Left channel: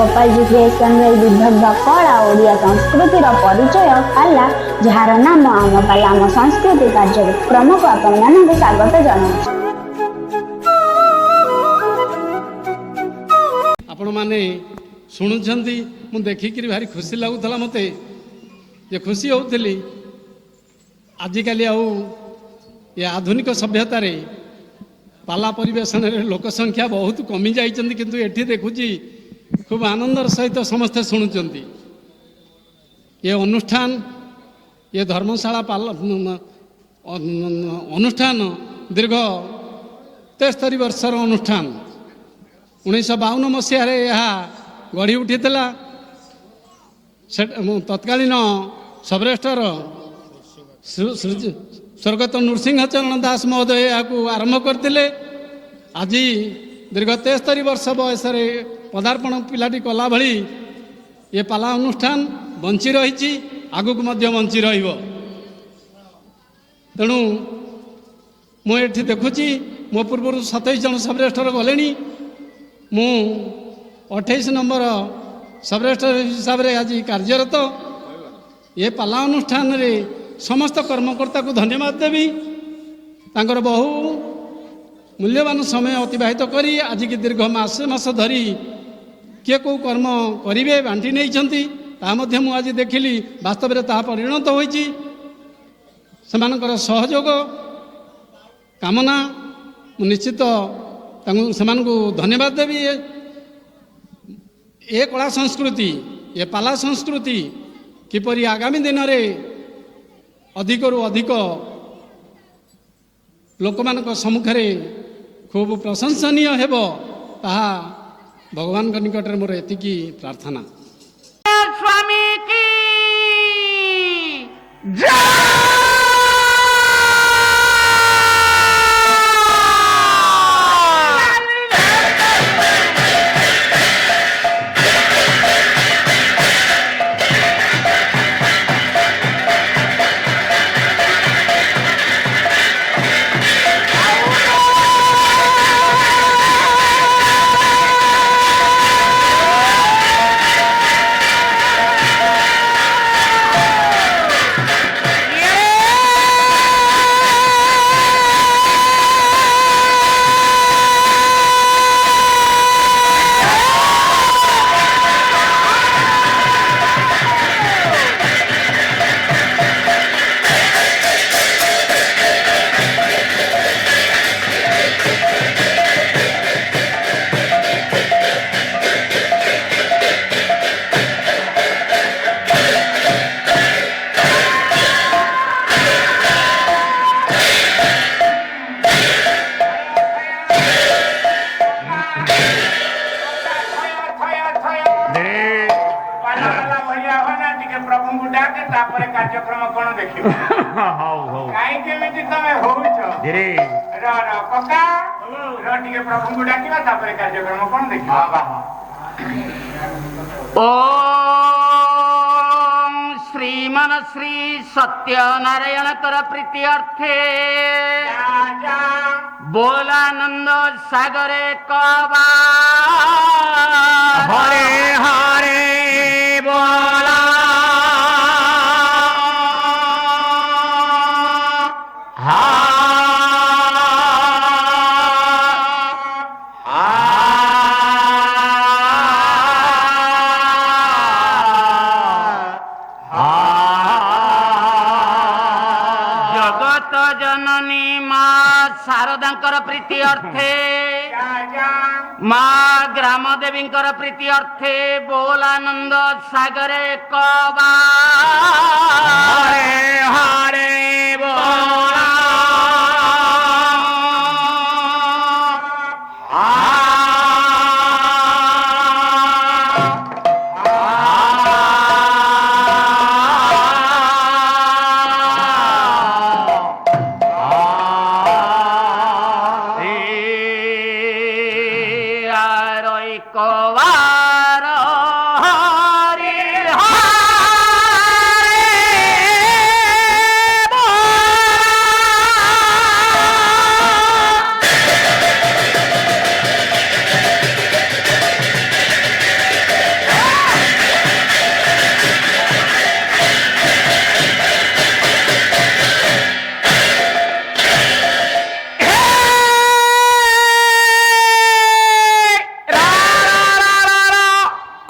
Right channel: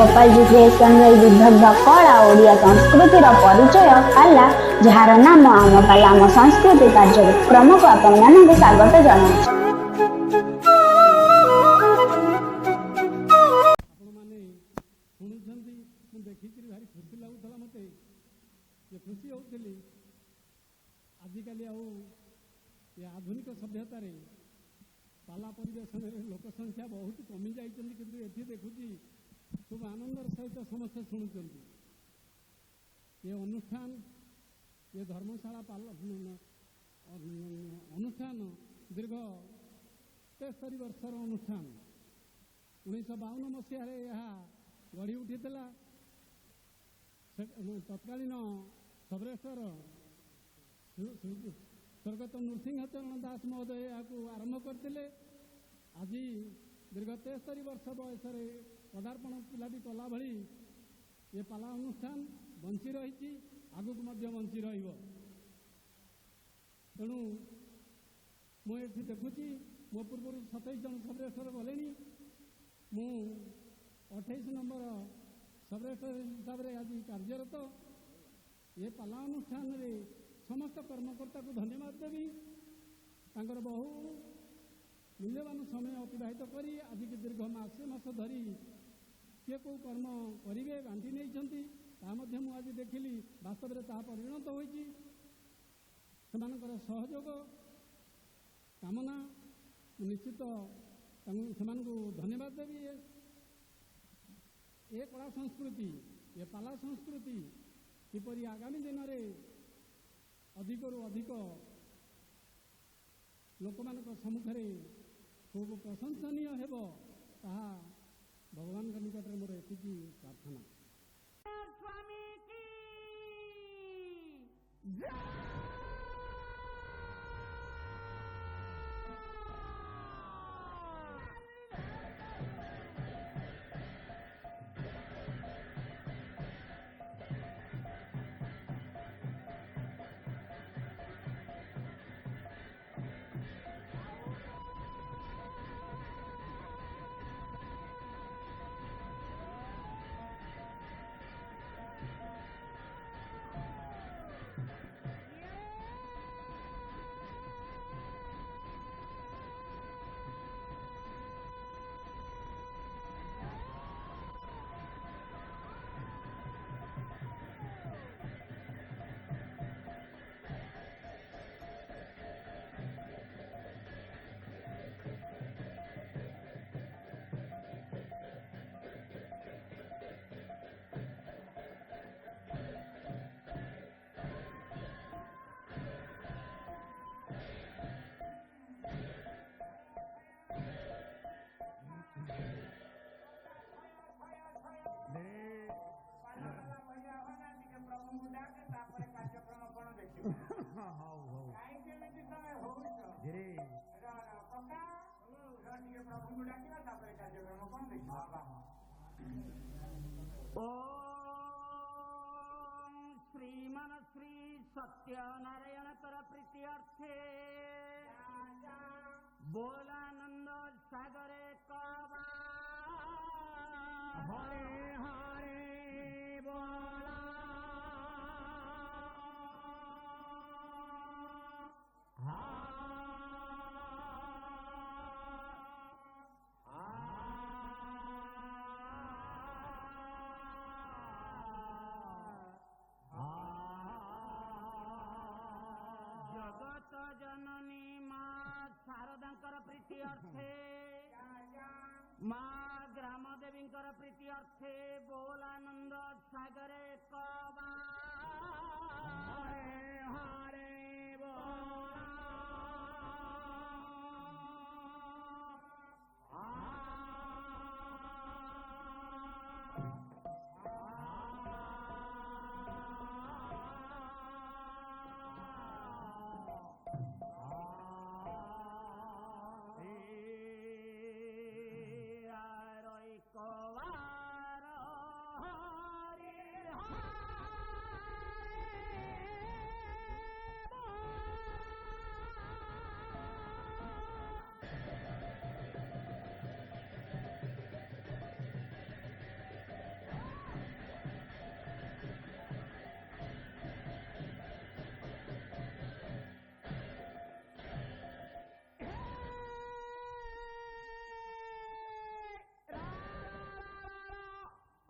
Gopal ji creation Vidagdha कला ओडिया संस्कृतिर परिचय पाला जार नाम आम पाला आम संस्कृति कार्यक्रम को आपण मानक स्वागत जनाऊँ। आपण माने शुणुंट मु देखिक भारी खुशी लगुला मत जे खुशी होती आजिकल ये आधुनिक सभ्यतार पाला परिवेशन लोक संख्या बहुत कमी जाइए किंतु एठी देखुची खूब आनंदर सहित समस्ते शुणुंट ये अनुष्ठान ये धर्मशाला पाला अनुष्ठान दीर्घ 73 वर्षर अनुष्ठान 1952 मसीह गढ़ी उठी तत्कालीन सबरेस्टर स्वर्गत नृसिंह चरण दास महोदय यहाँ आरंभ करते आज दीर्घ 73 वर्ष बयस पदार्पण पिलाटी कला भली ये पाला अनुष्ठान बंची रही आगुक बंची तेणु मुझे देखुची मो पूर्व 27 जन सबरेस्टर गले मु 28 नंबर सबरेस्टर हिसाब से आज कार्यरत ये पाला अनुष्ठान रे समस्त कर्मकर्ता को धन्यवाद देवी तांकर बहु मूल्यवान समय अतिबाहित करी आज की दीर्घ मास धरी किए को कर्म करेंगे बांटी नहीं आज देखिली वास्तव में ता परिणत होती सेमानकर सहयोग कामना निश्चित को धन्यवाद देवी ये कला संस्कृति ये पाला संस्कृति किपरि आगामी दिन में अधिक रु अधिक लोक मान सम्मुखें खूब प्रशंसनीय हेबो ताहा भगवान निकट में मोर एतिकी प्रार्थना। स्वामी की कार्यक्रम कौन देखियो कका प्रभु को डाकिबा तापर कार्यक्रम कौन देखियो ओम श्रीमन श्री सत्यनारायण कर प्रीति अर्थे बोलानंद सागरे कबा हरे हरे बोला शारदांकर प्रीति अर्थे माँ ग्राम देवी प्रीति अर्थे बोलानंद सागरे कबा हरे हरे बोला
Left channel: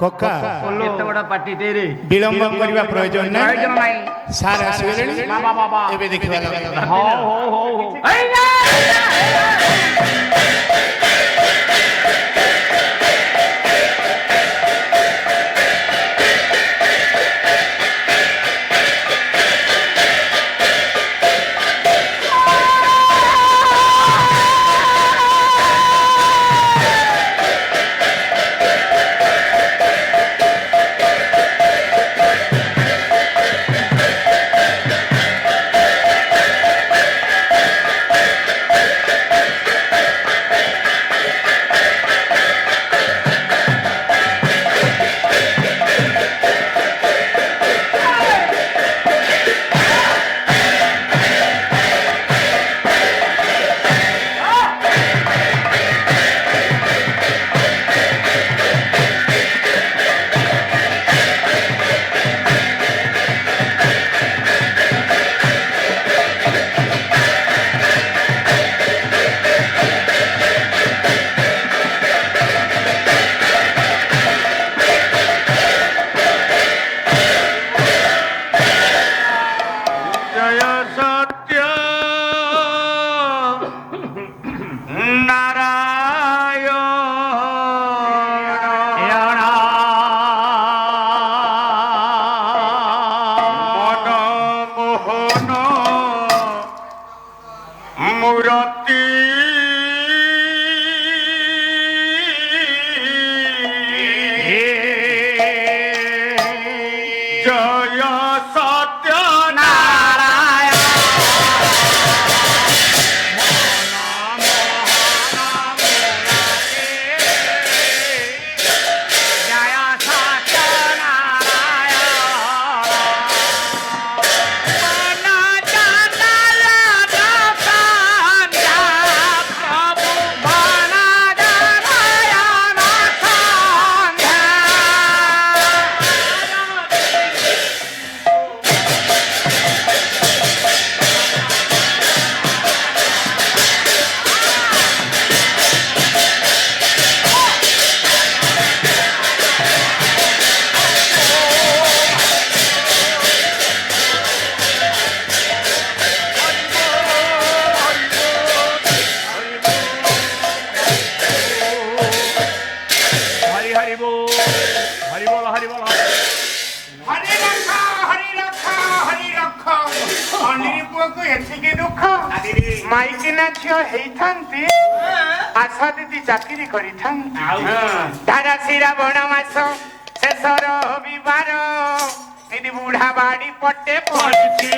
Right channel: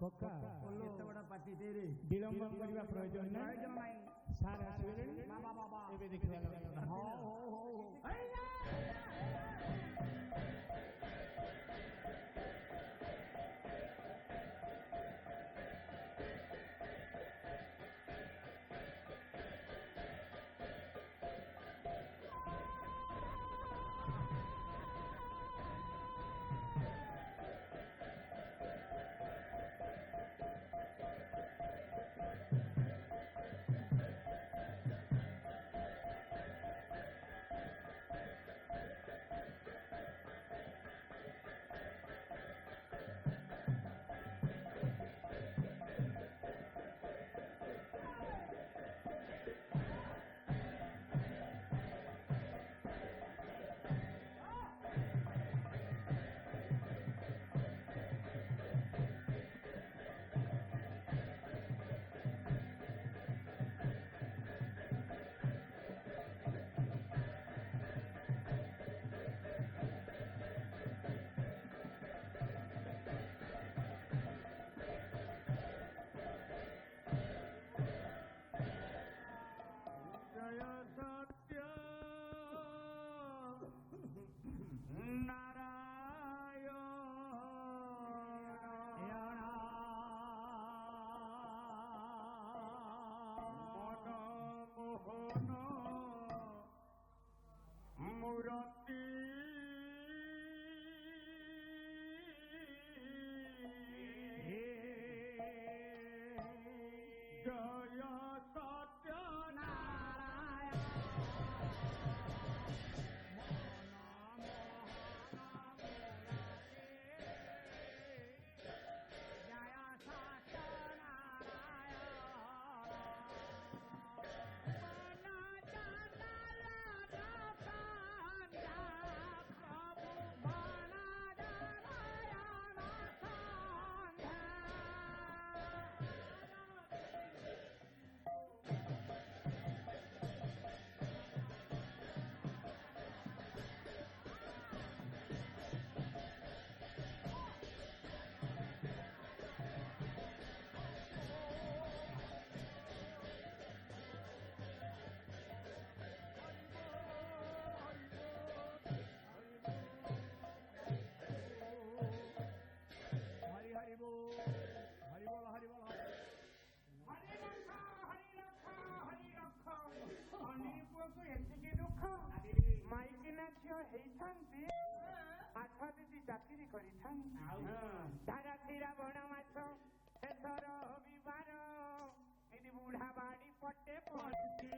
କକା କେତେ ବଡ଼ ପାର୍ଟିଟେ ରେ ବିଳମ୍ବ କରିବା ପ୍ରୟୋଜନ ପ୍ରୟୋଜନ ନାହିଁ ନାହିଁ। ସାର୍ ଆସିଗଲେଣି ବାବା ବାବା ଏବେ ଦେଖିବା କଥା ହଉ ହଉ ହଉ ହଉ ଏଇ ନା! ଜୟ ସତ୍ୟ ନାରାୟଣ ମନମୋହନ ମୂରତି ଜୟ ସତ୍ୟ হরি হরি বল হরি বল হরি বল ହରି ରଖ ହରି ରଖ ଅନିରି ପୁଅକୁ ଏତିକି ଦୁଃଖ ମାଇକିନା ଝିଅ ହେଇଥାନ୍ତି ଆଶା ଦିଦି ଚାକିରି କରିଥାନ୍ତି ଧାରା ଶ୍ରାବଣ ମାସ ଶେଷର ରବିବାର ଦିଦି ବୁଢା ବାଡି ପଟେ ପଡିଛି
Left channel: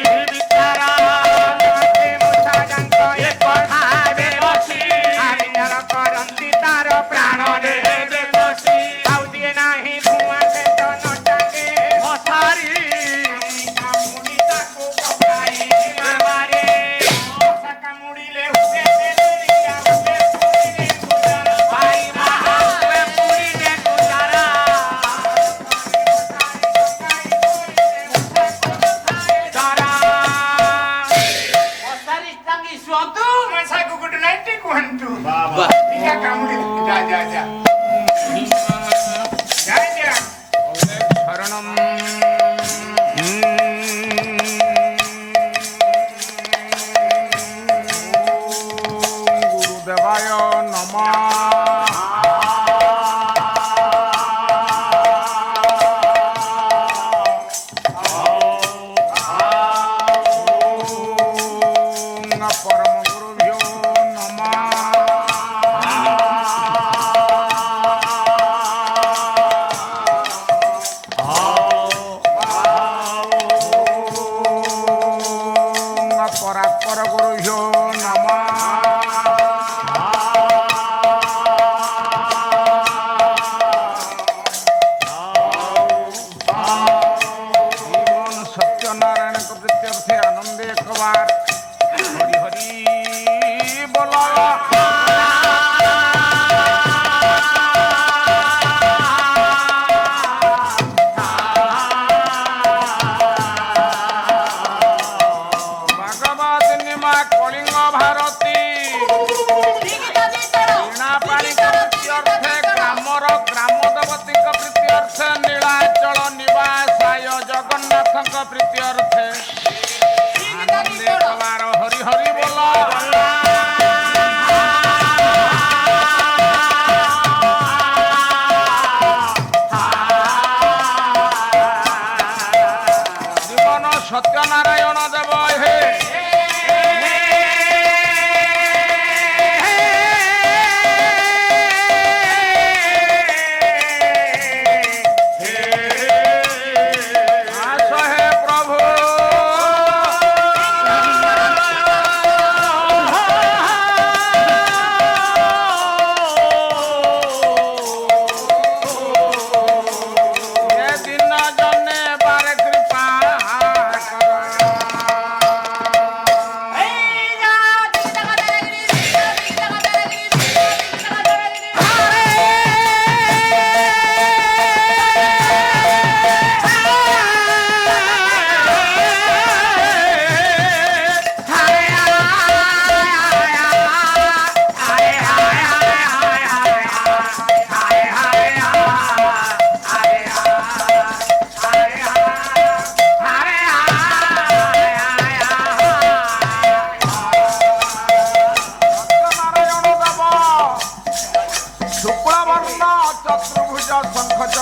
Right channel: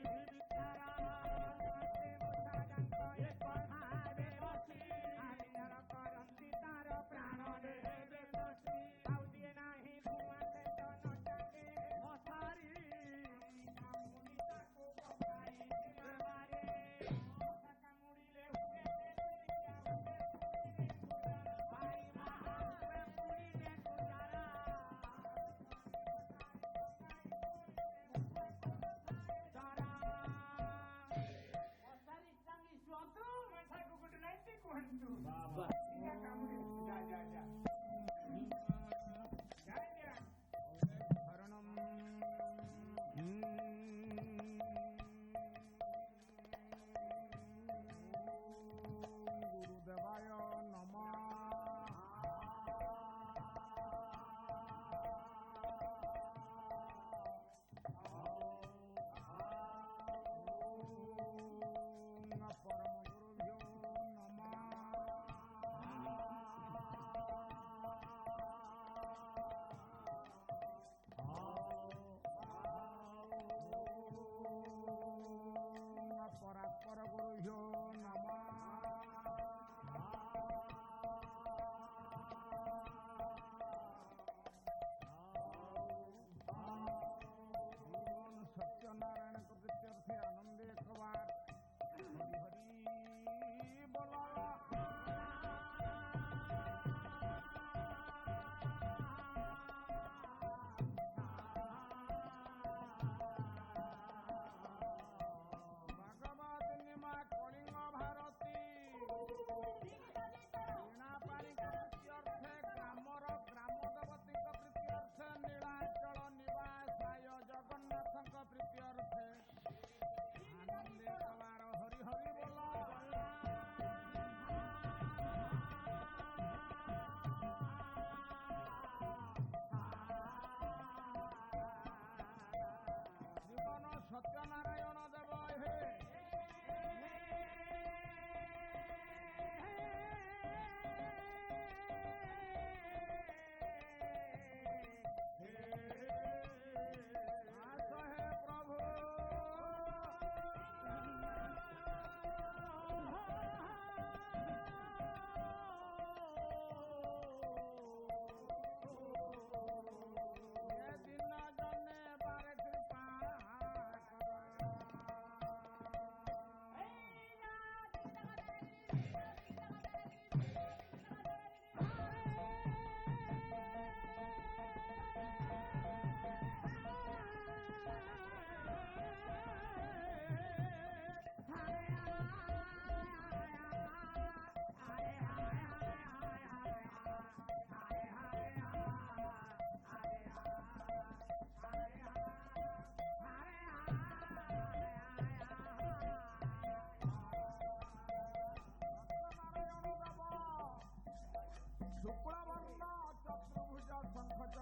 କରନ୍ତି ତାର ପ୍ରାଣରେ ଆଉ ଦିଏ ନାହିଁ ଧୂଆଁ ସେ ତ ନଟାକେ ମଶାରୀ କାମୁଡି ତାକୁ ପକାଇ ମାରେ ମଶା କାମୁଡିଲେ ହୁଏ ବେଲେରିଆ ହୁଏ ପୁଡ଼ିଲେ ଗୁଜାରା ଭାଇ ମହା ହୁଏ ପୁଡ଼ିଲେ ଗୁଜାରା ଧରା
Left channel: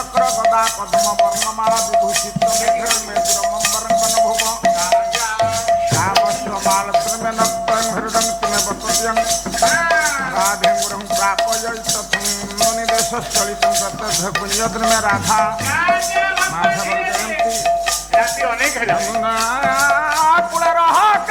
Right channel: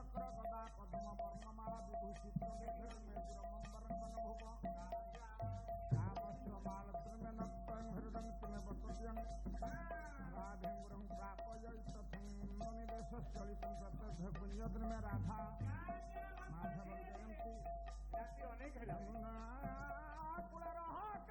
ଚକ୍ର ଗଦା ପଦ୍ମ ବର୍ଣ୍ଣମାଳା ବିଭୂଷିତ ମେଘର ମେଦୁରମମ୍ବରଂ କନଭୁବ କାମସ୍ତ୍ରମାଳତ୍ରମେନକ୍ତଂ ହୃଦଂ ତୁମେ ବସତ୍ୟଂ ରାଧେନ୍ଦ୍ରଂ ପ୍ରାପୟିତଥଂ ନିଦେଶସ୍ଥଳିତଂ ପ୍ରତ୍ୟର୍ଥ କୁଞ୍ଜଦ୍ରମେ ରାଧା ମାଧବଂ ଜୟନ୍ତି ରାତି ଅନେକ ହେଲା କୁଳ ରହକ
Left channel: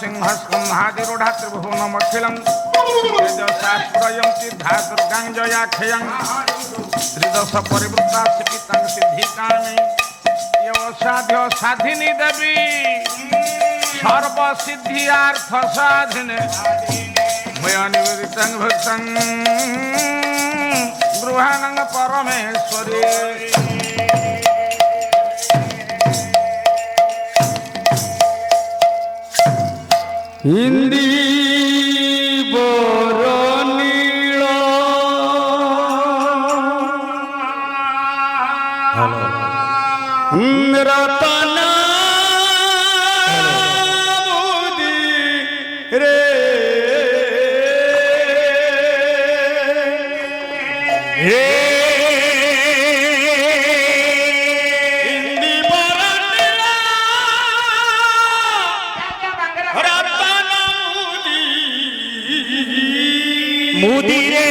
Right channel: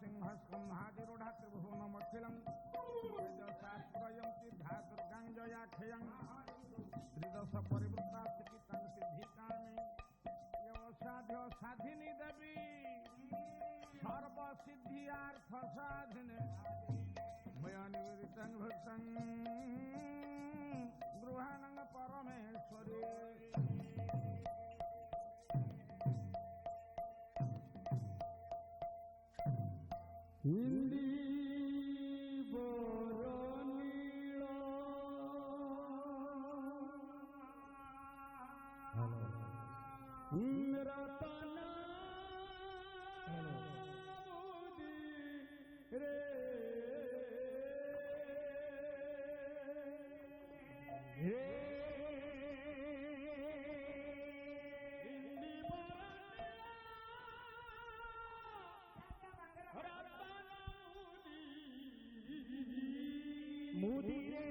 सिंहस्कंहादिरूढ़ा त्रिभुवनमखिलं तेजसास्त्रयं सिद्धा दुर्गां जयाख्यं त्रिदश परिवृत्ता सिकितं सिद्धिकामि योषाध्य साधिनी देवी सर्वसिद्धियार्थ साधिने मया निवेदितं भक्तं गृहाणं परमेश्वरी हिंदी बरनील रतन मोदी रे मोदी रे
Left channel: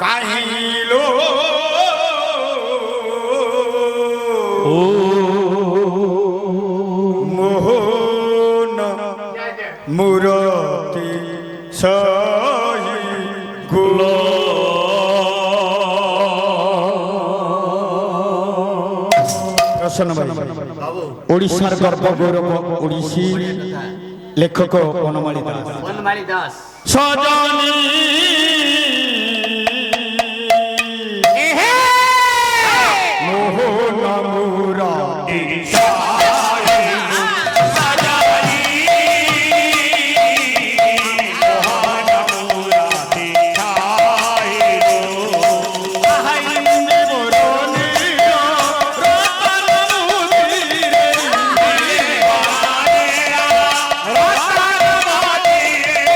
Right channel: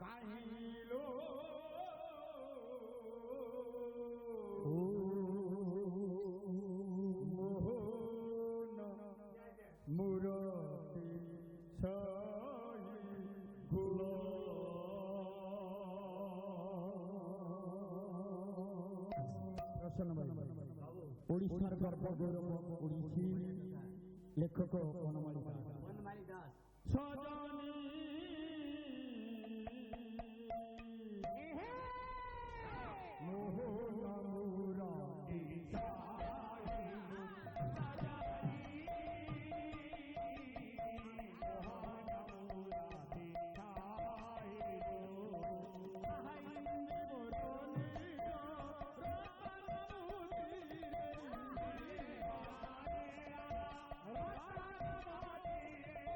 काहिलो मोहन मुरती सही गुल ओडिशार गर्व गौरव ओडिसी लेखक वनमाली दास सजनी मोहन मुरारी Bye.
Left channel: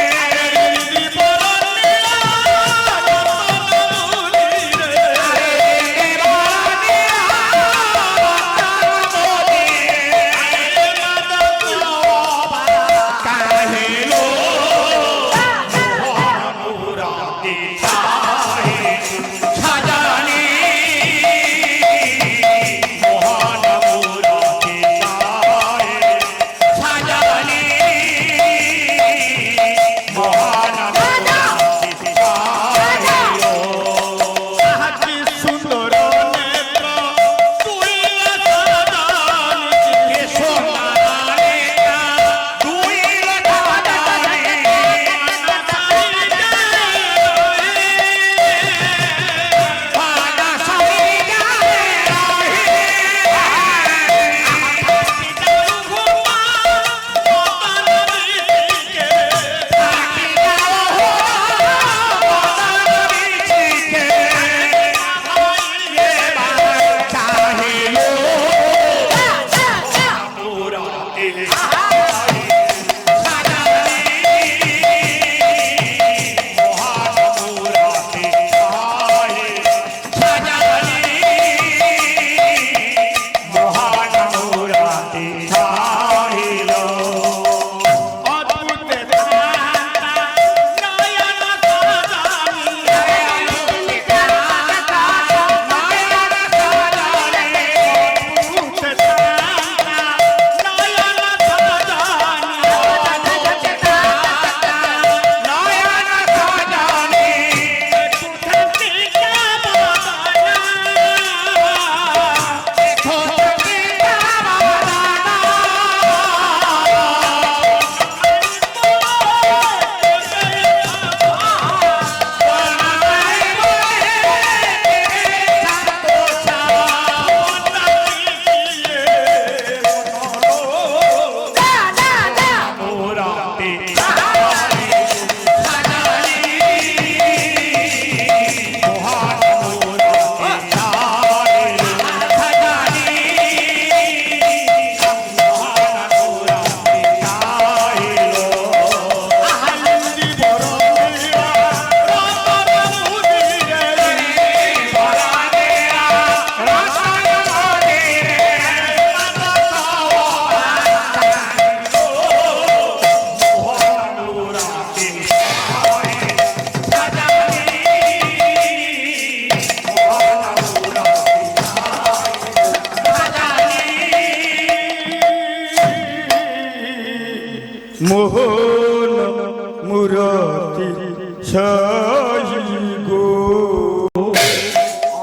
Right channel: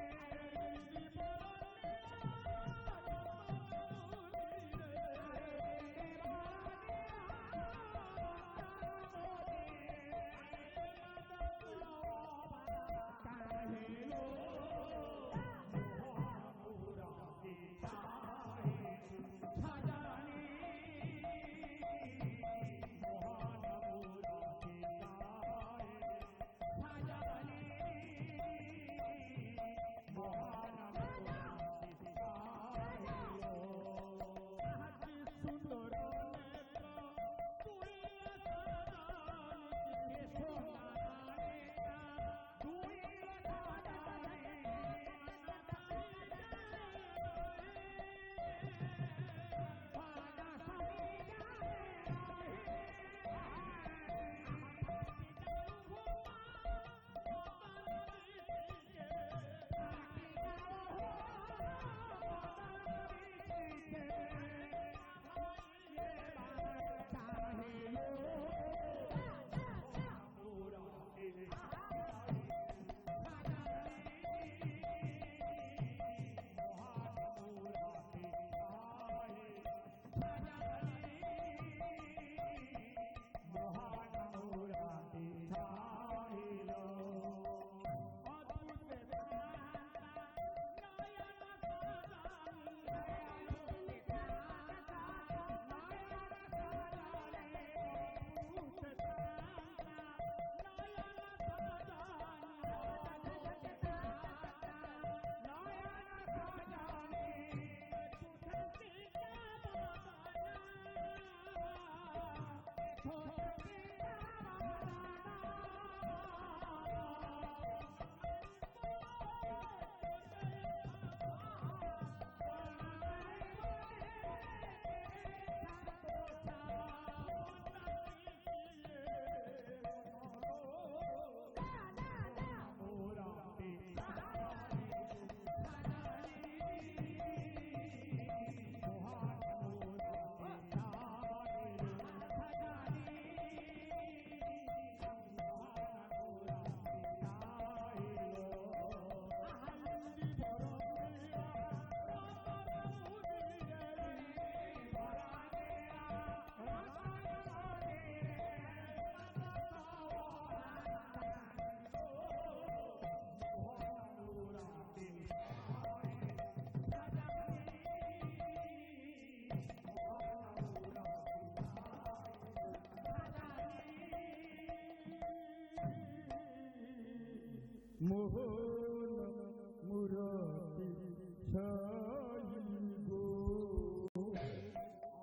সহি গো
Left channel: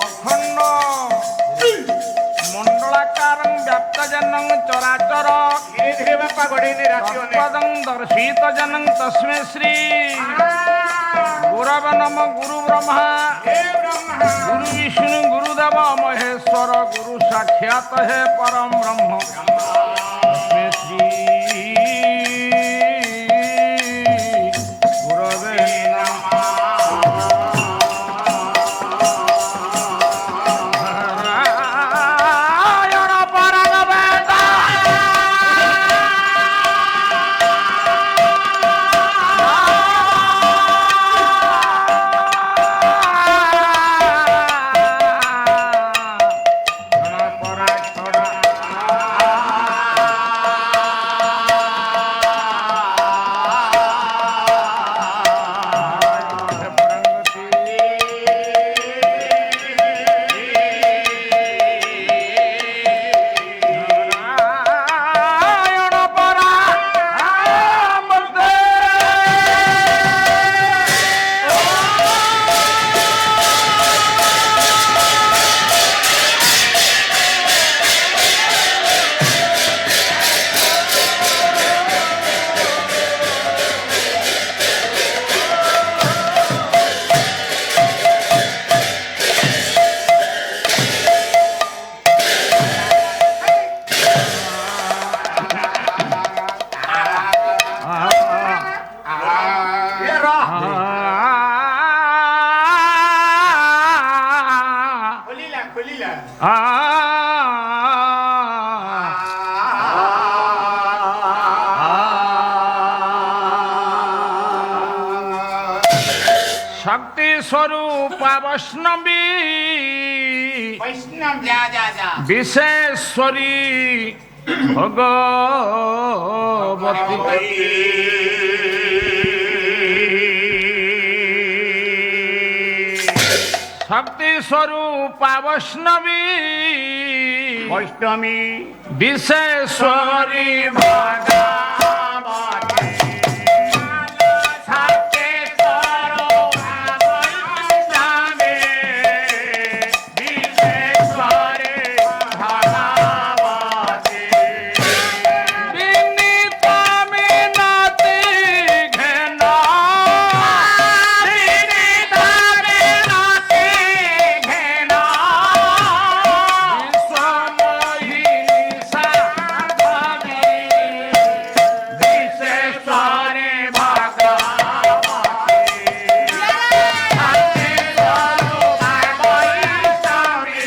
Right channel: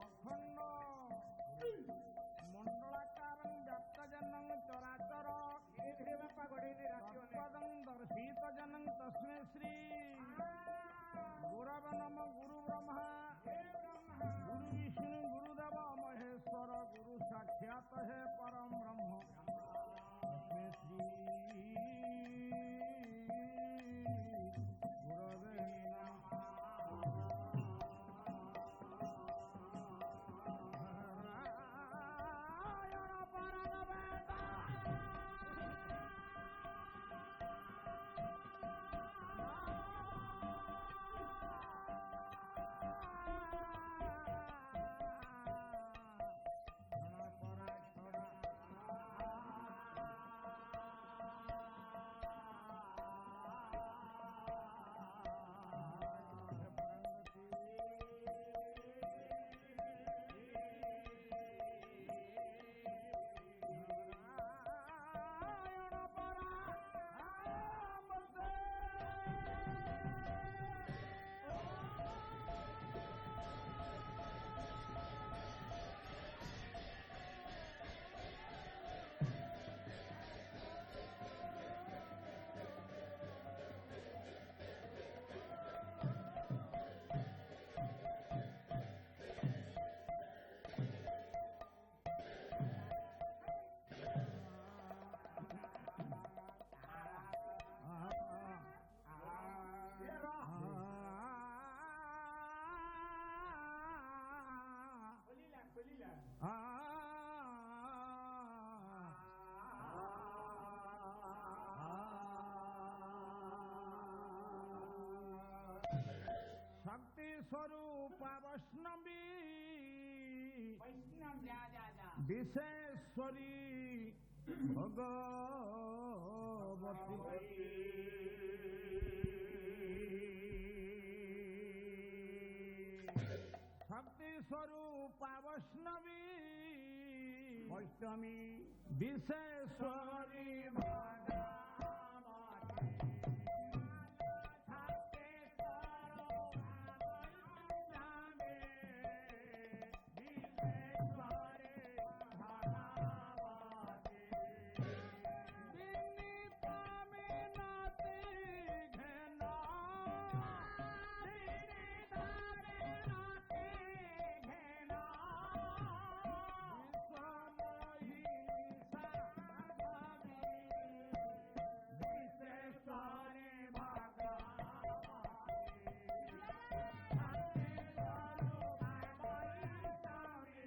অখণ্ড মণ্ডলাকারং ব্যাপ্তজনং চরাচর ধীরে ধীরে বাপা গড়েনি রাতি অনেক তৎপদং দর্শিতজনং তস্মৈ শ্রী গুরব নম গুরু ব্রহ্মা হে ব্রহ্মা গুরু বিষ্ণু গুরুদেব মহেশ্বর গুরু সাক্ষাৎ হে পরম ব্রহ্ম তস্মৈ শ্রী গুরবে নারায়ণ পরম বেদ পরা ছড়া নারায়ণ পরা খোলিলা খোলিলা শক্তি স্বরূপ বৈষ্ণবী বৈষ্ণব যা যা যা বিশেশ্বরী ভগবতী শক্তি স্বরূপ বৈষ্ণবী বৈষ্ণবী বিশেশ্বরী ভগবতী শক্তি স্বরূপ বৈষ্ণবী বিশেশ্বরী ভগবতী বিনীত মিনতি ঘেন বিনীত মিনতি ঘেন বিশ্বমোহিনী সাধবী বিশেশ্বরী ভগবতী শক্তি স্বরূপ বৈষ্ণবী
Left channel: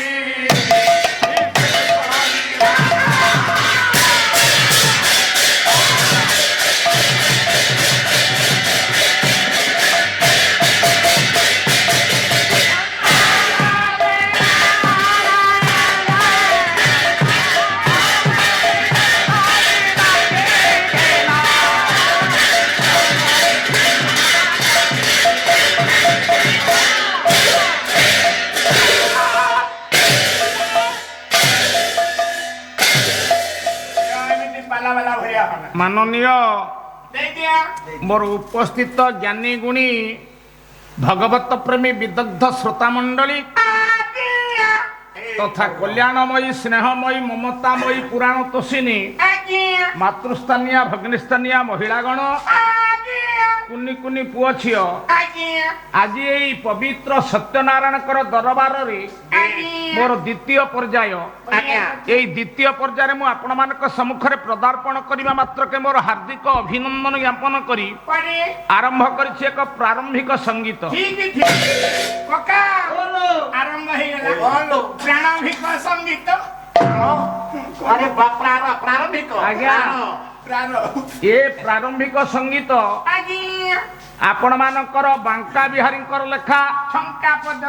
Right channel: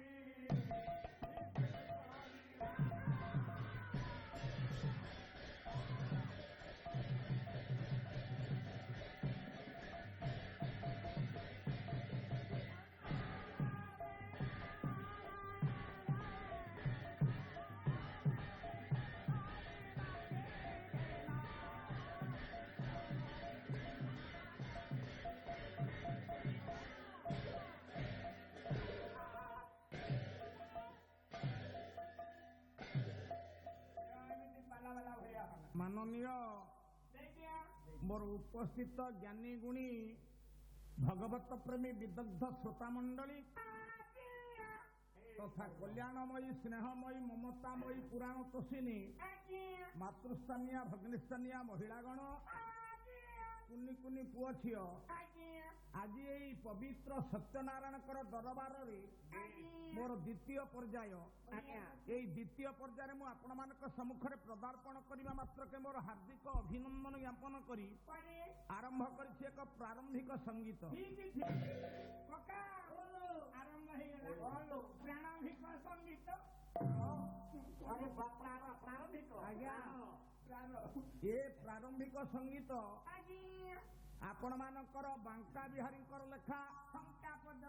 ଏମିତି ପାଲା ବାଲା ଭଳିଆ ହନା ମାନନୀୟ ଦେଇଦିଆ ମୋର ଉପସ୍ଥିତ ଜ୍ଞାନୀ ଗୁଣୀ ଭଗବତ ପ୍ରେମୀ ବିଦଗ୍ଧ ଶ୍ରୋତା ମଣ୍ଡଳୀ ତଥା କଲ୍ୟାଣମୟୀ ସ୍ନେହମୟୀ ମମତାମୟୀ ପୁରାଣ ତୋଷିନୀ ମାତୃସ୍ଥାନୀୟ ଭଗ୍ନିସ୍ଥାନୀୟ ମହିଳାଗଣ କୁନି କୁନି ପୁଅ ଝିଅ ଆଜି ଏଇ ପବିତ୍ର ସତ୍ୟନାରାୟଣଙ୍କର ଦରବାରରେ ମୋର ଦ୍ୱିତୀୟ ପର୍ଯ୍ୟାୟ ଏଇ ଦ୍ୱିତୀୟ ପର୍ଯ୍ୟାୟରେ ମୁଁ ଆପଣମାନଙ୍କ ସମ୍ମୁଖରେ ପଦାର୍ପଣ କରିବା ମାତ୍ରକେ ମୋର ହାର୍ଦ୍ଦିକ ଅଭିନନ୍ଦନ ଜ୍ଞାପନ କରି ଆରମ୍ଭ କରିଛି ଏକ ପ୍ରାରମ୍ଭିକ ସଙ୍ଗୀତ। କକା ଆରମ୍ଭ ହେଇଗଲା ପ୍ରାଣଭିକ ସଙ୍ଗୀତ अरे प्रारंभिक ଆଜ୍ଞା ପ୍ରାଣ ଏ ପ୍ରାରମ୍ଭିକ ସଙ୍ଗୀତ ଆପଣ ମାନଙ୍କର ବାଙ୍କା ବିହାରୀଙ୍କର ଲେଖା ଛଙ୍କା ପଦ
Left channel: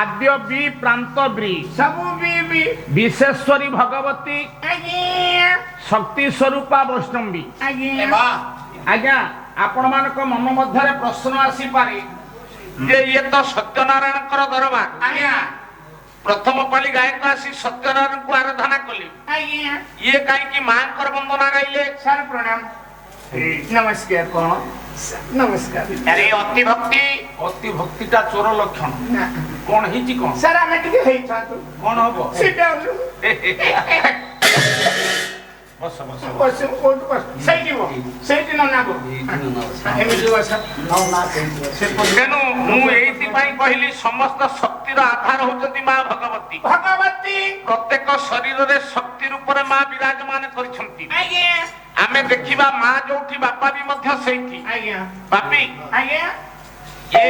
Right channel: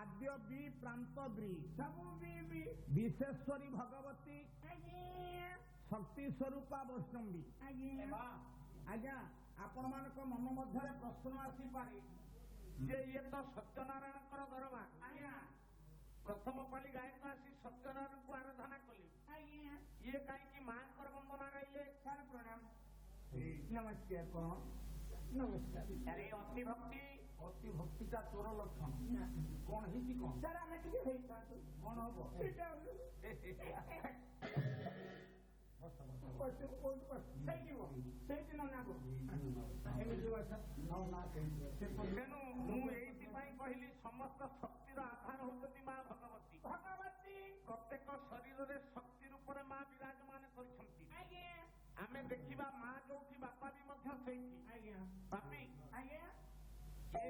ଆଦ୍ୟ ବି ପ୍ରାନ୍ତ ବ୍ରି ସବୁ ବି ବିଶେଶ୍ୱରୀ ଭଗବତୀ ଶକ୍ତି ସ୍ୱରୂପା ବୈଷ୍ଣବୀ। ଆଜ୍ଞା ଆପଣ ମାନଙ୍କ ମନ ମଧ୍ୟରେ ପ୍ରଶ୍ନ ଆସିପାରେ ଯେ ଇଏ ତ ସତ୍ୟନାରାୟଣଙ୍କର ଦରବାର, ପ୍ରଥମ ପାଳି ଗାୟକ ଆସି ସତ୍ୟନାରାୟଣଙ୍କୁ ଆରାଧନା କଲେ, ଇଏ କାହିଁକି ମାଙ୍କର ବନ୍ଦନା ଗାଇଲେ? ସାର୍ ପ୍ରଣାମ। ନମସ୍କାର କଣ ନମସ୍କାର ଆରେ ଅତି ଭକ୍ତିଟା ଚୋର ଲକ୍ଷଣ କଣ ହେଇଛି କଣ ସାର୍ ଆମେ ଟିକେ ହେଇଥାନ୍ତୁ କଣ ହବ ସେଇଟା ବସ ବସ ସେଇଠି ନନାବ ଏମିତି ବସ ତେଣୁ ମୁଁ ଏଇଥିପାଇଁ କହିଲି ସମସ୍ତ ଶକ୍ତିର ଆଧାର ହଉଛନ୍ତି ମା ଭଗବତୀ ଭଗବତୀ ପ୍ରତ୍ୟେକ ଶରୀରରେ ଶକ୍ତି ରୂପରେ ମା ବିରାଜମାନ କରିଛନ୍ତି ଆଜ୍ଞା ଆମେ ଦେଖିବା ମା ଯୋଉଠି ବାପା ବି ମଧ୍ୟ ସେଇଠି ଆଜ୍ଞା ବାପି ଆଜ୍ଞା ଏ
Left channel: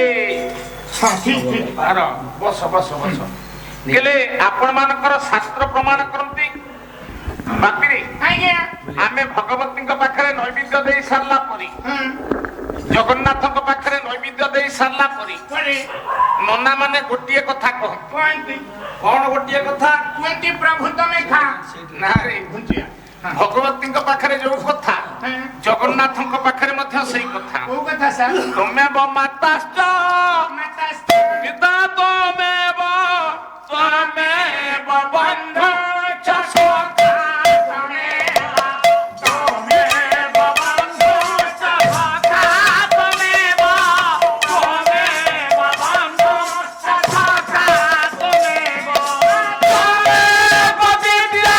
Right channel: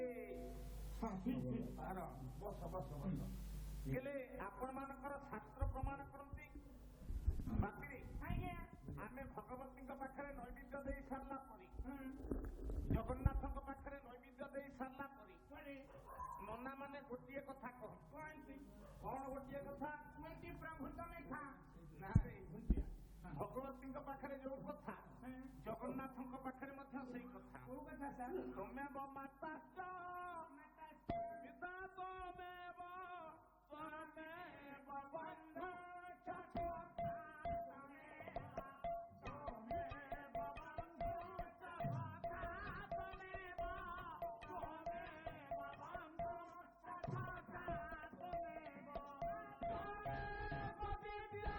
ହଁ ଠିକ ଠିକ ଆର ବସ ବସ ବସ ହେଲେ ଆପଣ ମାନଙ୍କର ଶାସ୍ତ୍ର ପ୍ରମାଣ କରନ୍ତି ବାପିରେ ଆଜ୍ଞା ଆମେ ଭଗବତୀଙ୍କ ପାଖରେ ନୈବେଦ୍ୟ ଦେଇ ସାରିଲା ପରେ ଜଗନ୍ନାଥଙ୍କ ପାଖରେ ନୈବେଦ୍ୟ ଦେଇ ସାରିଲା ପରେ ନନା ମାନେ ଗୋଟିଏ କଥା କହନ୍ତି କଣ ଗୋଟିଏ କଥା କୁହନ୍ତି ପ୍ରଭୁ ତମେ ଖା ନା ରେ ଭଗବତୀଙ୍କ ପାଖରେ ଯୋଉ କଥା ଜଗନ୍ନାଥଙ୍କ ପାଖରେ ମଧ୍ୟ ସେଇ କଥା କୋଉ କଥା ସାର୍ ତମେ ମାତାଶ୍ଚ ପିତା ତମେବ ତ୍ୱମେବ ବନ୍ଧୁ চ সখা তমেব বন্ধু চ সখা তমেব বন্ধু চ সখা তমেব বিদ্যা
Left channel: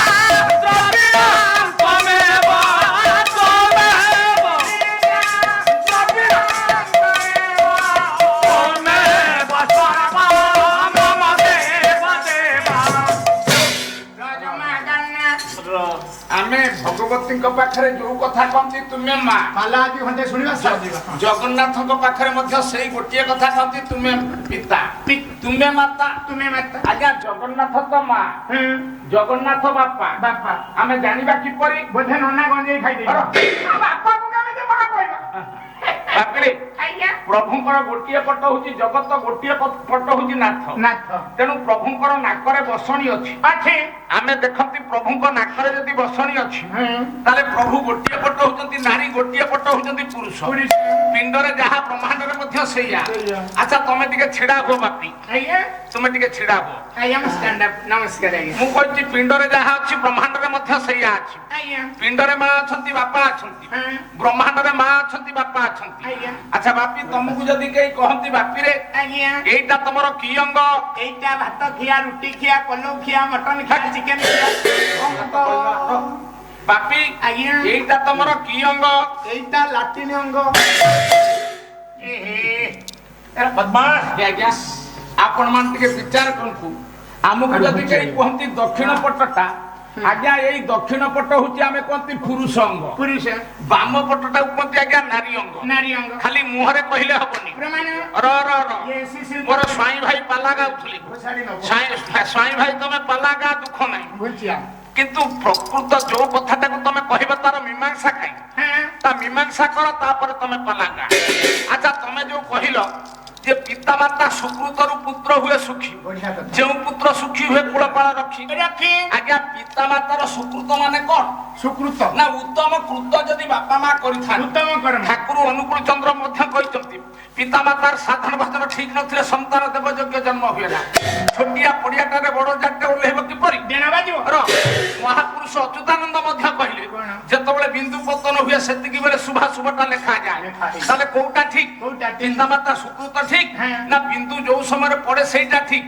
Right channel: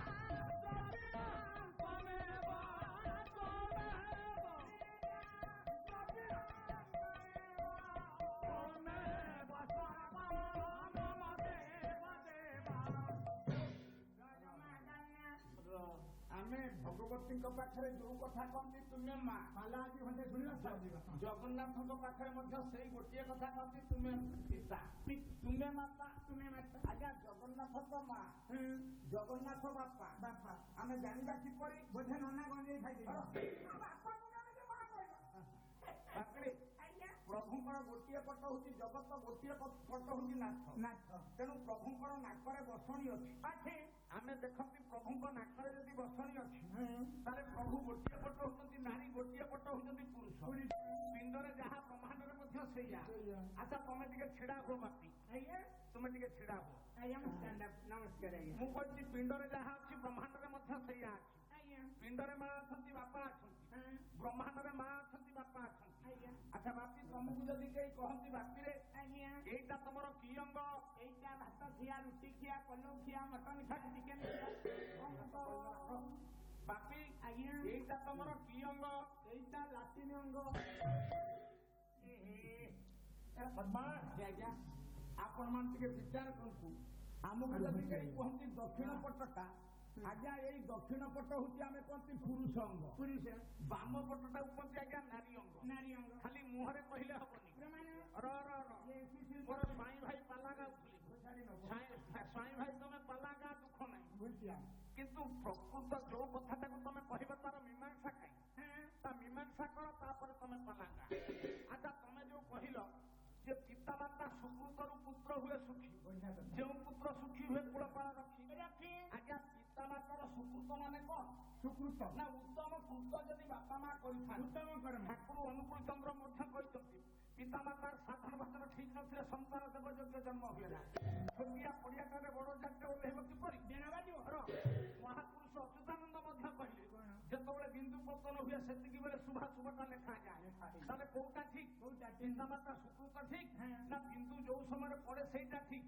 দ্রবিড় তমেব ଆମେ ଭଗବତୀଙ୍କ ପାଖରେ ଯୋଉ କଥା କହନ୍ତି ତୁମେ ମା ପାଲା ଆଜି ଘଣ୍ଟେ ଶୁଣିବା ସରିଯିବା ଜଗନ୍ନାଥଙ୍କ ପାଖରେ ମଧ୍ୟ ସେଇ ଗୋଟିଏ କଥା କହନ୍ତି ତୁମେ ପିତା ତୁମେ ମାତା ତୁମେ ମାତା ଆଜ୍ଞା ଜଗନ୍ନାଥ ତ ମା ଜଗନ୍ନାଥ ବାପା ବାପା ଆମେ ଜାଣିବା କିପରି ବୋଧେ ନନା ଗଞ୍ଜେଇ ଖାଇଦେଇ ବାପାକୁ କେମିତି ମା କହିବା ବାପିରେ ଆଜ୍ଞା ପ୍ରଭୁଙ୍କର ଗୋଟିଏ ପଟ ହଉଛି ଜଗତ ଗୋଟିଏ ପଟ ହଉଛି ନାଥ ନାଥ ତେଣୁ ପ୍ରଭୁଙ୍କର ନାକରେ ବସଣି ଅଛି ଅଛି ଆମେ ଦେଖନ୍ତି ପ୍ରଭୁଙ୍କ ନାକରେ ଯଦି ବସଣି ଅଛି ତାହେଲେ ପ୍ରଭୁ ଗୋଟିଏ ପଟ ହଉଛନ୍ତି ନାରୀ ଗୋଟିଏ ପଟ ହଉଛନ୍ତି ପୁରୁଷ ପିଣ୍ଡରେ ଯାହା ବ୍ରହ୍ମାଣ୍ଡରେ ମଧ୍ୟ ସେଇଆ ଆଚ୍ଛା ତମେ ଟିକେ ଛିଡା ହୁଅ ବାପି ଆଜ୍ଞା ତୁମେ ଟିକେ ଛିଡା ହୁଅ ଆଜ୍ଞା ମୁଁ ଷ୍ଟାଣ୍ଡ ଅପ୍ ନମସ୍କାର ଆଜ୍ଞା ମୁଁ କହିଛି ପିଣ୍ଡରେ ଯାହା ଅଛି ବ୍ରହ୍ମାଣ୍ଡରେ ମଧ୍ୟ ସେଇଆ ଅଛି ଆଜ୍ଞା ପିଣ୍ଡରେ ମା ଅଛନ୍ତି ବାପା ଅଛନ୍ତି ବ୍ରହ୍ମାଣ୍ଡରେ ମା ଅଛନ୍ତି ବାପା ଅଛନ୍ତି ଆଜ୍ଞା ଆଚ୍ଛା ବାପି ତମକୁ ଯଦି କେହି କହନ୍ତି ବାପିରେ ଆଜ୍ଞା ଏଇଟା ତମର କି ଅଙ୍ଗ ଏଇଟା ଭାତ ଖିଆ ରୁଟି ଖିଆ ପଲଉ ଖିଆ ମଟନ ଖିଆ ଚିକେନ ଖିଆ ବାପି ଆଜ୍ଞା ଏଇଟା ତମର କି ଅଙ୍ଗ ଏଇଟା ଲାଟିନ ଅଙ୍ଗ ବଦମାସ ଆଜ୍ଞା ଆପଣ ମାନେ ଟିକେ ବିଚାର କରନ୍ତୁ ଆମକୁ ଯଦି କେହି କୁହନ୍ତି ଦକ୍ଷିଣ ପଟଟା ଆଜ୍ଞା ଏଇ ଦକ୍ଷିଣ ପଟ ହଉଛି ଆମେ କୁହନ୍ତି ପୁରୁଷ ଅଙ୍ଗ ପୁରୁଷ ବାମ ପଟଟାକୁ କୁହନ୍ତି ଆଜ୍ଞା ନାରୀ ଅଙ୍ଗ ନାରୀ ଅଙ୍ଗ ଖାଲି ମୁହଁରେ କହିଲେ ହବନି ପ୍ରମାଣ ମୋର ସ୍ୱାଇଁ ଭାଇ ପାଲା ଗାଉଥିଲି ସ୍ୱାଇଁ ଭାଇ ତମେ ପାଲା ଗା ଦୁଃଖ ନାହିଁ ବୁଝିଆ କିନ୍ତୁ ପ୍ରକୃତ ଯୋଉ କଥାଟାକୁ ତମେ କହିବ ତାର ମୀମାଂସା କାହିଁ ତା ମୀମାଂସା କର ତାପରେ ତମେ ପାଲା ଗା ଆଚ୍ଛା ତମେ ଯୋଉ କହିଲ ଯେ ପିତା ମାତା ସୁକୃତରୁ ପୁତ୍ର ହୁଏ ସୁଖୀ ଯେଉଁ ପୁତ୍ର ସୁଖୀ ହୁଏ କୁଳପାଳ ରଖି ଆଜ୍ଞା ପିତା ମାତାର ସୁକୃତ ମାନେ କଣ ସୁକୃତ ନା ଉତ୍ତମ କୃତ ଯଦି ବାପା ମା କରିଥାନ୍ତି ଉତ୍ତମ କର୍ମ ଠାକୁର ଅନୁକୂଳ ଚନ୍ଦ୍ର ମଧ୍ୟ କହିଛନ୍ତି ପିତା ମାତାର ସାଧନ ଭାଷଣ ଠିକ ନଥିଲେ ସନ୍ତାନ ଦେବ ଯୋଗ୍ୟ ଜନ୍ମ ହୁଏ ନା ଛୋଟିଆ ପଡିଆଟାରେ ବଡ ଜାଟରେ ଓହ୍ଲେଇବ କିପରି ମହାପୁରୁଷ ଅଚ୍ୟୁତାନନ୍ଦ ମଧ୍ୟ କହିଲେ ଯେତେବେଳେ ବିନ୍ଦୁ ପତନ ହୁଏ ସେତିକି ବେଳେ ଶୁଭାଶୁଭଟା ଲେଖାଯାଏ ତାହେଲେ କୋଉଟା ଠିକ ପିତା ମାତା ସୁକୃତ ଠିକ ନା ବିନ୍ଦୁ ଯୋଉ ସମୟରେ ପଡେ ସେଇଟା ଠିକ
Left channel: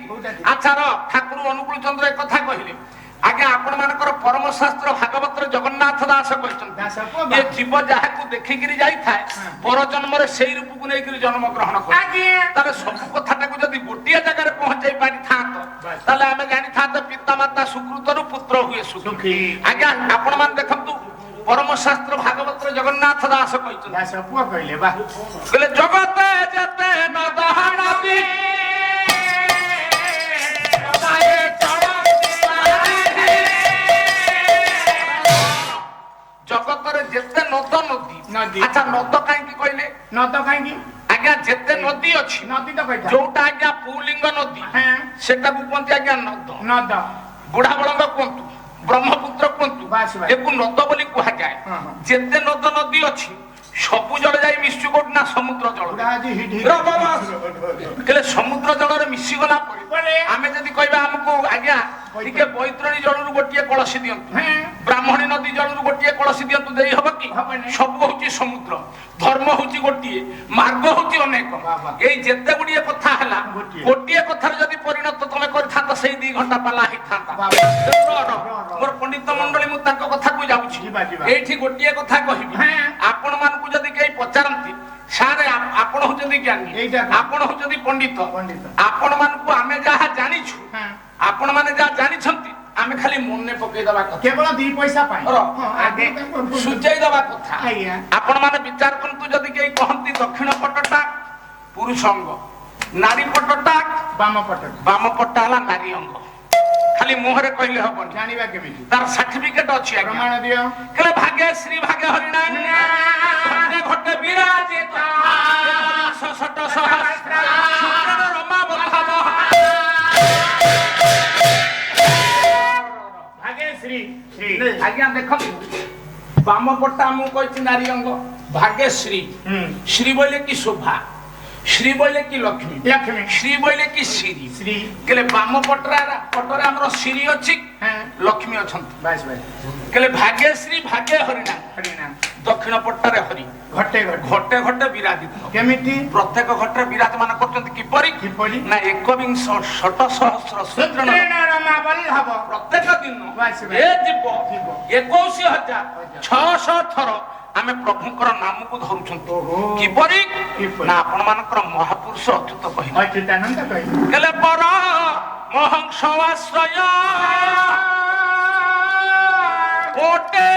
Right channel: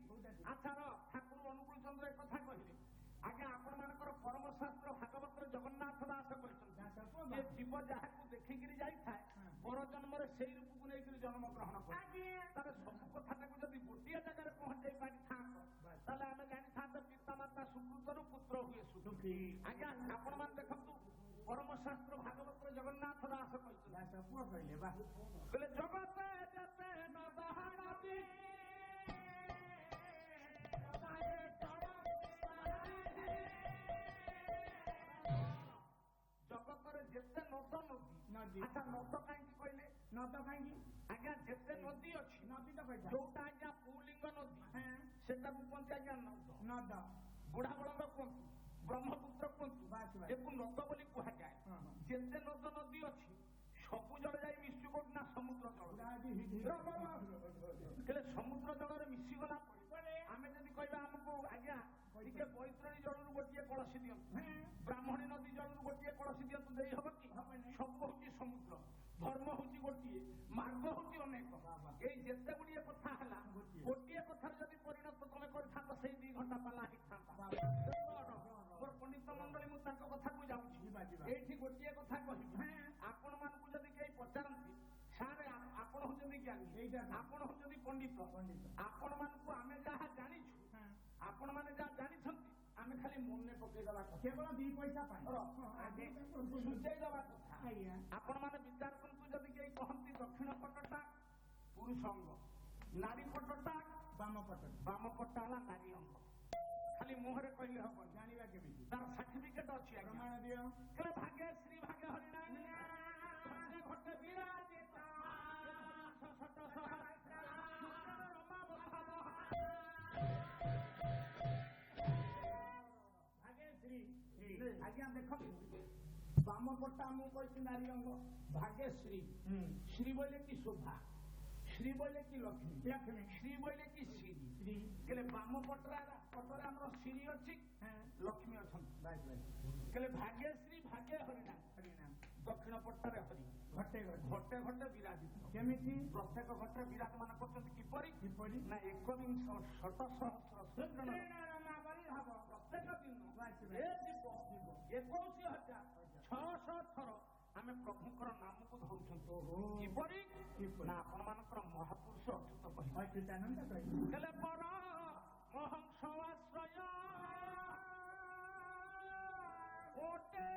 ଆଚ୍ଛା ଠାକୁର ଅନୁକୂଳ ଚନ୍ଦ୍ର ଏକଥା କହିଲେ ଆଜ୍ଞା ଆପଣ ମାନଙ୍କର ପରମ ଶାସ୍ତ୍ର ଭାଗବତରେ ଜଗନ୍ନାଥ ଦାସ କହିଛନ୍ତି ଏ ଜୀବ ଯାହାକୁ ଦେଖିକିରି ଯାଇଥାଏ ପର ଜନ୍ମରେ ସେଇ ରୂପକୁ ନେଇକିରି ଜନ୍ମ ଗ୍ରହଣ କରେ ତାହେଲେ ସବୁ କଥାଟାକୁ ଯଦି ଗୋଟିଏ ଜାଗାରେ ପହଞ୍ଚାଇ ପାରିଥାନ୍ତ ତାହେଲେ ଆମେ ଜାଣିଥାନ୍ତେ ପିତା ମାତା ସୁକୃତରୁ ପୁତ୍ର ହୁଏ ସୁଖୀ ଆଜ୍ଞା ଆପଣ ମାନେ ଦେଖନ୍ତୁ ପରମ ଶାସ୍ତ୍ର ଭାଗବତରେ ଜଗନ୍ନାଥ ଦାସ କହିଛନ୍ତି କହିଲେ ଜଗତେ ଯେତେ ନଦହାଣତି ଜଗତରେ ଯେତେ ନଦ ନଦୀ ଆଚ୍ଛା ନଦ କାହିଁକି କହିଲେ ନଦ କାହିଁକି ଆଜ୍ଞା ଯେତେ ନଦୀ ଅଛି ନଦୀ ତ କହିଥା ଯୋଉଟା ଆଜ୍ଞା ପୁଲିଙ୍ଗ ନଦୀ ସେଟାକୁ କୁହନ୍ତି ଆଜ୍ଞା ନଦ ନଦ ବୁଢା ବଳଙ୍ଗ କୁହନ୍ତୁ ବ୍ରହ୍ମପୁତ୍ର କୁହନ୍ତୁ ଏକୁ ନଦ ବୋଲି କୁହାଯାଏ ଯେତେ ନଦ ନଦୀ ଅଛି ସବୁ ଜଳ ଯାଇ ମିଶୁ କୋଉଠି ନା ସମୁଦ୍ର ଜଳ ହେଲେ ସମୁଦ୍ର ଜଳରେ ମିଶିଗଲା ପରେ ଆମେ ଯଦି କହିବା ଆମକୁ ଆଜ୍ଞା ଟିକେ ବୈତରଣୀ ଜଳରୁ ଗୋଟିଏ କଳସୀ ଦିଅନ୍ତୁ ବ୍ରାହ୍ମଣୀ ନଦୀ ଜଳରୁ ଗୋଟିଏ କଳସି ଦିଅନ୍ତୁ ଦେଇ ହବ କି? ସବୁ ହଉଛି ସମୁଦ୍ର, ଧର୍ମ ହଉଛି ଗୋଟିଏ, ମାର୍ଗ ହଉଛି ଅନେକ। ଏଇ ଯେତେ ଗୁଡିଏ କଥା ହେଲା, ଗୋଟିଏ କଥାରେ ଯଦି ପରିଣତ ତମେ କରିଥାନ୍ତ ସେଇ 2 ଘଣ୍ଟା ପାଲା ହେଇଥାନ୍ତା। ମୋର ପଣ୍ଡିତ ମଣ୍ଡଳୀ, ମୁଁ ତାଙ୍କ କଥାକୁ ଯାଉଛି। ଏଇଠି ଗୋଟିଏ କଥା କହିବି, ଆପଣ ମାନଙ୍କୁ ଯଦି କେହି ପଚାରନ୍ତି ସାରେ ଆପଣ ହଉଛନ୍ତି ଜ୍ଞାନୀ, ଆପଣ ହଉଛନ୍ତି ପଣ୍ଡିତ, ଆପଣ ମାନଙ୍କୁ ଆମେ ଯାହା ଜାଣିଛୁ, ଆପଣ ମାନେ ଯାହା ଜାଣିଛନ୍ତି ଆମେ ଖାଲି ମନେ ପକେଇଦବା କଥା, କେବଳ 2 ପଇସା ପାଇଁ ସୂଚାଇ ଦବା କଥା। ଆପଣ ମାନେ ବିଚାର କରନ୍ତୁ, ଯଦି କେହି କହନ୍ତି ଦକ୍ଷିଣ ପଟଟା ପୁରୁଷ ଅଙ୍ଗ, ନାରୀ ପଟଟା ବାମ ପଟଟା ହେଲା ନାରୀ ଅଙ୍ଗ, ଖାଲି ମୁହଁରେ କହିଲେ ହବନି, ଜାଣିବା କେମିତି? ତାର ସାର୍ଟିଫିକେଟ ଅଛି, ପ୍ରମାଣ ଦିଅ। କହିଲେ ଭାଗ୍ୟ ଶ୍ରୀ ଭାଗ୍ୟ ହରିଣାମ ଘଟେ ଘଟେ ବିରାଜିତ ସଟ ସହସ୍ର ସୂତ୍ରଣ ରମା ବଲ୍ଲଭ। ଆଜ୍ଞା ଦେଖନ୍ତୁ, ବାମ ପଟା ମୁଁ କହିଛି ନାରୀ ଅଙ୍ଗ, ଭାଗ୍ୟଶ୍ରୀ, ଶ୍ରୀ ବୋଇଲେ କି ଶୋଭା, ଶ୍ରୀ ବୋଇଲେ କି ଲକ୍ଷ୍ମୀ, ଶ୍ରୀ ବୋଇଲେ କି ଶ୍ରୀ। କହିଲେ ବାମ ପଟରେ ଆମର ଶ୍ରୀ ଅଛି, ଲକ୍ଷ୍ମୀ ଅଛନ୍ତି। କହିଲେ ଭାଗ୍ୟଶ୍ରୀ ଭାଗ୍ୟ ହରିନାମ, ଦକ୍ଷିଣ ପଟରେ ହରି ଘଟେ ଘଟେ ବିରାଜିତ। କେମିତି? ପ୍ରତ୍ୟେକ ଘଟରେ ବିରାଜମାନ କରୁଛନ୍ତି। କିପରି? ନା 21 ଶତ ସହସ୍ର ସୂତ୍ରଣ ହବ ପ୍ରତ୍ୟେକ ଦିନ ଏ ଯିବ 21,600 ଥର ଆମେ ପ୍ରଭୁଙ୍କର ନାମକୁ ଧରୁଛନ୍ତି। କିପରି? ନା ଆପଣ ମାନଙ୍କର ମହାପୁରୁଷ ଅଚ୍ୟୁତ କହିଲେ, କହିଲେ ପର ମହଂସ ଆଶ୍ରୟ ଓଟେ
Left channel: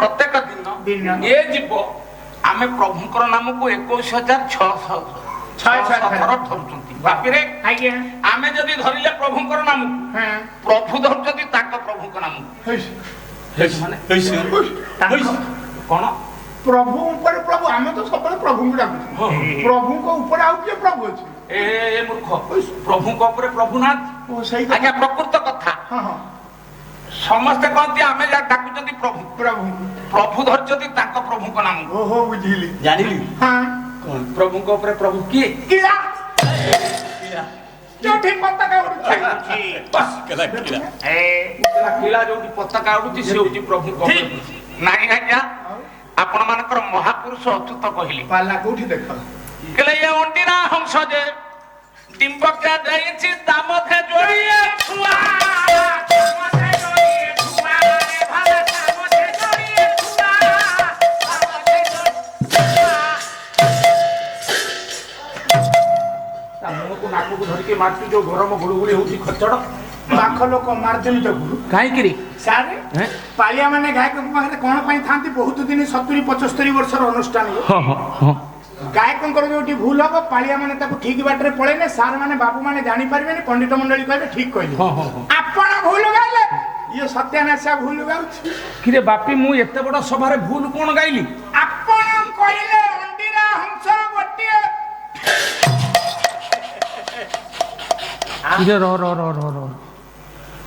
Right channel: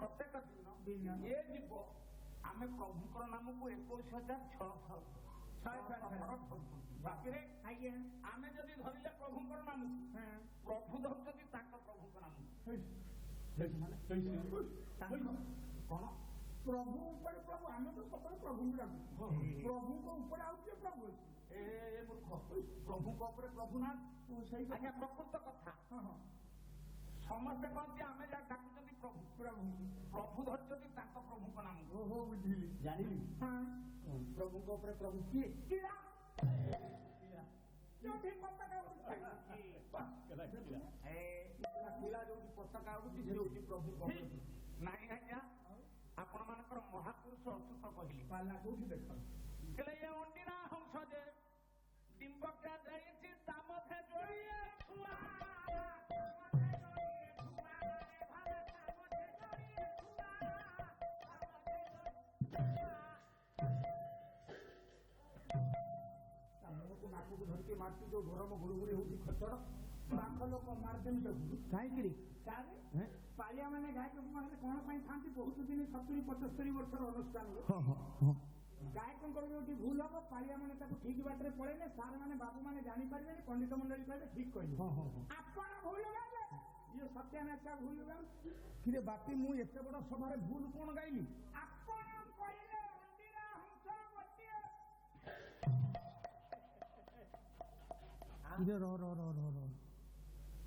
ପ୍ରତ୍ୟେକ ଦିନ ଏ ଯିବ ଆମେ ପ୍ରଭୁଙ୍କର ନାମକୁ 21,600 ଥର ଧରୁଛନ୍ତି। ବାପିରେ ଆମେ ଯଦି ଧରିଲେ ପ୍ରଭୁଙ୍କର ନାମକୁ, ପ୍ରଭୁ ଧରୁଛନ୍ତି ତାଙ୍କ ପ୍ରଭୁଙ୍କ ନାମକୁ। କଣ ପ୍ରଭୁ ଉପରେ ପ୍ରଭୁ? ଆମେ ତ ସବୁବେଳେ ପ୍ରଭୁଙ୍କୁ ଡାକୁଛୁ, ପ୍ରଭୁଙ୍କ ଉପରେ ଆଉ କିଏ ପ୍ରଭୁ ଅଛି? ଏ ମୂର୍ଖ, ପ୍ରଭୁଙ୍କ ଉପରେ ପ୍ରଭୁ ନାହାନ୍ତି। ଆଜ୍ଞା ପ୍ରକୃତ କଥା, ସମସ୍ତେ କହନ୍ତି ଆମେ ଯାହା ଡାକୁଛନ୍ତି ପ୍ରଭୁ, ପ୍ରଭୁ ଧରିଛନ୍ତି ତାଙ୍କ ପ୍ରଭୁଙ୍କ ନାମ। ଓହୋ ବୁଝିଲି, ଜାଣିଲି। ପ୍ରଭୁଙ୍କ ଉପରେ ପ୍ରଭୁ କିଏ? ଯୋଉଠି ପତାକା ଉଡୁଛି, ଯୋଉଠି ପତାକା ଉଡୁଛି ସେ ହଉଛି ପ୍ରଭୁଙ୍କ। ନାଇଁ ଆଜ୍ଞା, ଆପଣ ମାନଙ୍କର ମହାପୁରୁଷ ଅଚ୍ୟୁତ କହିଲେ। ପାଲା କୋଉଠି ଦେଖ? କହିଲେ ଏ ଅଣ୍ଡିରା ହଂସ ଯେ ଡିମ୍ବକା ଦେଇଛି ତା ମଧ୍ୟରେ ଯୋଡ଼ିଏ ଛୁଆ। ନାକକୁ ଧରିକି ମାଟି ଯୋଉ ଗରମ ଗୁଳୁଗୁଳି ହଉଛି ଖଚଡ, ପାଖ ଲୋକ ମାରିଦେବି ତାକୁ କାହିଁକିରି? ସାରେ ପାଳିଆ ମାନେ ଗାୟକଙ୍କ ପାଖରେ କଣ ପାଇଁ ଥାନ୍ତି? ବହୁତ ଦିନ 70-75 ବର୍ଷର ଅନୁଷ୍ଠାନ, ଗାୟକଙ୍କର ଯୋଉଠି ଭୁଲ ହବ ପାଳିଆ ମାନେ ତାକୁ ଠିକ ବାଟରେ ପଳେଇଲେ ସାର୍ ମାନେ ବାବୁ ମାନେ ଜାଣିପାରିବେନି, ପଣ୍ଡିତ ମଣ୍ଡଳୀ କହିବେ ଠିକ କହିଲେ। ଆପଣ ଭୁଲ ଗାଇଲେ, ଇଏ ସତ୍ୟାନାଶା ଭୁଲ ଗାଉଛି। କିରେ ବାପି, ମୁଁ ଏତେ ବଡ ସଭାରେ ଭୁଲ କଣ ଗାଇଲି? ଆପଣ କହିଲେ ଅଣ୍ଡିରା ହଂସ ଗୋଟିଏ।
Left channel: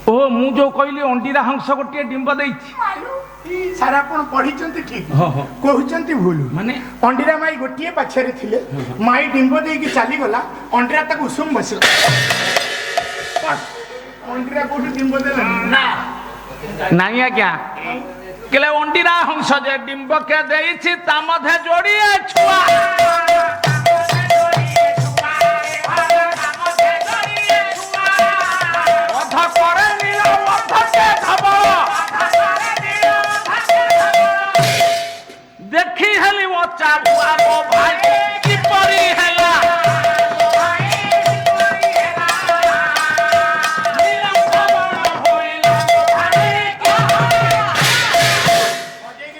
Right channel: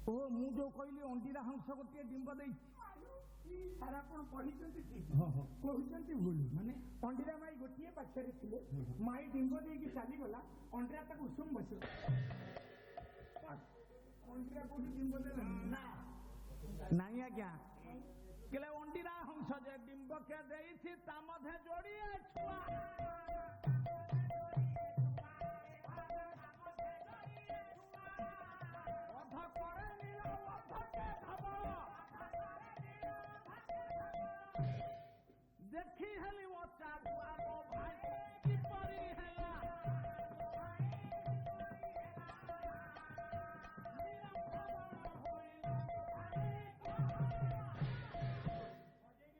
ଓ ମୁଁ ଯୋଉ କହିଲି ଅଣ୍ଡିରା ହଂସ ଗୋଟିଏ ଡିମ୍ବ ଦେଇଛି, ସାର୍ ଆପଣ ପଢିଛନ୍ତି ଠିକ, କହୁଛନ୍ତି ଭୁଲ। ମାନେ ଅଣ୍ଡିରା ମାଇ ଗୋଟିଏ ପାଛରେ ଥିଲେ, ମାଇ ଡିମ୍ବ ଦେଇକି ଚାଲିଗଲା, ଅଣ୍ଡିରା ତାକୁ ଉଷୁମ ବସିଲା। ଅଣ୍ଡିରା କୋଉଠି ଡିମ୍ବ ଦେଲା? ନାଇଁ ଆଜ୍ଞା, କହିଲେ ଅଣ୍ଡିରା ହଂସ ଯେ ଡିମ୍ବକେ ଦେଇଛି ତା ମଧ୍ୟରେ ଯୋଡ଼ିଏ ଛୁଆ। ଦେଖି ହେଲି ମୋ ଚାବୁଆ ମୋ ଭାଇ କିପରି ହେଲା।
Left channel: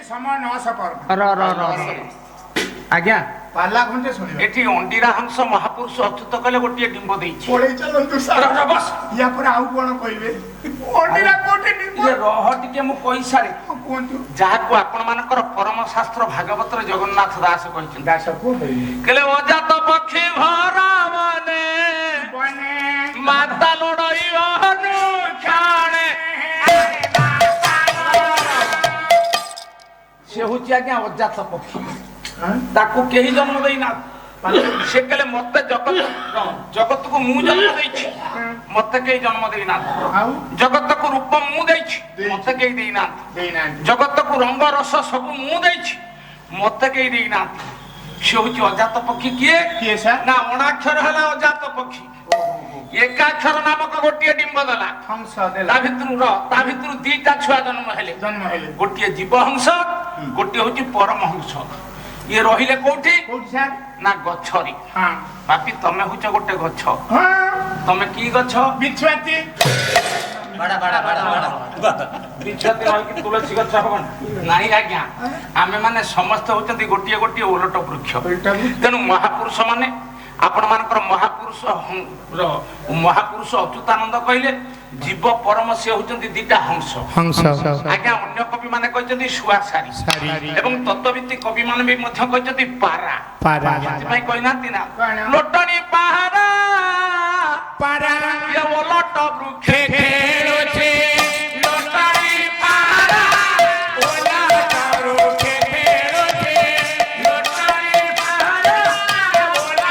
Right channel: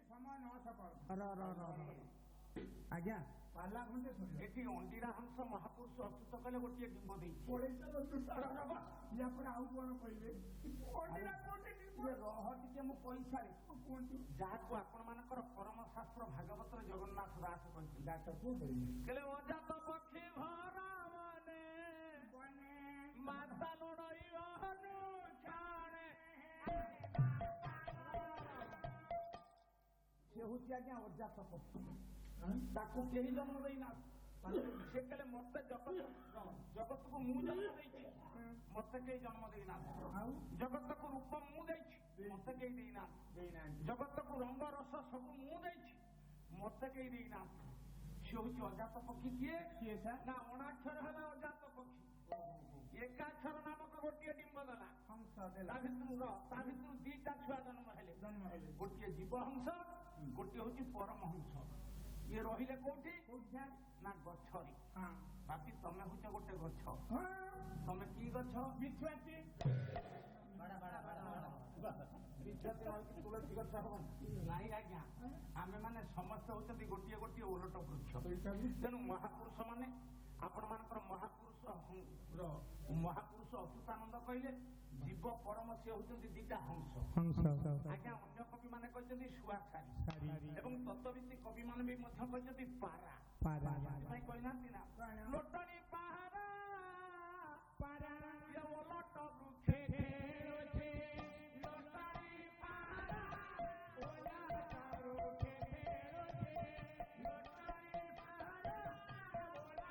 ସମୟ 900 କର। ଆଜ୍ଞା ପାଲା ଘଣ୍ଟେ ଶୁଣିବେ ଏଠି ଅଣ୍ଡିରା ହଂସ ମହାପୁରୁଷ ଅଚ୍ୟୁତ କଲେ ଗୋଟିଏ ଡିମ୍ବ ଦେଇଛି। ପଳେଇ ଚାଲନ୍ତୁ ସାର୍ ବସ୍। ୟା ପରେ ଆଉ କଣ କହିବେ ଅଣ୍ଡିରା କୋଉଠି ଇଏ ରହ ଟିକେ ମୁଁ କହିସାରେ। କୁହନ୍ତୁ ଯାହାକୁ ଆପଣ ମାନଙ୍କର ପରମ ଶାସ୍ତ୍ର ଭାଗବତରେ ଜଗନ୍ନାଥ ଦାସ କହିଛନ୍ତି। ଦାସ କୁହନ୍ତୁ କହିଲେ ଅଜାତ ପକ୍ଷୀ ଭରା ମାନେ ମାତା ଲড়াই ଅନୁକ୍ଷଣେ। ସେ ହଉଛି ଆଜ୍ଞା ଅଜାତ ପକ୍ଷୀ, ତାକୁ କେହି ଜନ୍ମ ଦେଇନା। ସେ କହିଲେ ମତେ ଜଗତକୁ ମୁଁ ଜନ୍ମ ଦେଇଛି, ମତେ କେହି ଜନ୍ମ ଦେଇନାହାନ୍ତି। ଆଉ ଜଗତକୁ ରୂପ ମୁଁ ଦେଇଛି, ମତେ କେହି ଦେଇନାହାନ୍ତି। ଦେଇନାହାନ୍ତି ଜଗତକୁ ରଙ୍ଗ ରସ ସବୁ ମୁଁ ଦେଇଛି, ମତେ କେହି ଦେଇନାହାନ୍ତି। ସେ ହଉଛି ଅଜାତ ପକ୍ଷୀ। କିଏ କିଏ ସାର୍ ନା ଅଣାକ୍ଷର ହେଲା ଅଜାତ ପକ୍ଷୀ। ଏକାକ୍ଷର ନାମକ ଗୋଟିଏ ଡିମ୍ବ ଦେଲା, ହଂସ ତା ଦେଲା ଭିତରୁ ଦିଟା ଛୁଆ ଜନ୍ମ ହେଲେ। ଗୋଟିଏ ଜୀବ ହଂସ, ଗୋଟିଏ ହଉଛି ପରମ ହଂସ। ଇଏ ରହିଲେ କୋଉଠି କୋଉଠି ସାର୍ ନା ଗଛରେ। ହଁ ବାପି ତମେ ହଉଛ ଗୋଟେ ଗଛ। ହଁ ତମେ କି ଗଛ? ବିଛୁଆତି ବିଛୁଆତି ରହିକି ତୁଳସୀ ଗଛ ହବନି? ନାଇଁ ଆଜ୍ଞା, ଆମେ ମାନେ ସମସ୍ତେ ହଉଛନ୍ତି ଗୋଟିଏ ଗୋଟିଏ ଓଲଟ ବୃକ୍ଷ। ତେଣୁ ମହାପୁରୁଷ ମାନେ ଆପଣ ମାନଙ୍କର ମହାପୁରୁଷ ଅଚ୍ୟୁତାନନ୍ଦ କହିଲେ ଜୀବ ପରମ ସେ ହଉଛନ୍ତି ଦିଟା ହଂସ। ଆଜ୍ଞା ଅନ୍ୟ କବି ମାନେ କହିଛନ୍ତି ଶୁଆ ସାରି, ଏବଂ ତତ୍ତ୍ୱବିତ୍ତି କବି ମାନେ ବି ମଧ୍ୟ କହିଛନ୍ତି ପାରା। ସେଥିପାଇଁ କହିନାହାନ୍ତି ନା ଲୋଟଣୀ ପାହାରା ଇଏ ଓଲଟ ବୃକ୍ଷେ ଖେଳୁଛି। ଲୋଟଣୀ ପାହାରା ଓଲଟ ବୃକ୍ଷେ ଖେଳୁଛି। ଲୋଟଣୀ ପାହାରା ଓଲଟ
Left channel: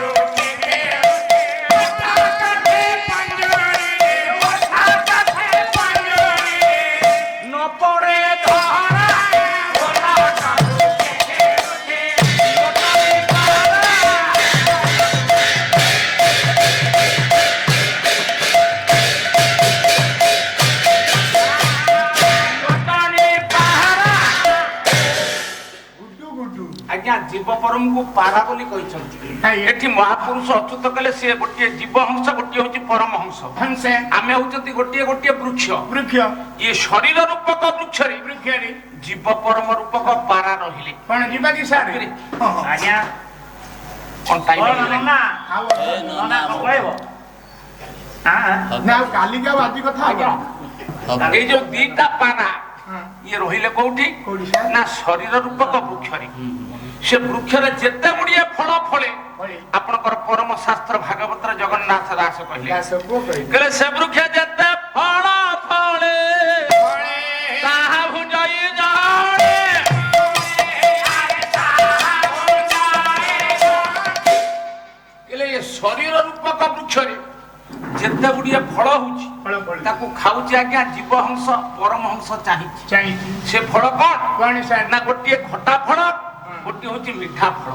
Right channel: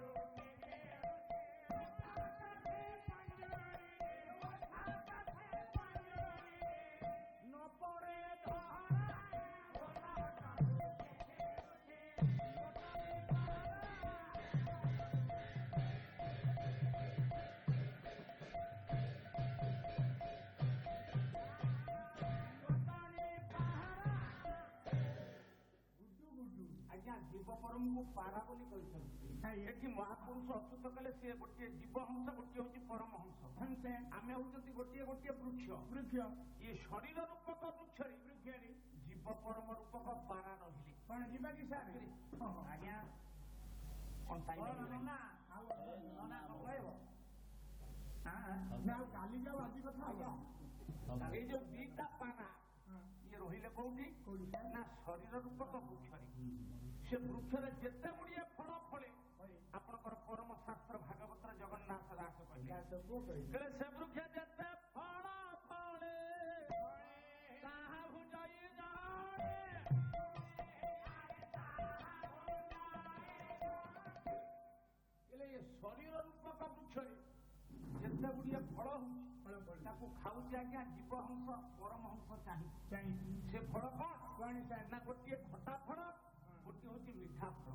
ବୃକ୍ଷେ ଖେଳୁଛି। ଓଠା କାଠେ ପଞ୍ଜୁରୀ, ଓଠା କାଠେ ପଞ୍ଜୁରୀ, ନ ପଡେ ଧରା ଓଲଟ ବୃକ୍ଷେ ଖେଳୁଛି। ଲୋଟଣୀ ପାହାରା ଆଜ୍ଞା ଜୀବ ପରମକୁ ପାରା ବୋଲି କହିଛନ୍ତି। ଏଠି ମହାପୁରୁଷ ଅଚ୍ୟୁତ କଲେ ସିଏ ଗୋଟିଏ ଜୀବ ହଂସ, ଗୋଟିଏ ହଉଛି ପରମ ହଂସ। ଆମେ ହଉଛନ୍ତି ଗୋଟିଏ ଗୋଟିଏ ବୃକ୍ଷ। ଇଏ ଶରୀର ରୂପକ ବୃକ୍ଷରେ ଜୀବ ପରମ ରୂପକ ପାରା ରହିଲେ। କଣ ଯିବା କି ସାର୍ ଆଜ୍ଞା କଣ ଟାଇମ୍ ନା ଆଉ କାଲିକା ବାଜି କଥା ଆଜ୍ଞା ଏଇ ଯୋଉ ଦିଟା ପାରା ଇଏ ରହିଲେ କୋଉଠି କୋଉଠି ସାର୍? ନା ଶରୀର ରୂପକ ବୃକ୍ଷରେ। ସେ ବୃକ୍ଷରେ ଯେତେ ଗୁଡିଏ ଫଳ ଫଳେ ଆପଣଙ୍କର ପରମ ଶାସ୍ତ୍ର ଭାଗବତରେ ଜଗନ୍ନାଥ ଦାସ କହିଲେ କହିଲେ ସେ ବୃକ୍ଷ ଯେତେ ଫଳ ଫଳେ ତାହା ଭୁଜଇ ଜଣେ। କହିଲେ ଏ ଶରୀର ରୂପକ ବୃକ୍ଷରେ ଯେତେ ଗୁଡିଏ ଫଳ ହଉଛି ତାକୁ ଖାଉଛି ଆଜ୍ଞା ଜୀବ ହଂସ, ପରମ ହଂସ ଚାହିଁଛି। ସେ ଫଳ କଣ ନା ଗୋଟିଏ ଖଟା ଫଳ, ଗୋଟିଏ ହଉଛି ମିଠା ଫଳ।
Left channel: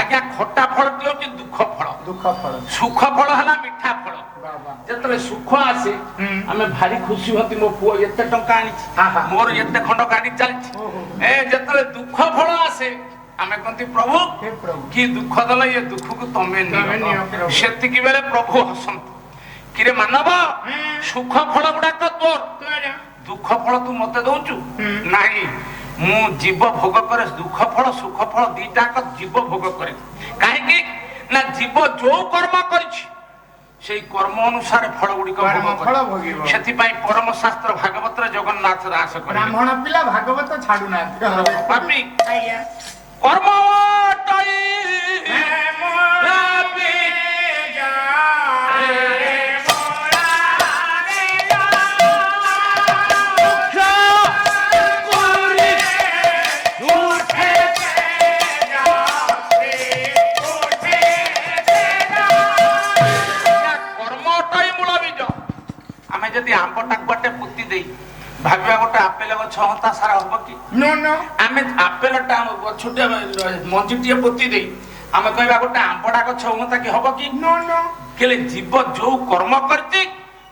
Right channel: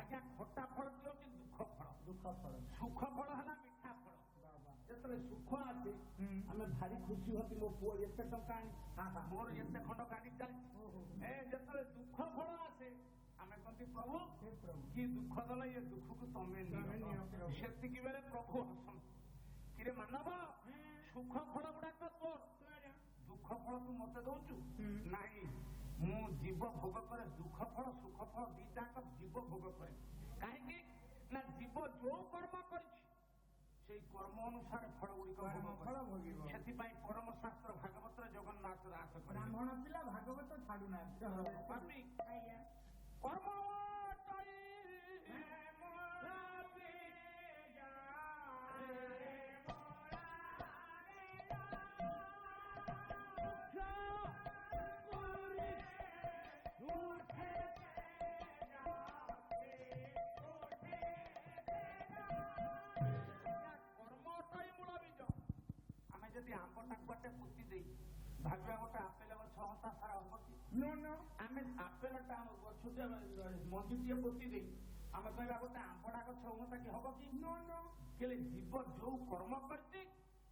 ଆଜ୍ଞା ଖଟା ଫଳଟି ହଉଛି ଦୁଃଖ ଫଳ, ସୁଖ ଫଳ ହେଲା ମିଠା ଫଳ। ଯେତେବେଳେ ସୁଖ ଆସେ ଆମେ ଭାରି ଖୁସି ହୁଅନ୍ତି, ମୋ ପୁଅ ଏତେ ଟଙ୍କା ଆଣିଛି, ମୋର ଏତେ ଖଣ୍ଡ ଗାଡି ଚାଲିଛି। ଯେତେବେଳେ ଦୁଃଖ ଫଳ ଆସେ ଆମେ କହନ୍ତି ପ୍ରଭୁ କି ଦୁଃଖ ଦେଲ, ଏ ଦୁଃଖକୁ ତମେ ନିଅ। ସେତିକି ବେଳେ ପ୍ରଭୁ ହସନ୍ତି, କିରେ ମାନବ ସୁଖ ଫଳ ଗୁଡାକ ତୋର, ଦୁଃଖ ଫଳ ତୁ ମତେ ଦଉଛୁ? ନାଇଁ, ମୁଁ ଜୀବ ଭୋଗ କରେ ଦୁଃଖ ଫଳ ସୁଖ ଫଳ ଦିଟାକ ଜୀବ ଭୋଗ କରେ। କାହିଁକି ନା ଜୀବ ଯୋଉ କର୍ମ କରିଛି ସେଇ କର୍ମ ଅନୁସାରେ ଫଳ ଗୁଡିକ ଭୋଗ। ସେଥିପାଇଁ ପରମ ଶାସ୍ତ୍ର ଭାଗବତରେ ଜଗନ୍ନାଥ ଦାସ ବ୍ରାହ୍ମଣ ପିଲା ଭାଗବତ ଛାଡୁନାହାନ୍ତି। କର୍ମ ଆମେ ଯଦି ଆମ୍ବଟାକୁ ଗୋଟେ ପୋତି ଦେଇ ଭାବିବା ଗୋଟେ ଆପେଲ ଗଛ ହନ୍ତା ସାରା ହବ କି? ଆମେ ଆପେଲଟା ଗଛଟେ ମଞ୍ଜିଟିଏ ପୋତି ଦେଇ ଆମେ କହିବା ଗୋଟେ ଆମ୍ବଟା ଗଛ ହୁଅନ୍ତା କି? ହବ କି? ହେଲେ ଜୀବ ଯୋଉ କର୍ମ କରିଛି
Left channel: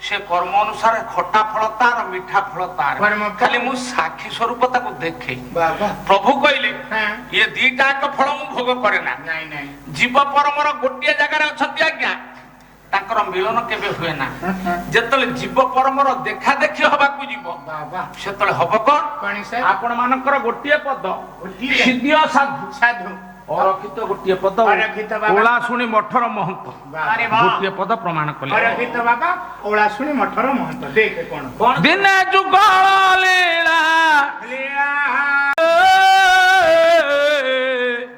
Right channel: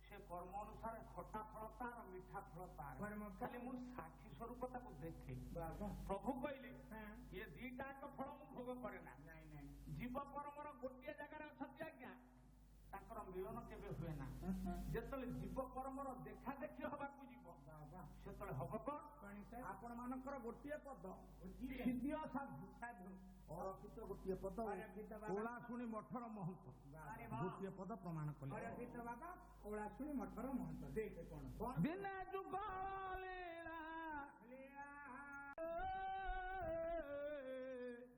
ସେ କର୍ମ ଅନୁସାରେ ଖଟା ଫଳ ତାର, ମିଠା ଫଳ ତାର। ଖାଲି ମୁଁ ସାକ୍ଷୀ ସ୍ୱରୂପ ତାକୁ ଦେଖେ। ପ୍ରଭୁ କହିଲେ ଇଏ ଦିଟା ଏକ ଫଳ ମୁଁ ଭୋଗ କରେ ନା। ଜୀବ ପରମର ଗୋଟିଏ ଜାଗାରେ ଅଛନ୍ତି ଆଜ୍ଞା, ତାଙ୍କର ମିଳନ କେବେ ହୁଏ ନା। ଯେତେବେଳେ ଜୀବ ପରମର ଦେଖା ଦେଖି ହବାକୁ ଯିବ ସେତେବେଳେ ହବ କଣ? ଆପଣ ମାନଙ୍କର ଗୋଟିଏ ପଦ ସିଦ୍ଧିୟ ସାଧୁ ସାଧୁ ଅରକ୍ଷିତ ଗୋଟିଏ ପଦ ଓଳା ଶୁଣି ମଠର ମହନ୍ତ ଗୋଟିଏ ପଦ ପ୍ରମାଣ କଲେ। ଅରକ୍ଷିତ ବାବା ଓଳା ଶୁଣି ମଠର ମହନ୍ତ। ଦେଖେ କଣ ଦିନେ ଯୁଗଳ ଲୀଳା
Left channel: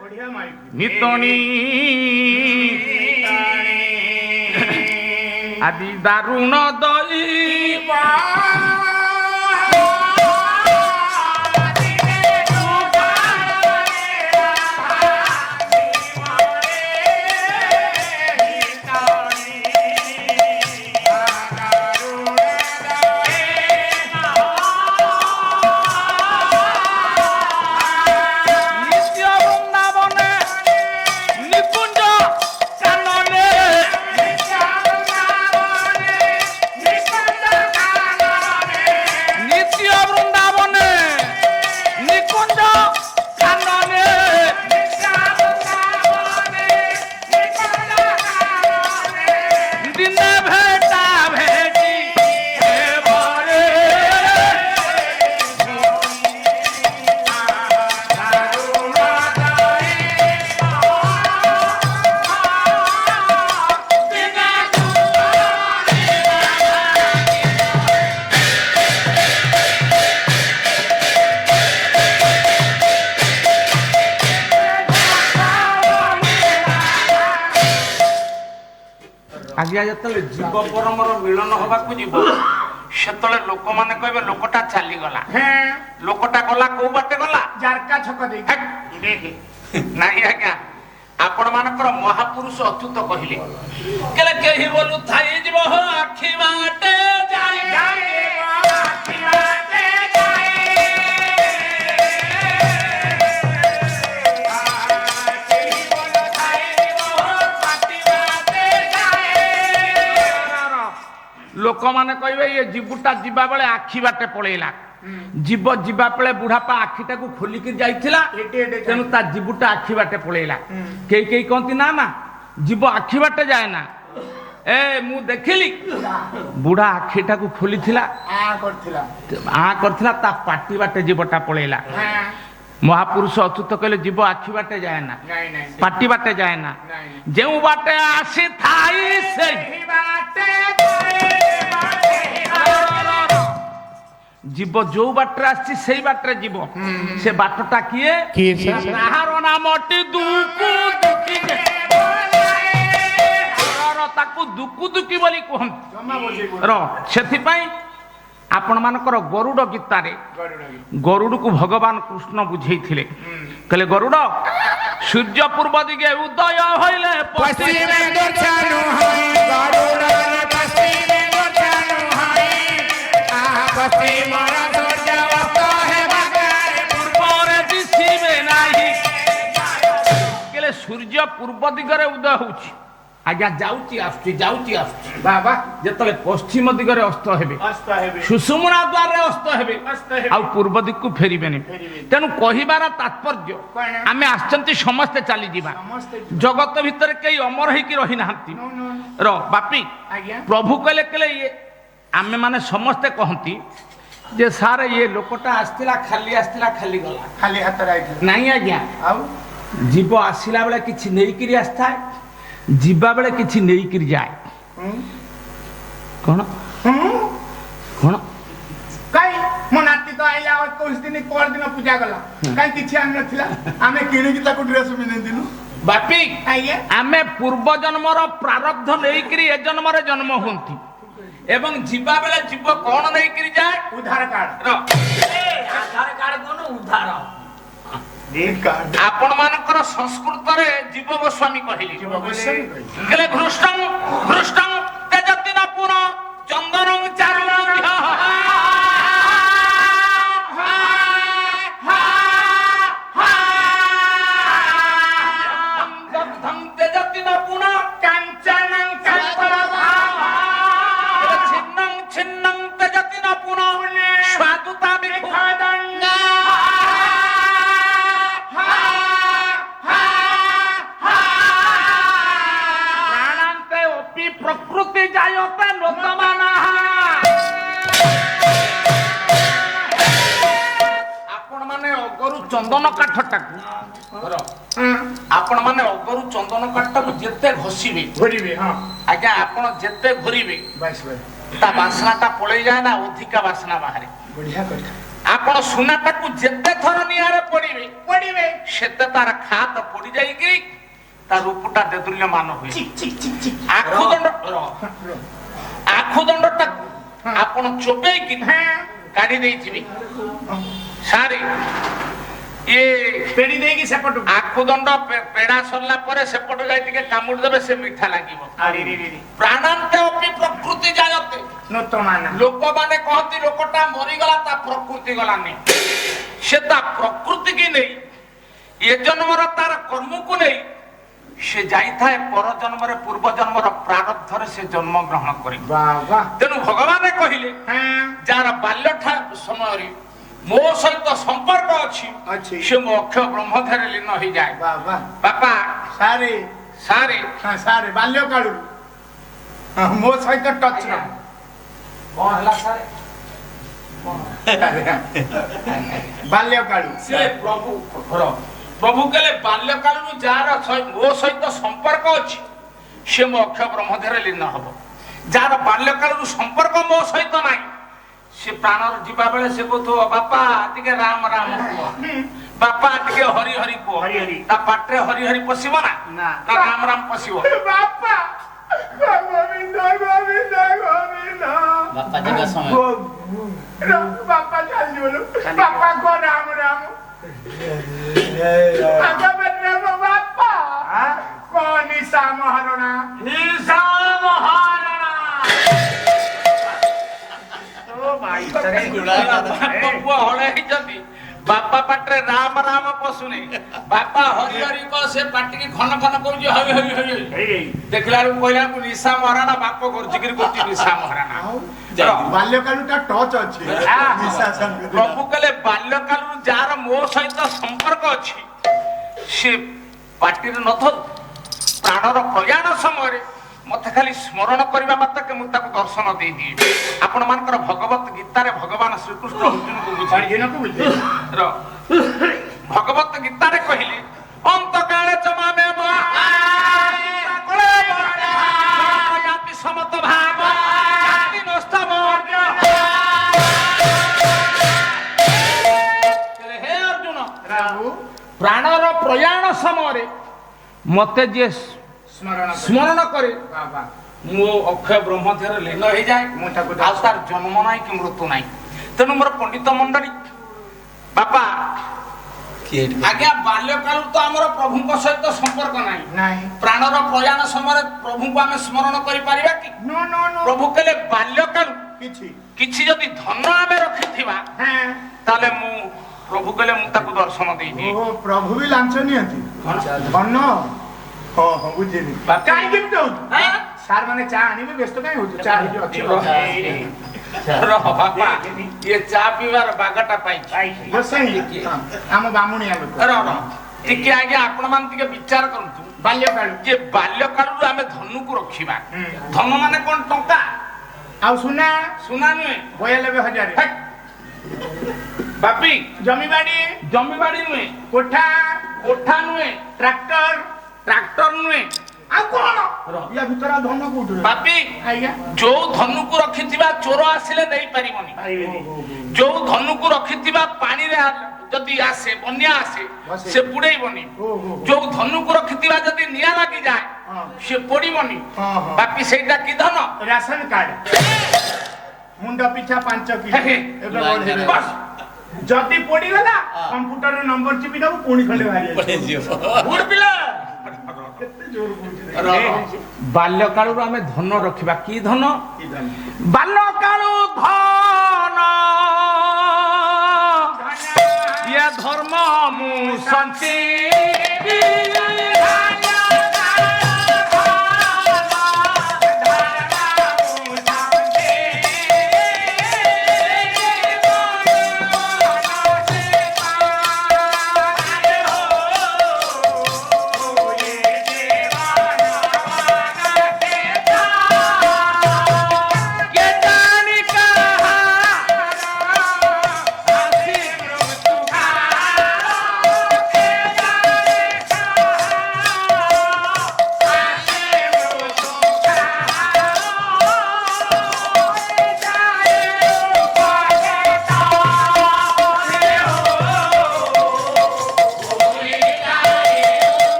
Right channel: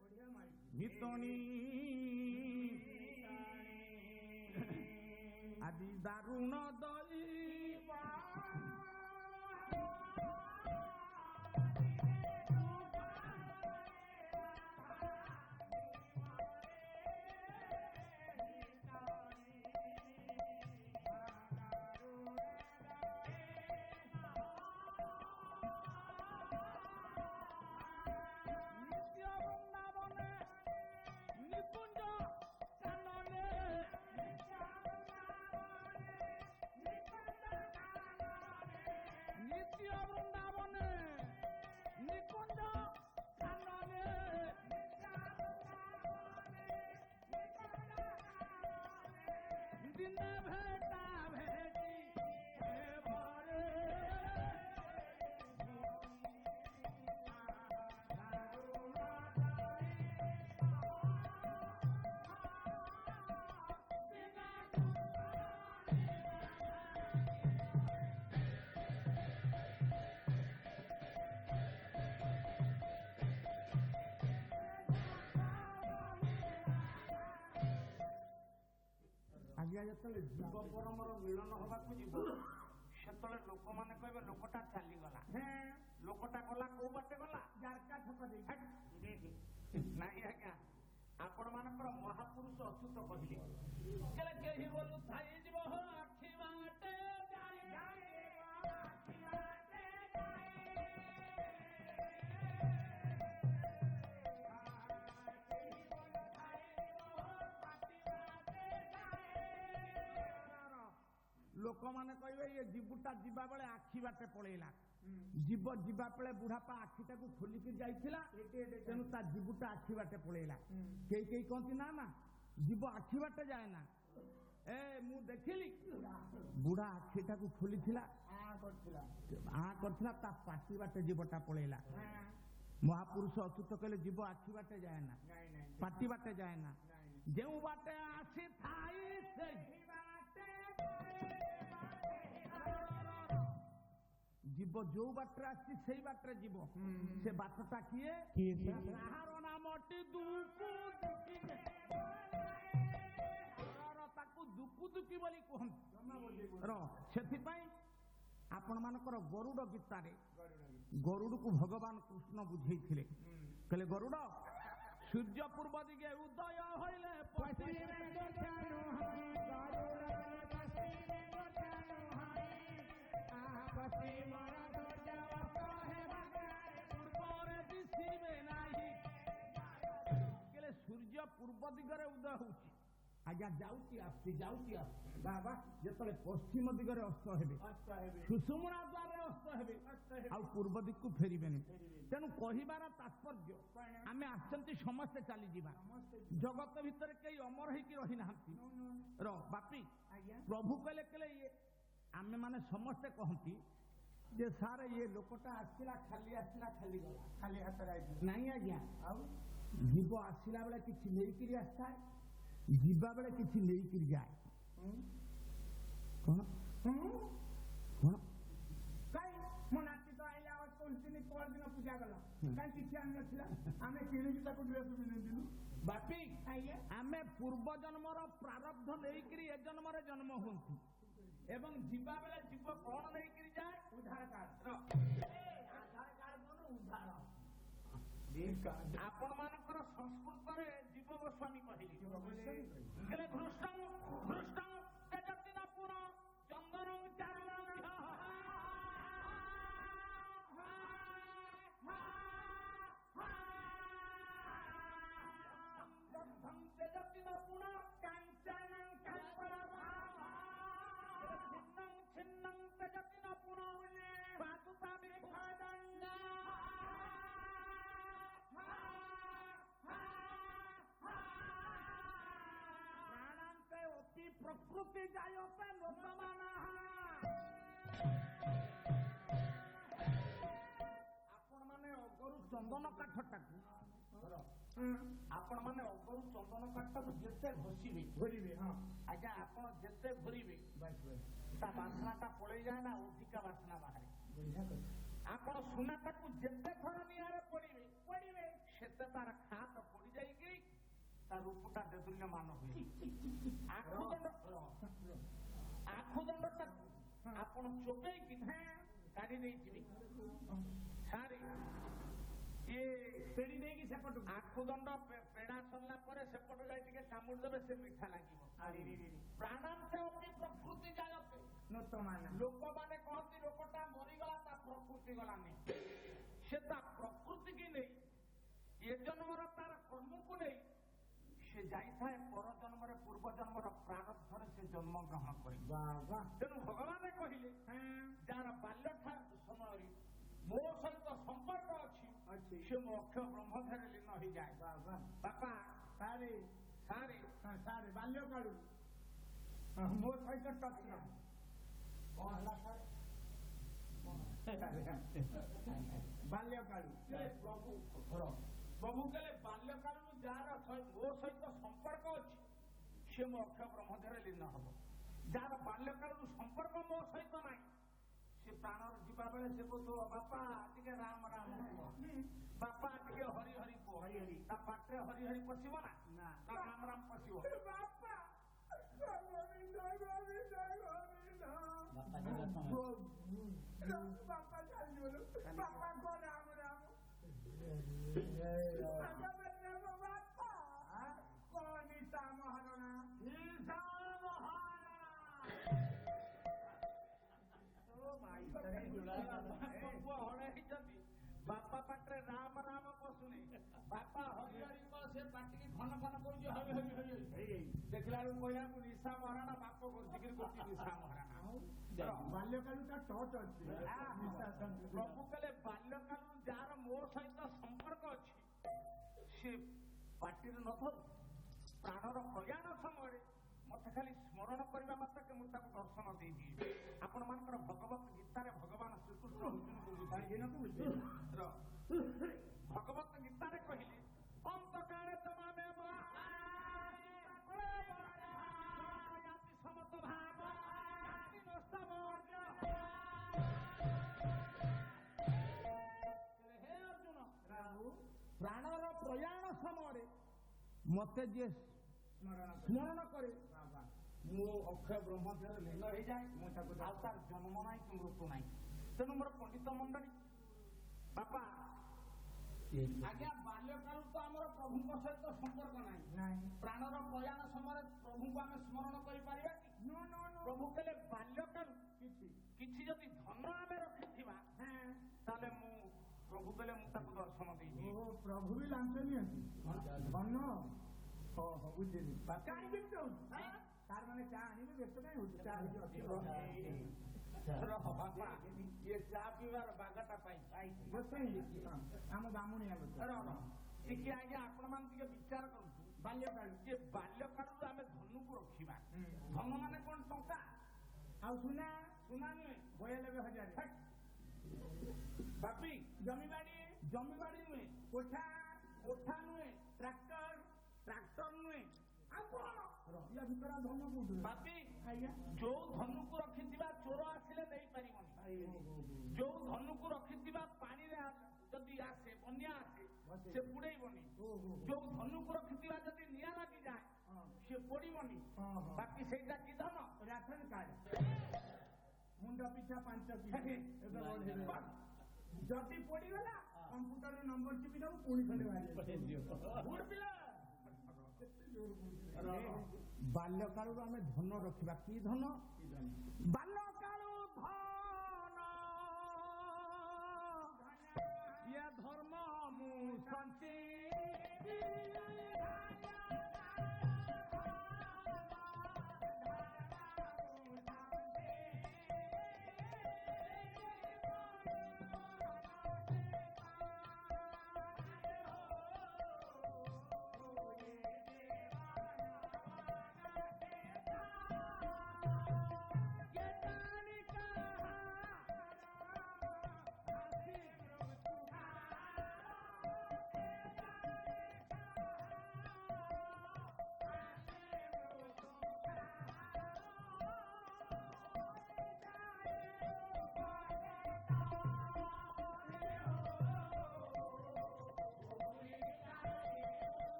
ବଢିଆ ମାଇକ ନିତଣି ଆଦି ଦାରୁଣ ଦଇବା ଆଜ୍ଞା ଯେତେବେଳେ ଜୀବ ପରମର ମିଳନ ହବାକୁ ଯିବ ସେତେବେଳେ ଲୋକମାନେ କହିବେ ଲୋକଟା ଚାଲିଗଲା। ଲୋକଟା ଗଲା କୋଉ ବାଟେ ଗଲା? ଜାରକା ଛକ ଦେଇକି। ନାଇଁ ଆଜ୍ଞା ଆପଣ ମାନଙ୍କର ମହାପୁରୁଷ ଅଚ୍ୟୁତ କହିଲେ କେହି ବୋଲୁ ଥାଇ ଯିବ ଆଖି ବାଟେ ଲୋକମାନେ କହିବେ ଇଏ ଜୀବୁଟା ଯିବା ବେଳେ ଆଖି ବାଟେ ପଳେଇଲା। ଜୀବ ଯିବା ବେଳେ ବୁଢାପା ଆଖିଟାକୁ ଖୋଲିକି ଯାଇଥିଲା ତେଣୁ ତା ଜୀବୁଟା ଆଖି ବାଟେ ପଳେଇଲା। କେହି କେହି କହନ୍ତି ନା ନା ଜୀବ ଆଖି ବାଟେ ଯାଏ ନା। ମୁଁ ଦେଖିଲି ବୁଢା ଆଖିଟାକୁ ଖୋଲିଥିଲା କରିଥିଲା ତା ପାଟି ବାଟେ ଜୀବଟା ପଳେଇଲା। ମହାପୁରୁଷ ଅଚ୍ୟୁତ କହିଲେ ଜୀବ ଆଖି ବାଟେ ଯାଏ ନା ପାଟି ବାଟେ ଯାଏ ନା। ଯେଉଁ ବାଟେ ଆସିଥାଇ ସେହି ବାଟେ ଜୀବ ଯୋଉ ବାଟରେ ଆସିଛି ସେଇ ବାଟରେ ଯିବ। ସେ ବାଟଟା କିଏ? ତାହାର ନାମଟି ତାକୁ ଦୁକୁ ଦୁକି ବୋଲି କୁହନ୍ତି। ସେଥିପାଇଁ ଆପଣ ମାନଙ୍କର ଗରୁଡ ଗୀତାରେ ଗରୁଡକୁ ଭଗବାନ କୃଷ୍ଣ ବୁଝେଇଥିଲେ। କହିଲେ ଗରୁଡ ସୂର୍ଯ୍ୟ ପୂର୍ବ ଦିଗେ ଉଦୟ ହଇଲେ ସୂର୍ଯ୍ୟ ପୂର୍ବ ଦିଗରେ ଉଦୟ ହଉଛି ଆଜ୍ଞା ଯାଉଛି ଆସୁଛି ଯାଉଛି ଆସୁଛି ବାବା ଯେତେବେଳେ ପଶ୍ଚିମ ଦିଗରେ ଅସ୍ତ ହେବେ ସୁଷୁମ୍ନା ଦ୍ୱାରରେ ଅସ୍ତ ହେବେ ଆଉ ପୂର୍ବ ଦିଗକୁ ଫେରିବେନି। ତେଣୁ କହିବାର ତାତ୍ପର୍ଯ୍ୟ ଆମେ ଆସିଛନ୍ତି ସମସ୍ତେ ଚାଲିଯିବା। ଜଗତ ଭିତରେ କେହି ଅମର ହେଇକି ରହିନାହାନ୍ତି। ବାପି ପ୍ରଭୁ କହିଲେ କହିଲେ ଇଏ ଆମେ ମାନେ ସମସ୍ତେ କହନ୍ତି ଯେ ସାର୍ ଇଏ ଲୋକଟା ଆସିଥିଲା ଖାଲି ଗଲା ଖାଲି ହାତରେ ନାଇଁ ଆଜ୍ଞା। ଆଉ ଜୀବ ଆସିଲା ବେଳେ କିଛି ନେଇକିରି ଆସିଥାଏ ଯିବା ବେଳେ କିଛି ନେଇକିରି ଯାଏ। କଣ କଣ କାଇଁ ମୋ ନାତି ତ ଆଇଲା 21 ଦିନ ପର ଦିନ ପୂଜା ଗଲା କାଇଁ କିଛି ଆଣି ନଥିଲା ଆମେ କିଣିକି ତାକୁ ଡ୍ରେସ ପିନ୍ଧିଥିଲୁ। ବାପି ଆମେ ପୂର୍ବ ଜନ୍ମର ପ୍ରାରବ୍ଧ ନେଇକିରି ଏ ଜନ୍ମରେ ଜନ୍ମ ହୁଅନ୍ତି ଏବଂ ଯିବା ବେଳେ ଜୀବ କଣ ନେଇକିରି ଯାଏ? ଉଦ୍ଧାର କାର୍ଡ। ଆଧାର କାର୍ଡ କଣ ଉଦ୍ଧାର? ଆପଣ ମାନଙ୍କର ସଂସ୍କୃତରେ ଜୀବ ଗୋସ୍ୱାମୀ କହିଲେ ଘୃଷ୍ଟଂ ଘୃଷ୍ଟଂ ତେଜତିନ ପୁର ଚନ୍ଦନଂ ଚାରୁଣ ତେଜତିନ ପୁଣ କାଞ୍ଚନଂ ଛିନ୍ନଂ ଛିନ୍ନଂ ତେଜତିନ ପୁଣ ସ୍ୱାଦୁତା ବିଖାଦଙ୍ଗା ଚନ୍ଦନ କାଠଟାକୁ ଆପଣ ମାନେ ଅଗରୁ ଚନ୍ଦନ କାଠଟାକୁ ଯେତେ ଘଷିବେ ଘୋରିବେ ହଁ ଆଜ୍ଞା ଆପଣ ଯେତେ ଘୋରିବେ ବାସ୍ ବାସ୍ ତା ବାସ୍ନାଟା ପଳେଇ ଯାଏ ନା ଅଧିକା ବାସ୍ନା ବାହାରେ ବଢିଆ କଥା ଆପଣ ସୁନାଟାକୁ ଯେତେ ଥର ନିଆଁରେ ପଡିବେ ପଡିବେ ସେତେ ତାର ଖାତ ପଡି ଯାଇକିରି ତା ରୂପଟା ଦେଦୁଲ୍ୟମାନ ହୁଏ ଚିକ୍ ଚିକ୍ ଚିକ୍ ଚିକ୍ ଆଖୁଦଣ୍ଡଟାକୁ ଆପଣ ଚୋବେଇକି କାଢି ଦେଇଥିବେ ସାରେ ଇଏ ପେଡି ଦେଇକି ସେପଟୁ ଆଖୁଦଣ୍ଡ ପେଡା ସରିଲା ପରେ ସେପଟୁ ଯାଇ ଟିକେ କାମୁଡି ଦେବେ ସେ ମିଠା ଲାଗିବ ପ୍ରାଣାନ୍ତେ ଅପି ପ୍ରକୃତି ଜାୟତେ ନୂତମାନ ଲୋକମାନେ କହନ୍ତି ଲୋକଟା ମରିଗଲା ତା ପ୍ରକୃତି ଗଲାନି ସେ ତା ପ୍ରକୃତି କି ନେଇ ଏ ଜନ୍ମର ତାର କର୍ମକୁ ନେଇ ସେ ଯାଇଥାଏ ପର ଜନ୍ମରେ ପୂର୍ବ ଜନ୍ମର ପ୍ରାରବ୍ଧରେ ସେ ଜନ୍ମ ଗ୍ରହଣ କରି ବାବା ତେଣୁ ଭଗବାନ କହିଲେ ଯାହାର ବାଲ୍ୟ ସମୟରେ ମୋ ସହିତ ସମ୍ପର୍କ ଅଛି ସେ ମୋ ଅକ୍ଷୟ ବ୍ରହ୍ମଧାରେ ଲୀନ ହେଇଯାଏ ବାବା ବାପା ସାରେ ସାରେ ସାରେ ବାଲ୍ୟ କାଳୁ ମୋ ସହିତ ଟଚ୍ ର କଣ ହେଲା ସାରେ ବାଲ୍ୟ କାଳୁ ସେ ପ୍ରଭୁ କହିଲେ ବାଲ୍ୟ କାଳରୁ ଯାହାର ମୋ ସହିତ ସମ୍ପର୍କ ଅଛି ସେ ମୋ ଅକ୍ଷୟ ବ୍ରହ୍ମଧାରେ ଲୀନ ହବ ଯାହାର ବାଲ୍ୟ କାଳରୁ ସମ୍ପର୍କ ମୋ ସହିତ ନାହିଁ ସେ ପ୍ରାଣର ଯିବା ବେଳେ ସେ କହୁଥିବ ବାପା ଟିକେ ରାମ ରାମ କୁହ ବାପା ଟିକେ ହରି ହରି କୁହ ତା ପାଟିରେ ହରି ହରି ପଶିବ ନା ରାମ ରାମ ପଶିବ ବାପା ବାପା ଚାଲିଯିବ ବାପା କହ ରାମ ରାମ ବାପା କହ ନିଶା ମହାରଣା ବାପା ପାଟିରେ ରାମ ରାମ ପଶୁନି ବାପା ହରି ହରି କହ ସେ ପାଟିକି ଘନ ଘନ କହୁଛି ହରି ହରି ହରି ଦେଖିଲା ବେଳକୁ କହିଲା ନିଶା ମହାରାଣା ବାପ ଗର୍ଜିକିରି କରୁଛି ନିଶା ମହାରାଣା ବାଲ୍ୟକାଳୁଟା ଟଚ୍ ଅଛି ପ୍ରଭୁ କହିଲେ ବାଲ୍ୟକାଳରୁ ଯାହାର ମୋ ସହିତ ସମ୍ପର୍କ ଅଛି ସେ ପାଟିରେ ନଥଉ ପ୍ରାଣର ପ୍ରୟାଣ ସମୟରେ ମତେ ଖାଲି ସ୍ମରଣ କରିବା ମାତ୍ରକେ ମୁଁ ତାକୁ ଦର୍ଶନ ଦେଇଦିଏ ଆପଣ ମାନଙ୍କର ଭଗବତ ଗୀତାରେ ଭଗବାନ ଶ୍ରୀକୃଷ୍ଣ ଅର୍ଜୁନକୁ ବୁଝାଇଲେ ଭଗବତ ଗୀତାରେ କହିଲେ ଅନ୍ତକାଳେ ଚମାମେ ସମତ ଭାବ ହେ ଅର୍ଜୁନ ପ୍ରାଣର ପ୍ରୟାଣ ସମୟରେ ମତେ ଯିଏ ସ୍ମରଣ କରେ ମୁଁ ଅକ୍ଷୟ ବ୍ରହ୍ମଧାରେ ଲୀନ ହେଇଯାଏ ଆଉ ତାର ଜନ୍ମ ନାହିଁ କି ମୃତ୍ୟୁ ନାହିଁ ତେଣୁ ମୋର ପଣ୍ଡିତ ମଣ୍ଡଳୀ ବାପା ଆଜ୍ଞା ବାଲ୍ୟକାଳରୁ ତ ଆମର ପ୍ରଭୁଙ୍କ ସହିତ ସମ୍ପର୍କ ନାହିଁ ପ୍ରାଣର ପ୍ରୟାଣ ସମୟରେ ପ୍ରଭୁଙ୍କୁ ଆମେ ସ୍ମରଣ କରିପାରିବା କି ପ୍ରଭୁ କହିଲେ ବାଲ୍ୟକାଳୁ କିଛି ଯଦି ଧନ ଆମେ ରଖିଥିବା ତାହେଲେ ମୁଁ ପ୍ରଭୁ କହିଲେ ମୁଁ ତାକୁ ଦର୍ଶନ ଦେଇଦିଏ ପ୍ରଭୁ ବି ଲାଞ୍ଚ ନିଅନ୍ତି ଧନ ବୁଝିଲି କାହିଁକି ସାର୍ ମାନେ ଚା ଆଣିବେ ବ୍ୟସ୍ତ କାହିଁ ହଉଛୁ ଚା ଅଛି ବାପା ଇଏ ଚା ପିଇବାର ବାଗଟା ପାଇଛି ଆମ ବାମୁଣିଆ ଲୋକ ଟିକେ ଆଜ୍ଞା ଆପଣ ମାନେ ଟିକେ ବିଚାର କରନ୍ତୁ ବାଲ୍ୟକାଳୁ ଯେ ବାଲ୍ୟକାଳରୁ ଆମେ ଧନୁକୁ ରଖିବା ଧନ ମାନେ କଣ ଟଙ୍କା ଆଉ ସୁନା ସୁନା ନୁହେଁ 92,000 ବାପି ଜମିବାଡି ନୁହେଁ କୋଠା ନୁହେଁ ଟ୍ରାକ୍ଟର ନୁହେଁ ଆଉ କଣ ୟା ଭିତରେ ଧନ କୋଉଠି ବାପି ଆଜ୍ଞା ଯୋଉ ଧନୁକୁ ରଖିଥିବା ଚୋର ଆସିଲେ ନେଇ ପାରିବନି ଯୋଉ ଧନୁକୁ ରଖିଥିବା ପାଣିରେ ଯଦି ଆସେ ବନ୍ୟା ଆସେ ସେ ବୁଡେଇବନି ଯୋଉ ଧନୁକୁ ରଖିଥିବା ଯଦି ନିଆଁ ଲାଗିଯାଏ ସେ ପୋଡିବନି ବାପି ସେଇଟା କି ଧନ ରାସନ କାର୍ଡ ମୁଣ୍ଡ ପିଛା 5 କିଲୋ ଯଦି ପୋଡିଗଲା କମ୍ପ୍ୟୁଟର ନମ୍ବର ଚିପି ଦବୁ ପୁଣି ଖଣ୍ଡେ ବାହାରି ବାଲ୍ୟକାଳରୁ ଆମେ ଧନ ରଖିବା କି ଧନ ବାଲ୍ୟକାଳୁ ଧନ ଇଏ ଧର୍ମ ମୁଁ ସଞ୍ଚି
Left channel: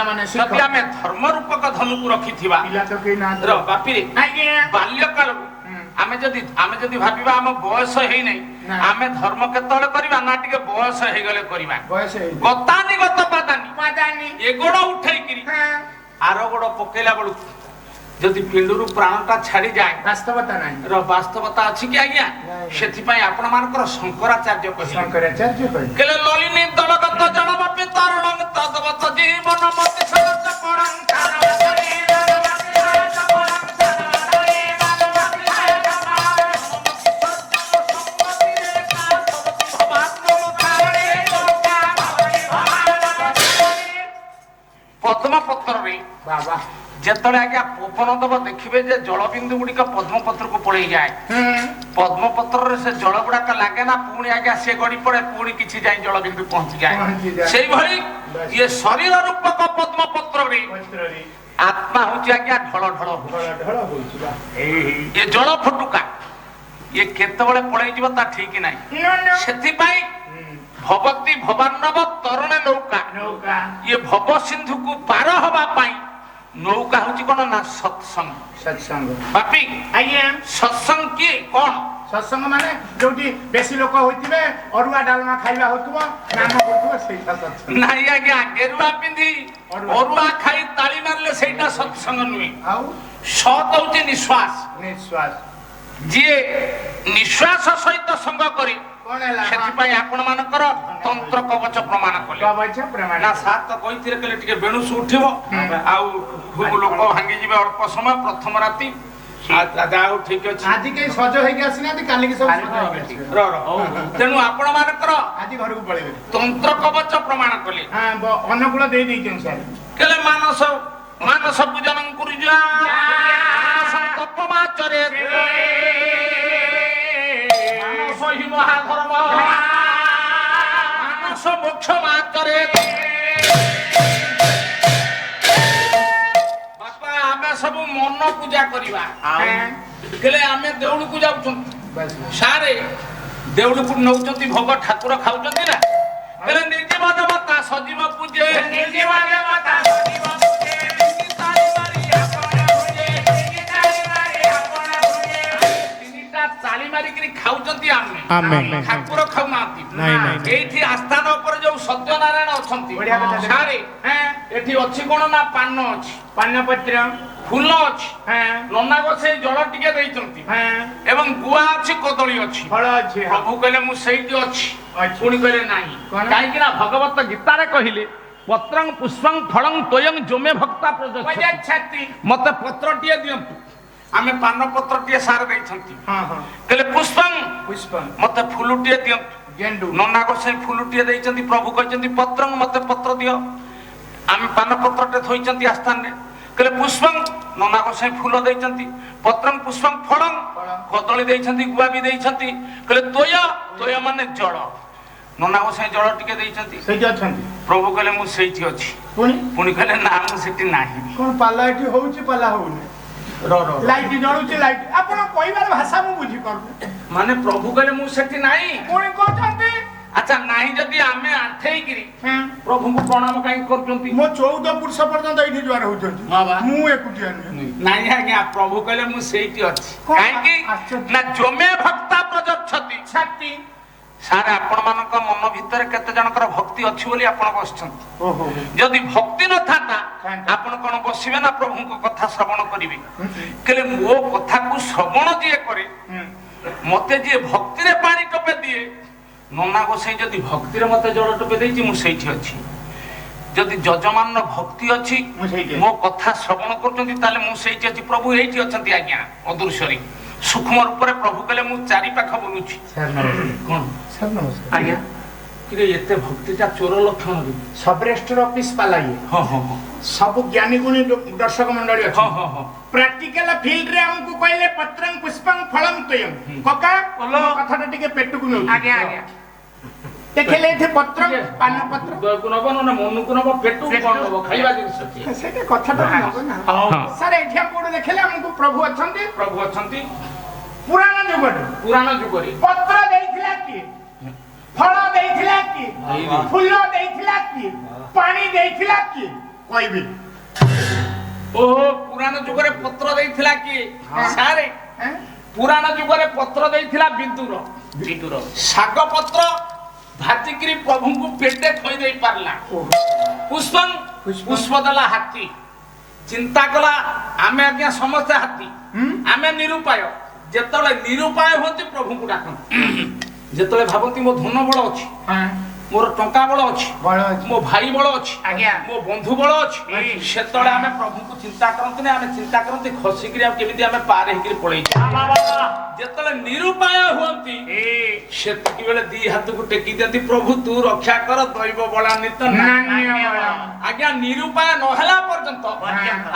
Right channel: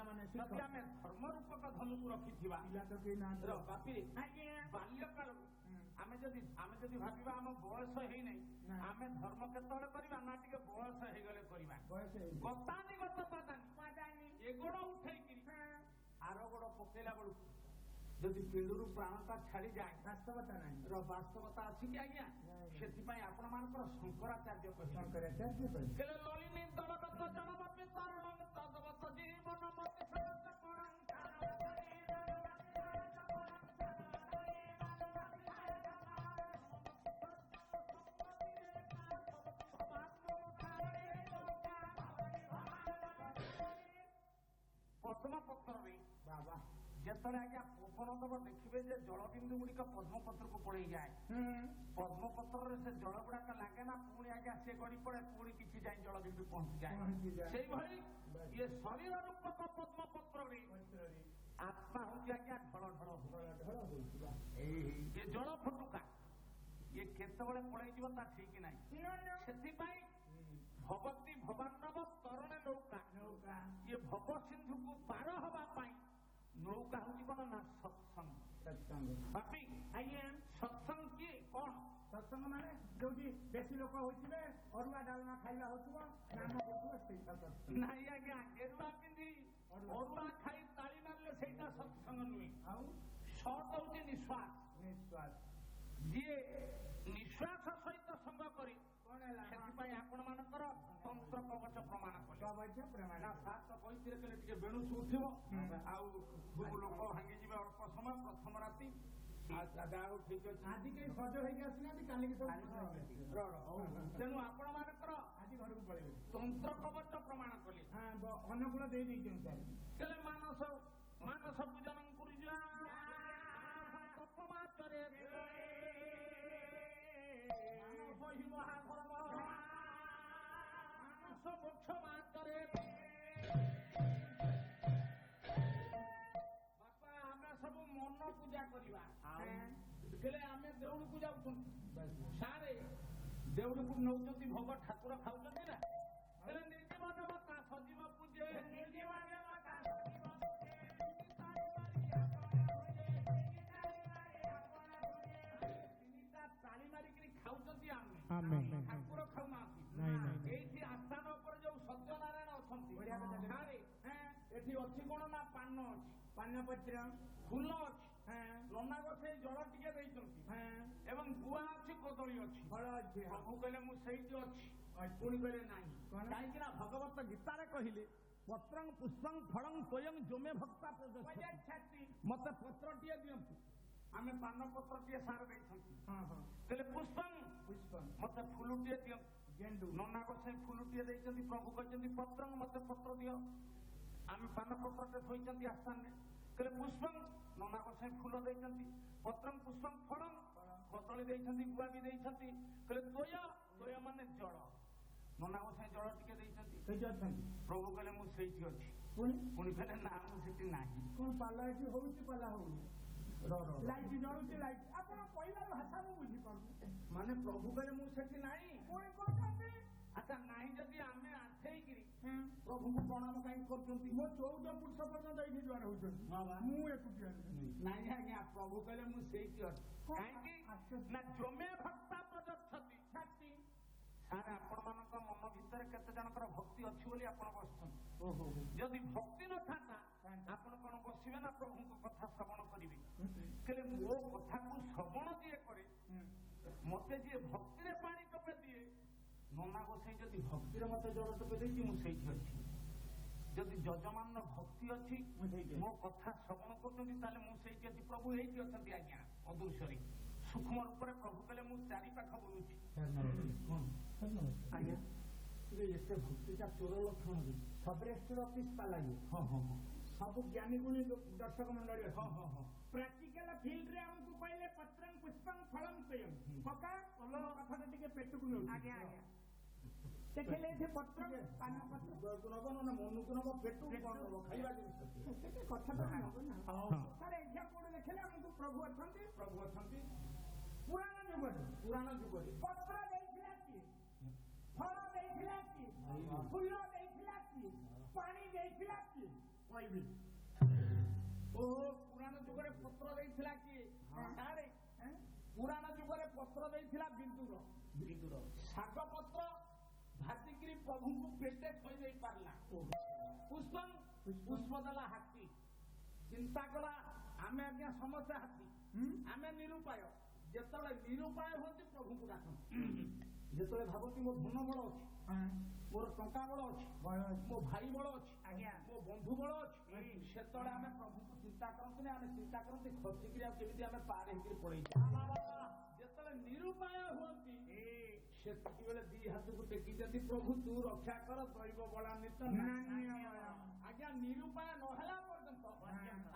ପିଲାମାନେ ଶିଖ। ଯଦି ଆମେ ଧର୍ମ ରୂପକ ଧନୁକୁ ରଖିଥିବା ପିଲା ତ କେହି ନାହାନ୍ତି। ବାପିରେ ଆଜ୍ଞା ବାଲ୍ୟକାଳରୁ ଆମେ ଯଦି ଭାବିବା ଆମ ବୟସ ହେଇନାହିଁ ନା। ଆମେ ଧର୍ମ କେତେବେଳେ କରିବା ନା ଟିକେ ବୟସ ହେଇଗଲେ କରିବା। ବୟସ ହେଇନି। ଗତାନି ଗତ ପାଦାନି ପାଦାନି। ଏ ଗୋଡ ଉଠେଇକିରି ହଁ। ଆର ଗୋଡ ପକେଇଲା ବେଳକୁ ଯଦି ପିଣ୍ଡୁରୁ ପ୍ରାଣଟା ଛାଡିଯାଏ ବାସ୍ତବତା ନାହିଁ। ବାସ୍ତବତା ଅଛି କି ଆଜ୍ଞା? ନାଇଁ। ସେଥିପାଇଁ ଆପଣ ମାନଙ୍କର ଶଙ୍କରାଚାର୍ଯ୍ୟ କହିଲେ ଶଙ୍କରାଚାର୍ଯ୍ୟ କହିଲେ। କେଲେ ଲଲିନୀ ଦଳଗତ ଜଣମପି ତରୁଣଂ ତଦବତ ଜୀବନ ମତି ସହଜ ପରଂ ତାରବତରି ରଣମତି ସହଜ ପରଂ ତାରବତରି ରଣମତି ସହଜ ପରଂ ସମ୍ମତିରେ କାସବତି ଭବାତ୍ମ ମୁଖାରେ ଲୋକା ଭବରି ଭବାନବତି ପଦ୍ମପତ୍ରରେ ବାବା। ଯେତେବେଳେ ଆଜ୍ଞା ପବନ ଦବ ଦେଖିବେ ଯେ ଜଳବିନ୍ଦୁ ଗୁଡିକ ପଦ୍ମପତ୍ରକୁ ପଳେଇ ଯାଏ। ପଦ୍ମପତ୍ରରେ ସେ ଜଳ ଗୁଡାକ ଲାଗେ ନା ପୁଣି ଆଜ୍ଞା ସେ ଗଡି ପଡେ ପୁଣି କିଛି ଯାଇ ଜଳବିନ୍ଦୁ ପହଞ୍ଚିଯାଏ। ସେଇଭଳି ଇଏ ଶରୀର ରୂପକ ପଦ୍ମପତ୍ରରେ ପତ୍ରରେ ଆତ୍ମା ହଉଛି ଆଜ୍ଞା ଢଳ ଢଳ ଢଳ ଢଳ ହଉଛି ବା। ଇଏ ଜଳ ଫୁଟୁକା ଇଏ କେତେବେଳେ ପଳେଇ ଯିବ ତା ଠିକ ନାହିଁ। ସେଥିପାଇଁ ଭବତୀ ଭବାନବ ତରୁଣ ନୌକା ନୌକା। ଇଏ ଭବ ସିନ୍ଧୁକୁ ପାର ହବା ପାଇଁ ନୌକା ହଉଛି କଣ ନା ସତ୍ସଙ୍ଗ। ସତ୍ସଙ୍ଗ। ବାପି ଆଜ୍ଞା ସତ୍ସଙ୍ଗ କିଏ କଣ? ସତ୍ସଙ୍ଗ ମାନେ ଯୋଉଠି ବେଶୀ ଲୋକ ହୋଇଥିବେ ଅରୁଆ ଡାଲମା ଖାଇବା ହଉଥିବ ନାମ କରୁଥିବ ସେଇଟା ସତ୍ସଙ୍ଗ। ନାଇଁ ଆଜ୍ଞା ଗେରୁଆ ପିନ୍ଧି ଅରୁଆ ଖାଇ ତାଳି ମାରିଲେ ସେଇଟା ସତ୍ସଙ୍ଗ ନୁହେଁ। ଆଉ ସତ୍ ହଉଛି ନିଶ୍ୱାସ। ନିଶ୍ୱାସ। ଯିଏ ନିଶ୍ୱାସ ସହିତ ସଙ୍ଗ କରେ କଣ ହେଲା? ସେଥିପାଇଁ ଆପଣ ମାନଙ୍କର ତନ୍ତ୍ର କବଚ ପ୍ରମାଣ କଲେ। କବଚ ପ୍ରମାଣ। ନା ସାର୍ ତ କହିଥିଲେ କହିଲେ ଟିକେ ବେଣୁସ ଉଠିବ ଆଉ ଲୋକ ଭାଙ୍ଗିଯିବେ ଅଳ୍ପ ସମୟ ପ୍ରଥମ ରାତି। ଆଉ ଠିକ ଅଛି ଆଜି କେହି ସଜ ହେଇକି ଆସିନାହାନ୍ତି କାଲିକି ସବୁ ସଜ ହେଇକି ଆସିବେ। ତେଣୁ ଆପଣ ମାନଙ୍କର ଆଜି ଘରକୁ ପଳେଇବେ। ତନ୍ତ୍ର କବଚ ପ୍ରମାଣ କଲେ। ଅନୁକୂଳ ଦେଇ ଦେଇଛନ୍ତି ସାର୍। କେଲେ ମାନସ ପୂଜନ କରୁଯା ତପମାଚରେ ମାନସ ହି ମହାଧର୍ମ ମାନସ ମୋକ୍ଷ ମାଚରେ। ବାପା ଆମେ ସବୁ ମନ ପୂଜା କରିବା ହେଲେ ଆମେ ଦେଉଳକୁ ଯାଉଛନ୍ତି ସାରେ ଦେଉଳକୁ ନଉଛନ୍ତି ଭୋଗ ଠାକୁର ଖାଉଛନ୍ତି ନା ହେଲେ ନିର୍ଜୀବ ଦେବତା ସଜୀବ ପୂଜେ ନିର୍ଜୀବ ଦେବତା ସଜୀବ ପୂଜେ ତିନିଟା ତାଳି ମାରିକିରି ଖାଉଛନ୍ତି ଆମେ ଠାକୁର ଖାଉନାହାନ୍ତି। ଏଇଠି ଆସ୍ଥାନ ଉପରେ ଯୋଉ ସତ୍ୟନାରାୟଣ ଅଛନ୍ତି ସାରେ ଏଠି ଅଛି କଣ ନା ପାନ ଅଛି ପାନପତ୍ର ଫୁଲ ଅଛି ନନା ଗୋସେଇ ଜଳ ଟିକେ ଦେଇଛନ୍ତି ଏବଂ ଗୁଆ ଅଛି କଦଳୀ ଅଛି ଫଳ ଅଛି। ପ୍ରଭୁ କହିଲେ ମୁଁ ସେଇଠି ଅଛି ପୁଣି କହିଲେ ନାହିଁ କାହିଁକି ନା ଭଗବତ ଗୀତାରେ କହିଲେ ପତ୍ରଂ ପୁଷ୍ପଂ ଫଳଂ ତୋୟଂ ଜୋମେ ଭକ୍ତା ପ୍ରଯଚ୍ଛତି ମତେ ପତ୍ରଟିଏ ଦିଅନ୍ତୁ। ଆମେ ପାନ ପତ୍ରଟିଏ ସାର ଦେଇଛନ୍ତି କହିଲେ ପୁଷ୍ପଂ ପୁଷ୍ପ ମତେ ଫୁଲଟିଏ ଦିଅନ୍ତୁ। ଗେଣ୍ଡୁ ନନା ଗୋସେଇ ଫୁଲଟିଏ ଦେଇଛନ୍ତି ପ୍ରଭୁ କହିଛନ୍ତି ପତ୍ରଂ ମତେ ପତ୍ର ଦିଅ। ଆମେ ପାନ ପତ୍ରଟେ ଥୋଇଛନ୍ତି ଆସ୍ଥାନରେ କହିଲେ ପୁଷ୍ପଂ ନନା ଗୋସାଇ ଫୁଲ ଦେଇଛନ୍ତି ପତ୍ରଂ ପୁଷ୍ପଂ ଫଳଂ କଦଳୀ ଦେଇଛନ୍ତି ଗୁଆ ବି ଦେଇଛନ୍ତି କହିଲେ ତୋୟ ତୋୟ ମାନେ ଜଳ ନନା ଗୋସାଇ ଜଳ ଟିକେ ଦେଇଛନ୍ତି ସେଇଠି ଅଛନ୍ତି ପ୍ରଭୁ କହିଲେ ମୁଁ ସେଇଠି ଅଛି ପୁଣି କହିଲେ ନା ମୁଁ ସେଠି ନାହିଁ। କଣ ପାଲା ଏଠି ହଉଛି ପାଲା ହଉନି ଲାଇଟ୍ ଜଳୁଛି ଲାଇଟ୍ ଆପଣ କହିବାର ଭାଷା ମୁଁ ବୁଝିପାରୁନି ମାନେ ପ୍ରଭୁ କହିଲେ ମୁଁ ସେଠି ନାହିଁ ପୁଣି କହୁଛନ୍ତି ଆଚ୍ଛା ନାହିଁ ଯଦି ଆମେ ଆଣ୍ଠେଇକିରି ପ୍ରଭୁଙ୍କୁ ପ୍ରଣାମ କାହିଁକି କରୁଛନ୍ତି? ମୋ 14 ପୁରୁଷ ପର୍ଯ୍ୟନ୍ତ ଏଇଠି ଜୁଆର ହଉଛନ୍ତି ମୁଁ ଏକୁଟିଆ ନୁହେଁ। ନାଇଁ ଆଜ୍ଞା ପ୍ରଭୁ କହିଲେ ମୁଁ ସେଇଠି ଅଛି କାହିଁକି ନା ଜୋମେ ଭକ୍ତା ପ୍ରଯଚ୍ଛତି ଛାତି ସାର୍ ଆପଣ ମାନଙ୍କ ମନ ଭିତରେ କେତେ ଜଣଙ୍କର ଭକ୍ତି ଅଛି ବୋଲି ଆପଣ ବସିଛନ୍ତି। ଯଦି ଭକ୍ତି ନଥାନ୍ତା ଆପଣ କଣ ବସିବେ ନା ପ୍ରଭୁଙ୍କ କଥା ଶ୍ରବଣ କରିବେ? କହିଲେ ମୋ କଥାକୁ ଶ୍ରବଣ ଯିଏ କରେ ମତେ ଯିଏ ଭକ୍ତିରେ ପାଣି ଟୋପେ ଦିଏ ନନା ଗୋସାଇ ଯଦି ଭକ୍ତିରେ ମତେ ଜଳ ଟୋପେ ଦେଇଛି ମୁଁ ସେଇଠି ଅଛି। ଯଦି ଯଜମାନର ଭକ୍ତି ଅଛି ମୋ କଥା ଶ୍ରବଣ କରୁଛନ୍ତି ତାହେଲେ ମୁଁ ସେଇଠି ଅଛି। ପ୍ରଭୁ ଏଇଠି ଅଛନ୍ତି ଆଜ୍ଞା ଅଦୃଶ୍ୟରେ ସୂକ୍ଷ୍ମ ରୂପରେ ପ୍ରଭୁ କହିଲେ ମୁଁ ଚାରି ପାଖ ବୁଲୁଛି। କଣ ଆଜ୍ଞା ଏତେ ଭକ୍ତିଟା ଚୋର ଲକ୍ଷଣ ସବ ରେଜିଷ୍ଟର ଅଫିସ ପାଲା ଇଏ ସବୁ ଜ୍ଞାନୀ ଗୁଣୀ ଦର୍ଶକ ମଣ୍ଡଳୀ ଅଛି ପ୍ରାକ୍ଟିକାଲ ଫିଲ୍ଡରେ ଆମକୁ କହିଲେ ପତ୍ରଂ ପୁଷ୍ପଂ ଫଳଂ ତୋୟଂ କକା କଥାଟା ଟିକେ ପେଟକୁ ନେଉଛି ଆଜ୍ଞା ଆଜ୍ଞା ଦେଖିଲେ ଏଠି ପତ୍ର ପାନ ପତ୍ର ନବ ନା ମନକୁ ନବ ପେଟକୁ କଣ ନବ ଖାଇବା ଜିନିଷ ସେଇଟା କଥାଟା ନବ ନା ସାର୍ ଏଠି ଆମ କୋଉଠି ଦେଖିଲେ ଆମକୁ ପ୍ରଭୁ ଅଛନ୍ତି ପୁରାଣ ଯୁଗରେ ପତ୍ର ଦେଇଥିଲା କିଏ ଫଳ ଦେଇଥିଲା କିଏ ଫୁଲ ଦେଇଥିଲା କିଏ ପାଣି ଦେଇଥିଲା କିଏ କହିବି ଓହୋ ପୁରାଣ ଯୁଗରେ ପତ୍ର ଦେଇଥିଲା କିଏ ସାରେ ପୁରାଣ ଯୁଗରେ ପତ୍ର ଦେଇଥିଲା ବିଦୁର ଶାଗ ପତ୍ର ଭାଜିକିରି ପ୍ରଭୁଙ୍କୁ ପେଟେ ଖୋଇ ଦେଇ ପାରିଲା ପୁଷ୍ପ ଦେଲା ହାତୀ ଚିନ୍ତା କଲା ଆମେ ଆଜ୍ଞା ସମସ୍ତେ ହାତୀ ଆମେ ନିରୁପାୟ ଯେତେବେଳେ ନିରୁପାୟ ହୁଅନ୍ତି ପ୍ରଭୁଙ୍କୁ ଡାକନ୍ତି ଯେତେବେଳେ ଭାବନ୍ତି ମୋ ଧନ ବଳ ଅଛି ମୋର ଟଙ୍କା ବଳ ଅଛି ମୋ ଭାଇ ବଳ ଅଛି ମୋ ବନ୍ଧୁ ବଳ ଅଛି ସେତେବେଳେ ଆମେ ପ୍ରଭୁଙ୍କୁ ଚିନ୍ତା କରନ୍ତି ନା ଆମେ ଚିନ୍ତା କରନ୍ତି ଖସିକିରି ଆଉ କେମିତି ଆମେ ପାର ହେଇକିରି ପଳେଇଛୁ ଯେତେବେଳେ ନିରୁପାୟ ହୁଅନ୍ତି ସେତିକି ବେଳେ ଦି ହାତକୁ ଟେକି ଦିଅନ୍ତି ପ୍ରଭୁ ତୁ ରକ୍ଷା କର ଦୈବ ବଳାନ୍ବିତ ଆଜ୍ଞା ନିରୁପାୟ ନହେଲା ପର୍ଯ୍ୟନ୍ତ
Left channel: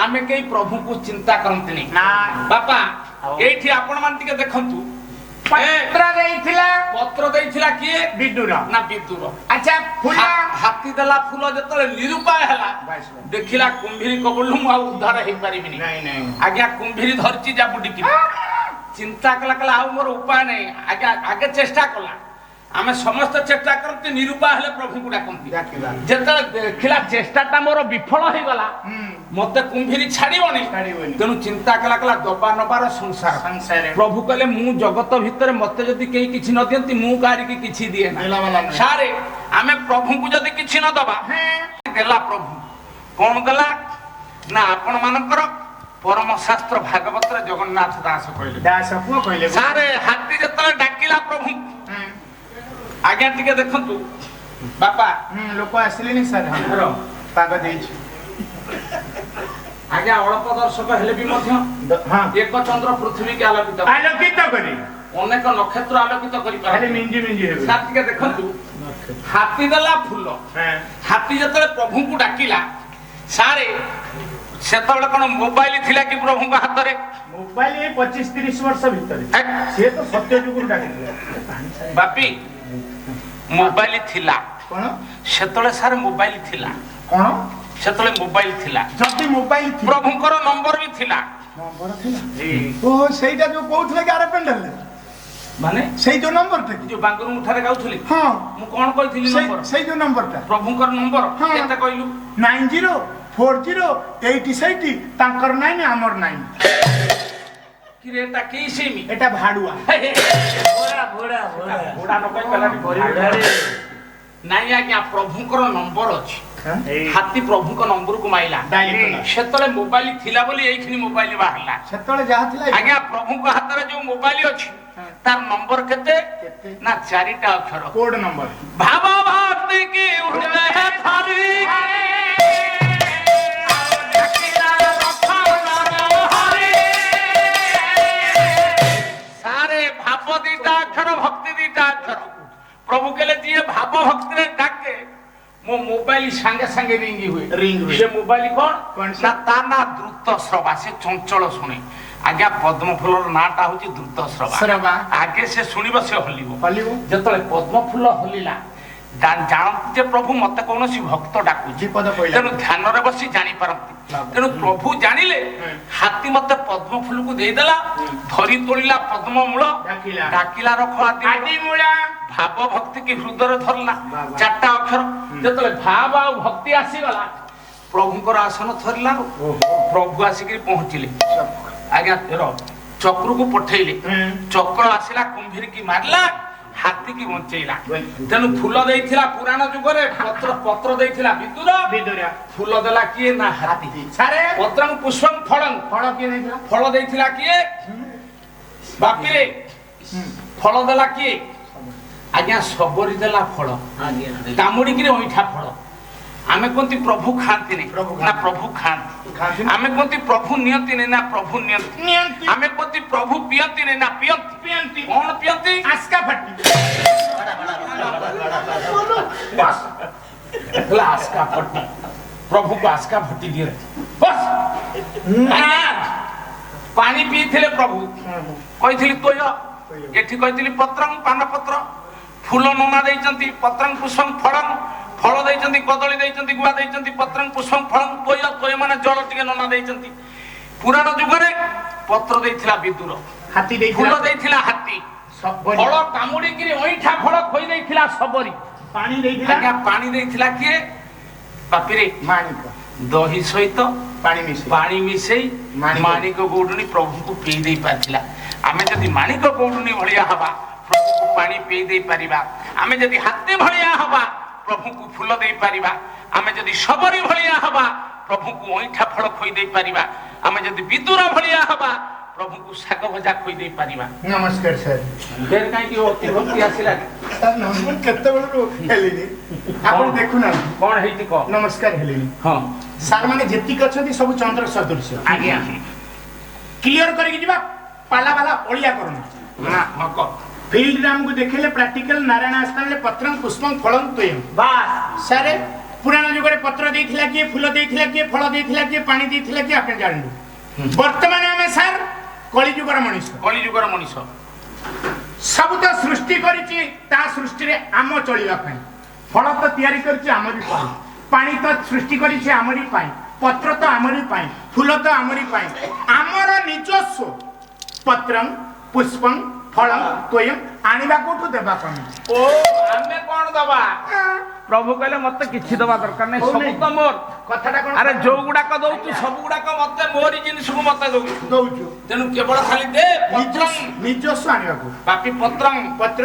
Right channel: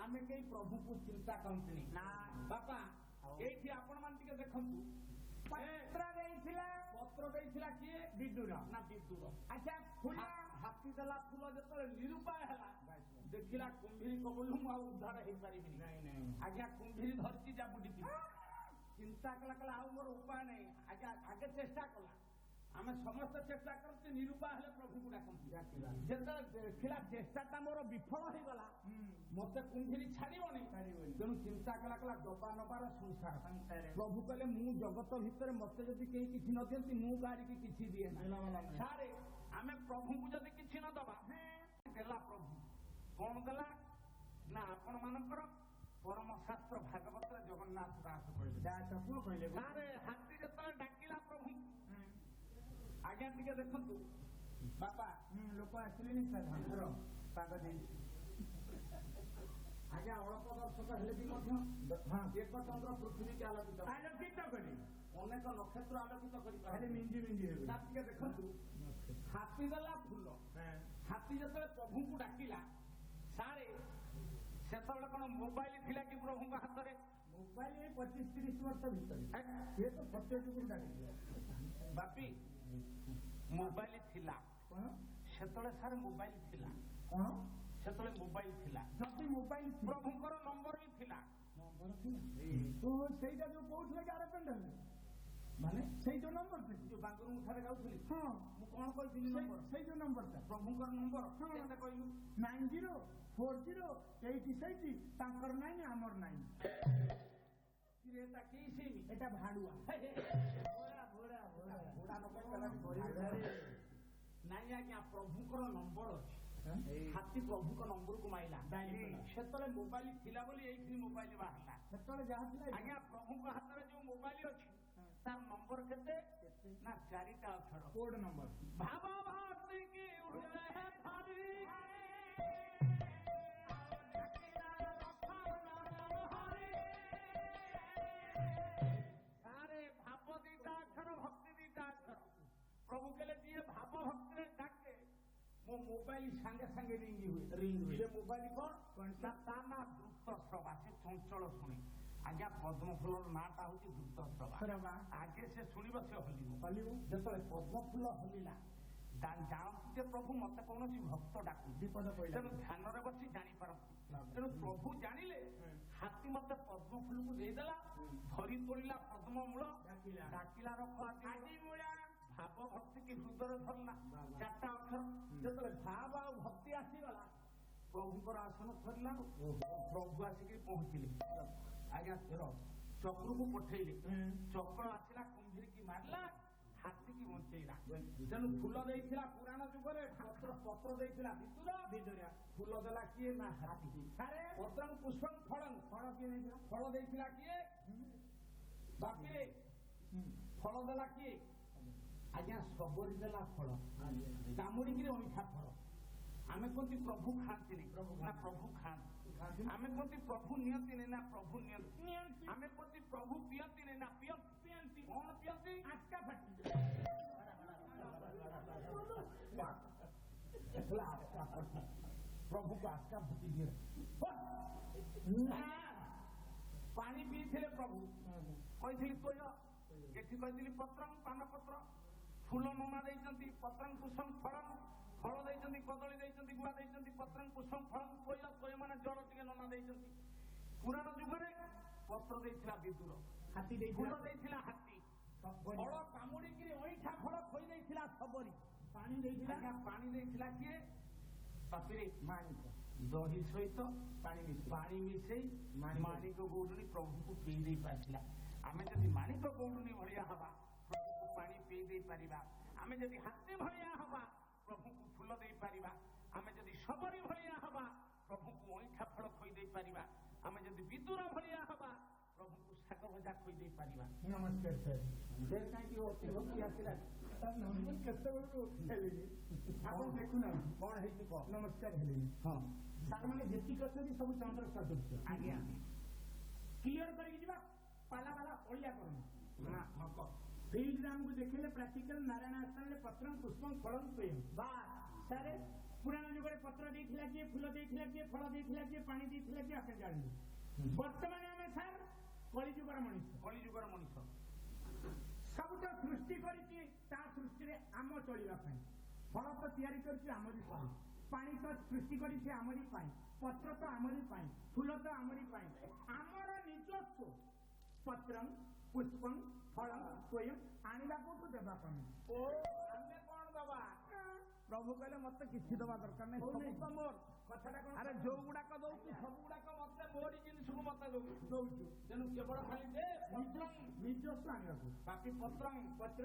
ଆମେ କେହି ପ୍ରଭୁଙ୍କୁ ଚିନ୍ତା କରନ୍ତିନି ବାପା ଏଇଠି ଆପଣ ମାନେ ଟିକେ ଦେଖନ୍ତୁ ପତ୍ର ଦେଇଥିଲା କିଏ ବିଦୁର ଆଚ୍ଛା ହାତୀ ଦେଲା ଫୁଲ ଯେତେବେଳେ ନିରୁପାୟ ହେଲା ଦେଖିଲା କୁମ୍ଭୀର କବଳରୁ ମୁଁ ଆଉ ଉଦ୍ଧାର ହେଇପାରିବିନି ଆଜ୍ଞା କୁମ୍ଭୀର ଧରିଛି ଜାବୁଡିକି ଚିନ୍ତା କଲା ଆଉ ମୋର ଉପାୟ ନାହିଁ ଆଜ୍ଞା ଆଗେ ଚେଷ୍ଟା କଲା ଆମେ ସମସ୍ତେ ଚେଷ୍ଟା କରନ୍ତି ନିରୁପାୟ ହେଲେ ପ୍ରଭୁଙ୍କୁ ଡାକନ୍ତି ଯେତେବେଳେ ଦେଖିଲା ଚେଷ୍ଟାଟା ମୋର ବିଫଳ ହେଇଗଲା ମତେ କୁମ୍ଭୀର ଛାଡିବନି ତେଣୁ ଚିନ୍ତା କଲା ଦବା ନବାର ସଂସାର ପ୍ରଭୁ କହିଲେ ମୁଁ ଜଗତ ଭିତରେ ମତେ ଯଦି କେହି କିଛି ନ ଦିଅନ୍ତି ମୁଁ କାହାରିକି କିଛି ଦିଏ ନା ସାରେ ଆମେ ପ୍ରଭୁଙ୍କୁ ଯଦି କିଛି ନ ଦବା ଦେଲା ପ୍ରଭୁ କଣ ଦେଲା ନା ଆପଣ ମାନଙ୍କର ପରମ ଶାସ୍ତ୍ର ଭାଗବତରେ ଜଗନ୍ନାଥ ଦାସ କହିଲେ ସାରେ ହାତୀ ଯେତେବେଳେ ଡାକିଲା ପ୍ରଭୁ ଆଜ୍ଞା ଟିକେ ଦେଖନ୍ତୁ ବାପା ଲୋକ ଆସିଲେନି ସାର୍ ପାଗ ଦେଇଛି ଆଜ୍ଞା ଅଳ୍ପ ଦର୍ଶକ ହେଲେ ବି ମଧ୍ୟ ଏକ ଚନ୍ଦ୍ର ପୃଥିବୀକି ଆଲୋକିତ କରି ଅନେକ ନକ୍ଷତ୍ର ଆଲୋକିତ କରିପାରେ ମିଞ୍ଜି ହେବେ ସାର୍ ଟିକେ ଦେଖନ୍ତୁ ହାତୀ ଦେଲା ଫୁଲ ହାତୀ ଯେତେବେଳେ ପ୍ରଭୁଙ୍କୁ ଡାକିଲା ସାରେ ସେତେବେଳେ କଣ ମୋବାଇଲ ଥିଲା କି ପ୍ରଭୁଙ୍କ ହାତରେ ମୋବାଇଲ 25-30 ବର୍ଷ ଭିତରେ ସିଏ ତ ସତ୍ୟ ଯୁଗରୁ ଡାକିଥିଲେ ବାପି ମୋବାଇଲ ଥିଲା କଣ ସେତେବେଳେ ସାର୍ ମୋବାଇଲ ଥିଲା କଣ ସେତେବେଳେ ମୋବାଇଲ ଥିଲା ଯଦି ମୋବାଇଲ ପ୍ରଭୁଙ୍କର ନମ୍ବର ବି ଥିଲା ଓହୋ ସେଇଟା ଯୋଉ କହୁଥିଲେ କି ଆର ପେଣ୍ଡାଲ ମାନେ ସେଇ ଯୋଉ ନମ୍ବରଟା ଯୋଉ ବାଙ୍ଗୁରୁ ମୁଠାରେ ଗାଉଥିଲି ହଁ ମୁଁ କଣ କହିଥିଲି ନମ୍ବର ସେଇ ଯୋଉ ନମ୍ବରଟା ପ୍ରଭୁଙ୍କର ନମ୍ବର କେତେ କହିଲୁ 904080 ତାଙ୍କର ନାଇଁ ଆମର ନାଇଁ କିରେ ଏଟା କି ସିମ୍ ଏଟା ଭାଡୁଆ ଘୋଡା ନ କହି ଗଲାନି ନାଇଁ ଆଜ୍ଞା ପ୍ରଭୁଙ୍କର ନମ୍ବର ଅଛି ହାତୀ ପ୍ରଭୁଙ୍କ ନମ୍ବରକୁ ମାଇଲା ସେତେବେଳେ ମୋବାଇଲ ଥିଲା ବୋଲି ଏଇଖିନି ମୋବାଇଲ ବାହାରିଲା ସେତେବେଳେ ଯାହା ଥିଲା ଆଜ୍ଞା ପ୍ରଭୁଙ୍କ ହାତରେ ଯୋଉ ମୋବାଇଲ ଅଛି ତାର ନମ୍ବର କେତେ ନା 4ଟା ଅକ୍ଷର କୋଡ ନମ୍ବର ଭାବ ଭକ୍ତି କି ହୃଦୟ ଧରି ସାରେ ଭାବ 2ଟା ଅକ୍ଷର ଭକ୍ତି 2ଟା ଅକ୍ଷର ପ୍ରଭୁ କହିଲେ ଯିଏ ଭାବ ଭକ୍ତିରେ ଡାକେ ମୋ ମୋବାଇଲ ସାଙ୍ଗେ ସାଙ୍ଗେ ରିଙ୍ଗ ହୁଏ ସେ ମୋବାଇଲ କଣ ନା ତା ନା ଦ୍ରୁତ ଶ୍ରବା ସେ ଚଞ୍ଚଳ ଶୁଣେ ଆଜ୍ଞା ପଦ୍ମ ଫୁଲର ନାଁଟା ହଉଛି ଦ୍ରୁତ ଶ୍ରବା ଆଗେ ସେ ଶୁଣିବ ସେ ହଲିବ ଯେତେବେଳେ ପଦ୍ମ ଫୁଲ ହଲିଲା ଜାଣନ୍ତି ଯେ ପ୍ରଭୁ ମତେ କୌଣସି ଭକ୍ତ ଡାକୁଛି ତେଣୁ ଧ୍ୟାନରେ ବସି ଜାଣିପାରନ୍ତି ତେଣୁ ପ୍ରଭୁ ଜାଣିଲେ ହାତୀ ମତେ ପଦ୍ମ ଫୁଲକୁ ଦେଇଦେଲା ଧରି ତୋଳିଲା ପଦ୍ମ ମୂଳ ଡାକିଲା ରଖ ଆଦି ମୂଳା ଭାବ ଭକ୍ତି କି ହୃଦୟରେ ଧରିଲା 4ଟା ଅକ୍ଷର ଯେତେବେଳେ ଭାବ ଆଉ ଭକ୍ତି ଆସିଗଲା ପ୍ରଭୁଙ୍କର ଆସନ ଧରିଲା ପ୍ରଭୁ ଆସିକି ପହଞ୍ଚିଲେ ଆଜ୍ଞା ଚକ୍ରକୁ ପଠେଇଲେ ଚକ୍ର ଆସିଲା କୁମ୍ଭୀର କି ମାରିଲା ହାତୀ କି ବଞ୍ଚେଇଲା ତେଣୁ ଫୁଲ ଦେଇଥିଲା ପୁରାଣ ଯୁଗରେ ପତ୍ର ଦେଇଥିଲା ବିଦୁର ଫୁଲ ଦେଲା କିଏ ନା ହାତୀ ପତ୍ରଂ ପୁଷ୍ପଂ ଫଳ କିଏ ଦେଇଥିଲା ଫଳ ଦେଇଥିଲା କିଏ ବାପିରେ ଫଳ ଦେଲା କିଏ ଆଜ୍ଞା ସବରି ଦେଲା ଫଳ କାମୁଡିକିରି ଅଇଠା ଫଳ ଆମେ କୁହନ୍ତି ପ୍ରଭୁ ଖାଆନ୍ତିନି ନା ପ୍ରଭୁ ଖାଆନ୍ତି ଆମେ କୁହନ୍ତି ପ୍ରଭୁ ନିଅନ୍ତିନି ନା ପ୍ରଭୁ ନିଅନ୍ତି ଆମେ କୁହନ୍ତି ପ୍ରଭୁ ପିଅନ୍ତିନି ନା ପିଅନ୍ତି କଣ ପିଅନ୍ତି ଆସ୍କା ଫାଟି ଆସ୍କା ଫଟି ପ୍ରଭୁକୁ ଆସ୍କା ଫଟି ଦିଏ ପାଣି ପିଇଥିଲେ ପ୍ରଭୁ କହିଥିଲି ତୋୟ ଏଠି କହିଥିଲି ପତ୍ରଂ ପାନପତ୍ର ଫୁଲ ନନା ଦେଇଛନ୍ତି ପତ୍ରଂ ପୁଷ୍ପଂ ଫଳଂ ଫଳ ଦେଇଛନ୍ତି କଦଳୀ ଦେଇଛନ୍ତି ଗୁଆ ଦେଇଛନ୍ତି ପତ୍ରଂ ପୁଷ୍ପଂ ଫଳଂ ତୋୟ ମାନେ ଜଳ ଟିକେ ନନା ଦେଇଛନ୍ତି ପୁରାଣ ଯୁଗରେ ପତ୍ର ଦେଇଥିଲା ବିଦୁର ଫୁଲ ଦେଇଥିଲା ହାତୀ ଫଳ କାମୁଡିକିରି ଅଇଠା ଫଳ ଖୋଇ ଦେଇଥିଲା ସବରି ପାଣି ଦେଇଥିଲା କିଏ ବାପିରେ ଦହି ସହିତ ପାଣି ମିଶି ପାଣି ମିଶେଇ ମାଣିକ ଗୌଡୁଣୀ ପ୍ରଭୁଙ୍କୁ ପିଇ ଦେଇ ପାରିଥିଲା। ଆମେ ଯଦି ମାଣିକ ଗୌଡୁଣୀ ଭଳିଆ ହବା ପ୍ରଭୁଙ୍କୁ ପାଣି ପିଇ ଦେଇ ପାରିବା। ଆମେ ଯଦି ହାତୀ ଭଳିଆ ହବା ପ୍ରଭୁଙ୍କୁ ଫୁଲ ଦେଇପାରିବା। ଆମେ ଯଦି ଶବରୀ ଭଳିଆ ହବା ପ୍ରଭୁଙ୍କୁ ଅଇଁଠା ଫଳ ଖୋଇ ଦେଇ ପାରିବା। ଆମେ ଯଦି ବିଦୁର ଭଳିଆ ହବା ପ୍ରଭୁଙ୍କୁ ଶାଗ ଭଜା ଖୋଇ ଦେଇ ପାରିବା। ନମସ୍କାର ସାର୍। ଫେର କାହିଁକି ଅତି ଭକ୍ତି ଆସିଲା? ମୁଁ କେତେବେଳରୁ ହେଲିନି ଆପଣ ଦେଖୁନାହାନ୍ତି କଣ ହେଇଛି କହ? ନମସ୍କାର ହେଲିନି। ହଁ ସାର୍ ମାନେ ଯେତିକି ଅଛନ୍ତି ସବୁ ଚନ୍ଦ୍ର ସଦୃଶ୍ୟ। ଆଜ୍ଞା କ୍ଲିୟର କରିକି ଯିବା ପାଲା ବାଲା ଅଳିଆ କରୁନା। ନା ହଁ କହ। ଫିଲ୍ଡରେ ଆମକୁ ଦେଖେଇଲେ ପ୍ରାକ୍ଟିକାଲ ନାରାୟଣ ଆସ୍ଥାନରେ ପତ୍ରଂ ପୁଷ୍ପଂ ଫଳଂ ତ୍ୱୟଂ। ବାସ୍ ସାର୍ ପୁରାଣ ଯୁଗରେ ପତ୍ର ଦେଇଥିଲା କିଏ, ଫୁଲ ଦେଇଥିଲା କିଏ, ଫଳ ଦେଇଥିଲା କିଏ, ପାଣି ଦେଇଥିଲା କିଏ ଆପଣ ଜାଣିଲୁ। ବର୍ତ୍ତମାନ ଆମେ ସାର୍ କଳିଯୁଗର ମଣିଷ। କଳିଯୁଗର ମଣିଷ ସବୁ ତ ସୃଷ୍ଟି କରିଛି ତା ସୃଷ୍ଟିରେ ଆମ ଚଳିବା ପାଇଁ। ଫଳ ତ ତିଆରି କରିଛି ଆମରି ପାଇଁ, ପାଣି ତ ସୃଷ୍ଟି କରିଛି ଆମରି ପାଇଁ, ପତ୍ର ତ ଆମରି ପାଇଁ, ଫୁଲ ତ ଆମରି ପାଇଁ। ଆମର ନିଜସ୍ୱ ପତ୍ରଂ ପୁଷ୍ପଂ ଫଳଂ ତ୍ୱୟଂ ଆଣିବା କୋଉଠୁ ଦେବା କଣ? ଓ ଆମେ କଣ ଦବା? ପ୍ରଭୁ କହିଲେ ମତେ କିଛି ଦବା ଦରକାର ନାହିଁ, ସବୁ ତ ମୋର। କଥାଟା କଣ? ଆରେ ଯୋଉ ଗୁଡାକ ଦଉଛୁ ସବୁ ଗୁଡାକ ମତେ ମୋରି ଜିନିଷକୁ ମତେ ଦଉଛୁ, ତେଣୁ କେବଳ ଖାଲି ଦେ ପତ୍ରଂ ନିଜସ୍ୱ ଆଣିବାକୁ। ବାପି ପତ୍ରଂ ପତ୍ର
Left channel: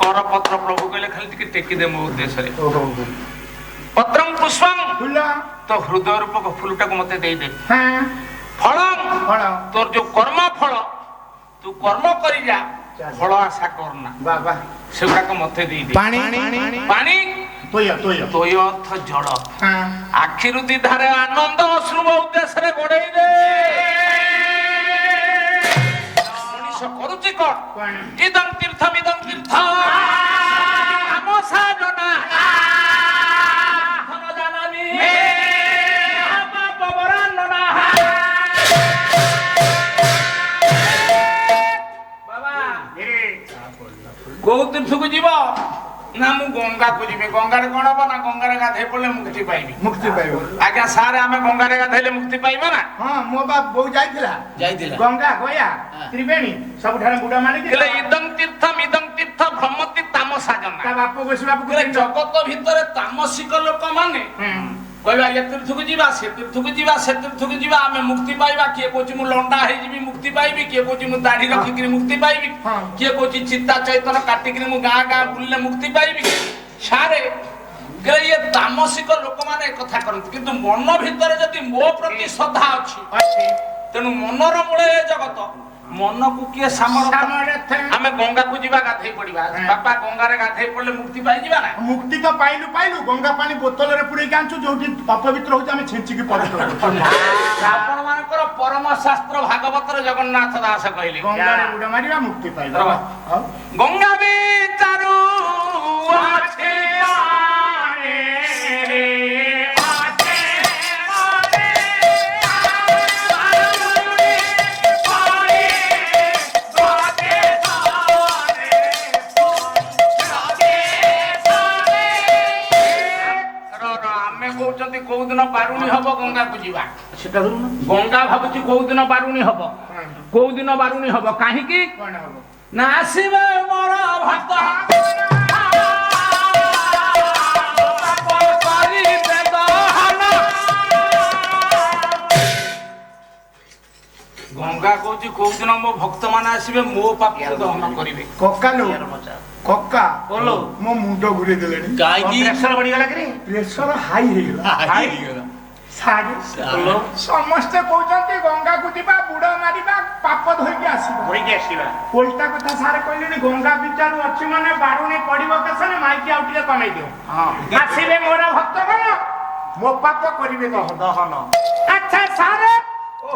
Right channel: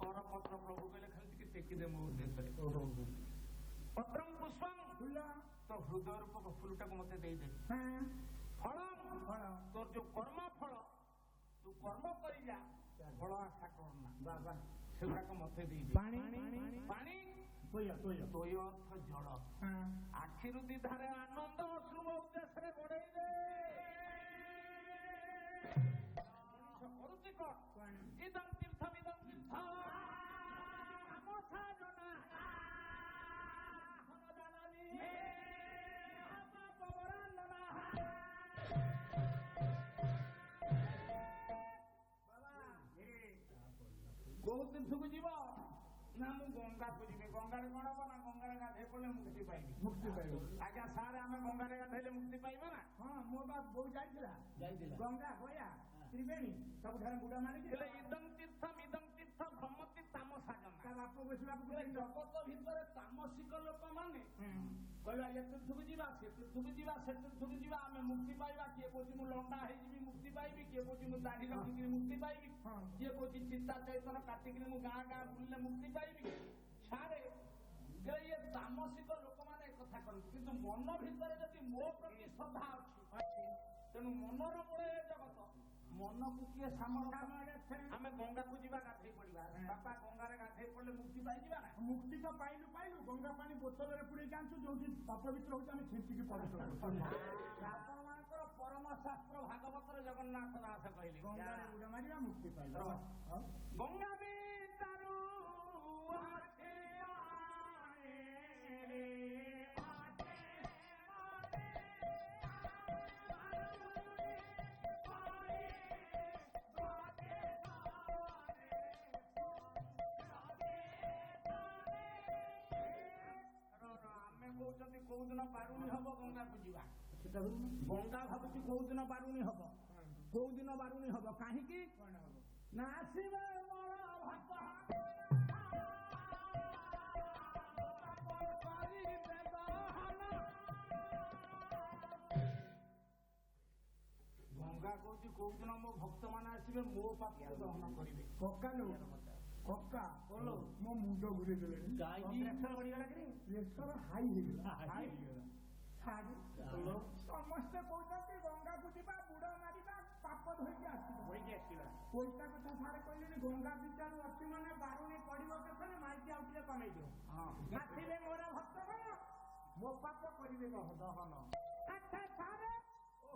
କର ପତ୍ର ପ୍ରଭୁ କହିଲେ ଖାଲି ଟିକେ ଟେକି ଦେ ମୋ ଉଦ୍ଦେଶ୍ୟରେ। ପତ୍ରଂ ପୁଷ୍ପଂ ଫୁଲ ତ ହୃଦୟ ରୂପକ ଫୁଲଟାକୁ ମତେ ଦେଇଦେ। ହଁ ଫଳଂ ଫଳ ତୋର ଯୋଉ କର୍ମ ଫଳ ତୁ କର୍ମ କରି ଯା, ଫଳ ଆଶା କରନା, ବାବା ସେଗୁଡାକ ମତେ ଦେଇଦେ। ପାଣି ପାଣି ତୋୟ ତୋୟ ତୋୟ ଅର୍ଥ ଜଳ। ହଁ ଆଖିରୁ ଦିଧାରେ ଆନନ୍ଦ ଅଶ୍ରୁ ମୋ ଉଦ୍ଦେଶ୍ୟରେ ଗୋଡେଇ ଦେ। ମଣିଷ କରୁଛି କଣ? ଇଦଂ ତୀର୍ଥମ୍ ଇଦଂ ତୀର୍ଥ ଆମ ସାଜନା ଧନ ଜାନମୀ ପାପ ବରାନନା। ବାବା କୋଉ ତୀର୍ଥକୁ ଯିବ? ନା ମୁଁ ଗଙ୍ଗାକୁ ଯିବି। ଗଙ୍ଗାରେ କଣ ହବ? ନା ଗଙ୍ଗାରେ ଗାଧେଇ ପଡିଲେ ମୁକ୍ତି ପାଇବି। ମୁକ୍ତି ପାଇବ। ଆଜ୍ଞା ସାର୍ ଆମେ ଗଙ୍ଗାରେ ଗାଧେଇଲେ ମୁକ୍ତି ପାଇବା ନା? ହଁ ମୋ ବାପ ବୋଉ ଯାଇଥିଲା ଗଙ୍ଗା ଗୟା ତ୍ରିବେଣୀ ସବୁଠାରେ ବୁଡ ମାରିକି ଇଦଂ ତୀର୍ଥମ୍ ଇଦଂ ତୀର୍ଥ ଭ୍ରମତି ତାମସା ଜନା। ତା ବାପ ବସିବାକୁ ଜଗତ ଭିତରେ ତାମସିକ ଲୋକମାନେ କହିବା ଏ ତୀର୍ଥକୁ ଯିବା, ସେ ତୀର୍ଥକୁ ଯିବା, ସେ ତୀର୍ଥକୁ ଯିବା, ଆମେ ମୁକ୍ତି ପାଇବା। କିଏ କହୁଛି ମୁଁ ଲଣ୍ଡା ହେଇଯିବି ମୁକ୍ତି ପାଇବି, କିଏ କହୁଛି ମୁଁ ଦାଢି ରଖିକିରି ମୁକ୍ତି ପାଇବି, କିଏ କହୁଛି ଚିତା ଚୈତନ କାଟିକିରି ମୁଁ ଗାଁ ଗାଁ ବୁଲିଲେ ମୁକ୍ତି ପାଇବି। ସାରେ ଇଏ ତାମସିକ ଲୋକମାନେ କଥା କରନ୍ତି, କିନ୍ତୁ ମନ ଭିତରେ ଯଦି ମୋ ପ୍ରତି ଶ୍ରଦ୍ଧା ଅଛି ତେଣୁ ମନର ମୂଳେ ଜଗତ। ମନକୁ କିଏ ଆମେ ଗଙ୍ଗାକୁ ଯିବା ଗାଧେଇ ପଡିବା। ବାପା ଗଙ୍ଗାରେ ଗାଧେଇ ପଡିଲେ ମୁକ୍ତି ପାଇଯିବା ନା? ମୁକ୍ତି ତ ପାଇଲୁ ଗଙ୍ଗା ପାଣି ବୋତଲରେ ପୁରେଇକି ଆଣିଛୁ, ଯୋଉଠି ଅପବିତ୍ର ହଉଛି ଆମେ ଛିଞ୍ଚିକି ପବିତ୍ର କରୁଛୁ। ଆପଣ ମାନଙ୍କର ପରମ ଶାସ୍ତ୍ର ଭାଗବତରେ ଜଗନ୍ନାଥ ଦାସ କହିଲେ ଗଙ୍ଗାରେ ବୁଡ ମାରିବା ମୁକ୍ତି ପାଇବା। ଗଙ୍ଗା ବିଚାରୁ ଅଛି କୋଉ ଦିନ ବାରୁଣୀ ହବ ଗଙ୍ଗାକୁ ଯିବା। ସେଟା ଗଙ୍ଗା ଭାବୁଛି କୋଉ ଦିନ ବାରୁଣୀ ହବ, କୋଉ ଦିନ ବାରୁଣୀ ହବ। କାହିଁକି ନା ଆସିବେ ମୋର ଭକ୍ତ ଗଙ୍ଗା କହୁଛି କୋଉ ଦିନ ମୋ ଭକ୍ତ ମାନେ ଆସିବେ ମୋ ପାପକୁ ଦହନ କରିବେ। କକା ମୋ ମୁଣ୍ଡ ଘୁରେଇ ଦେଲେଣି। ପ୍ରେସର ବଢିଗଲା କି? ପ୍ରେସର ହାଇ ହେଇଗଲା। ସମସ୍ତେ କହୁଛନ୍ତି ଗଙ୍ଗାକୁ ଯିବା, ବୁଡ ମାରିବା, ପାପ ଧୋଇକି ଆସିବା। ଓଲଟା କଥା ସାର୍ କହିଲେଣି ଗଙ୍ଗା ବିଚାରୁ ଅଛି ମାନେ ବାରୁଣୀ ପଡିବ କେଶରେ ମାଇକି ଆଉ ଟିକେ କମେଇ ଦିଅ। ଆସିବେ ମୋର ଭକ୍ତ ମାନେ ମୋ ପାପ କରିବେ ଦହନ। ଆଚ୍ଛା ସାର୍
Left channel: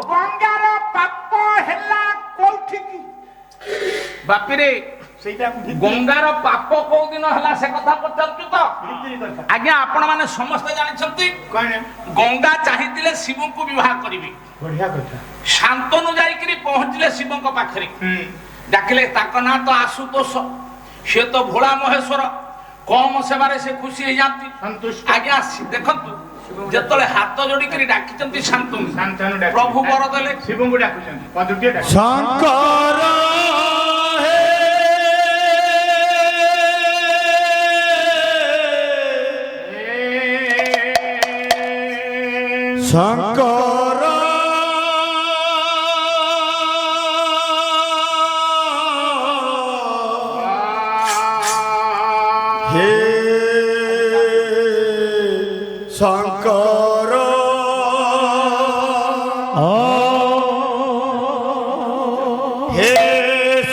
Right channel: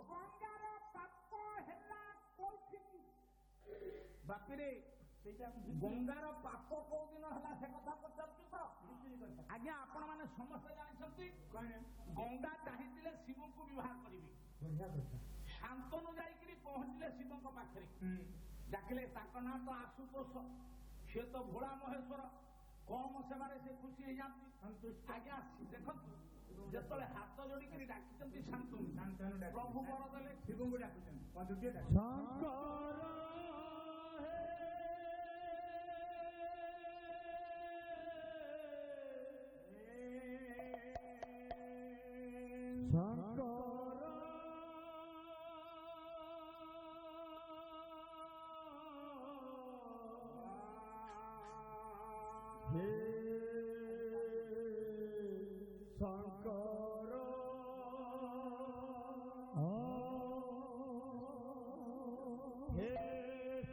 ଗଙ୍ଗାର ପାପ ହେଲା କୋଉଠିକି? ବାପିରେ ଗଙ୍ଗାର ପାପ କୋଉ ଦିନ ହେଲା ସେ କଥା ପଚାରୁଛୁ ତ? ଆଜ୍ଞା ଆପଣ ମାନେ ସମସ୍ତେ ଜାଣିଛନ୍ତି ଗଙ୍ଗା ଚାହିଁଥିଲେ ଶିବଙ୍କୁ ବିବାହ କରିବେ। ଶାନ୍ତନୁ ଯାଇକିରି ପହଞ୍ଚିଲେ ଶିବଙ୍କ ପାଖରେ, ଡାକିଲେ ତାଙ୍କ ନାଁ ତ ଆଶୁତୋଷ, ସେ ତ ଭୋଳା ମହେଶ୍ୱର, କମ ସେବାରେ ସେ ଖୁସି ହେଇଯାନ୍ତି। ଆଜ୍ଞା ଦେଖନ୍ତୁ ଯେତେବେଳେ ହାତ ଯୋଡିକିରି ଡାକିଛନ୍ତି ଶାନ୍ତନୁ, ପ୍ରଭୁ ବର ଦେଲେ ଶିବଙ୍କୁ ଡାକୁଛନ୍ତି ଶଙ୍କର শঙ্কর হে শঙ্কর হে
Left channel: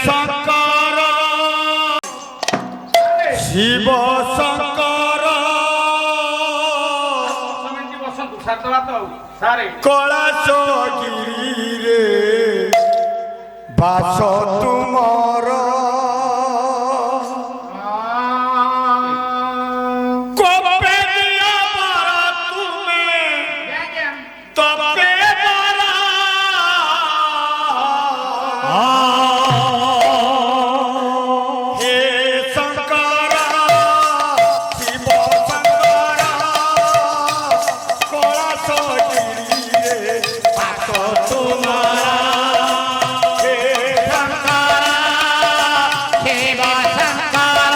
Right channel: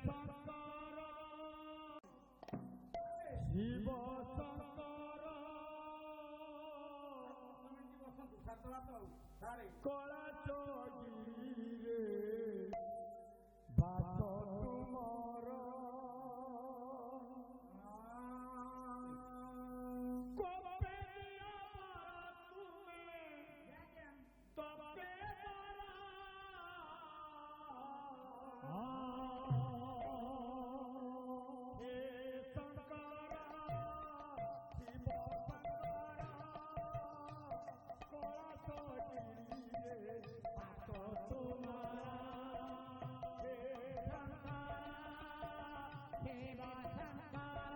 শঙ্কর শিব শঙ্কর ବସନ୍ତୁ ସାରିଦେବା ତ ଆଉ ସାରେ কলাশগিরিরে বাস তুমর কবে দিয়া পারা তুমি তবে পারা হে শঙ্কর শিব শঙ্কর কলাশগিরিরে বাস তোমার হে শঙ্কর শিব শঙ্কর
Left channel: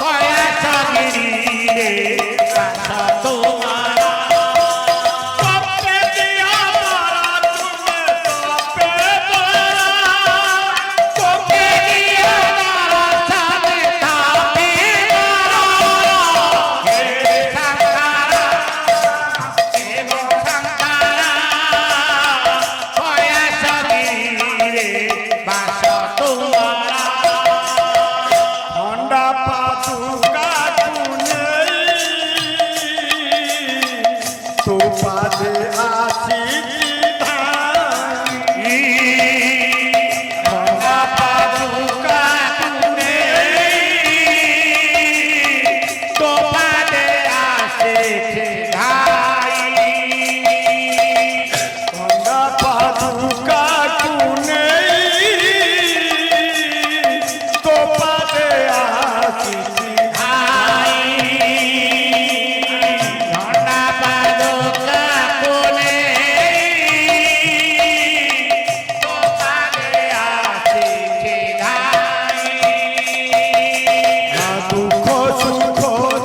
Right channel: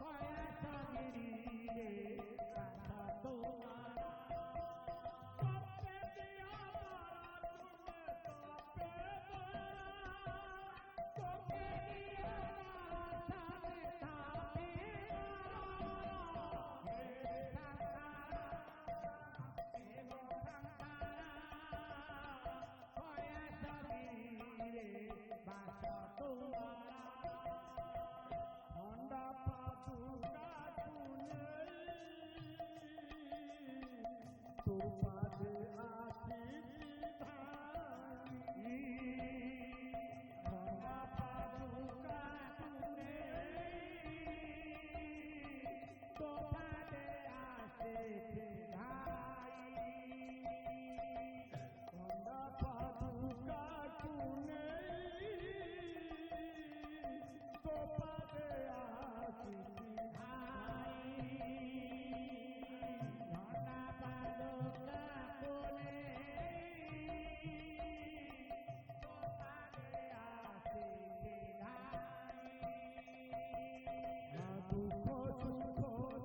কলাশগিরিরে বাস তোমার তবে দিয়া পারা তুমি তবে পারা তবে দিয়া পারা তবে তবে পারা হে খন্ডা পাদুকা নেই তো পাদে আসি ধানি খন্ডা পাদুকা নেই তো পাদে আসি ধানি খন্ডা পাদুকা নেই তো পাদে আসি দুঃখ সুখ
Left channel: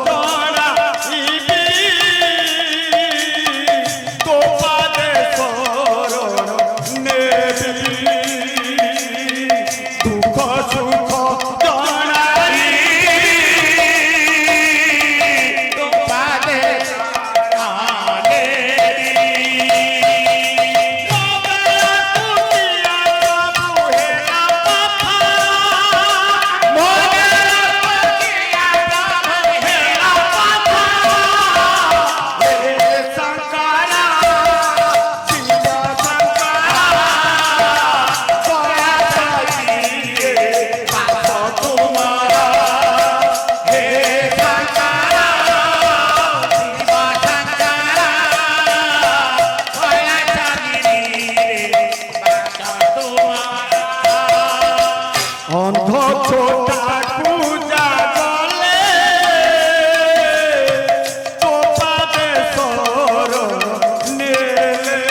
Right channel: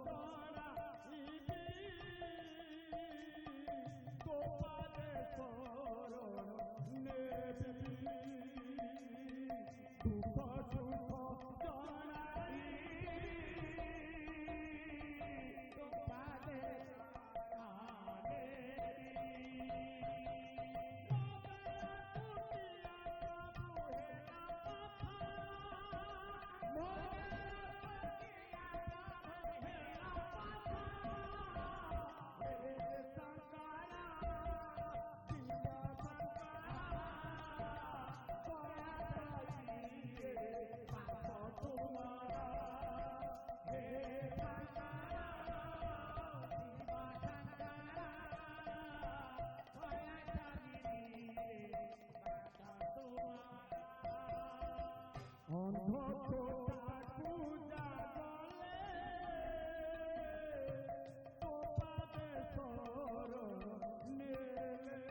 জড়াইবি তো পাদে শরণ নেবি দুঃখ সুখ জড়াইবি তো পাদে অন্ধ ছোটা পূজা গলে তো পাদে শরণ নেলে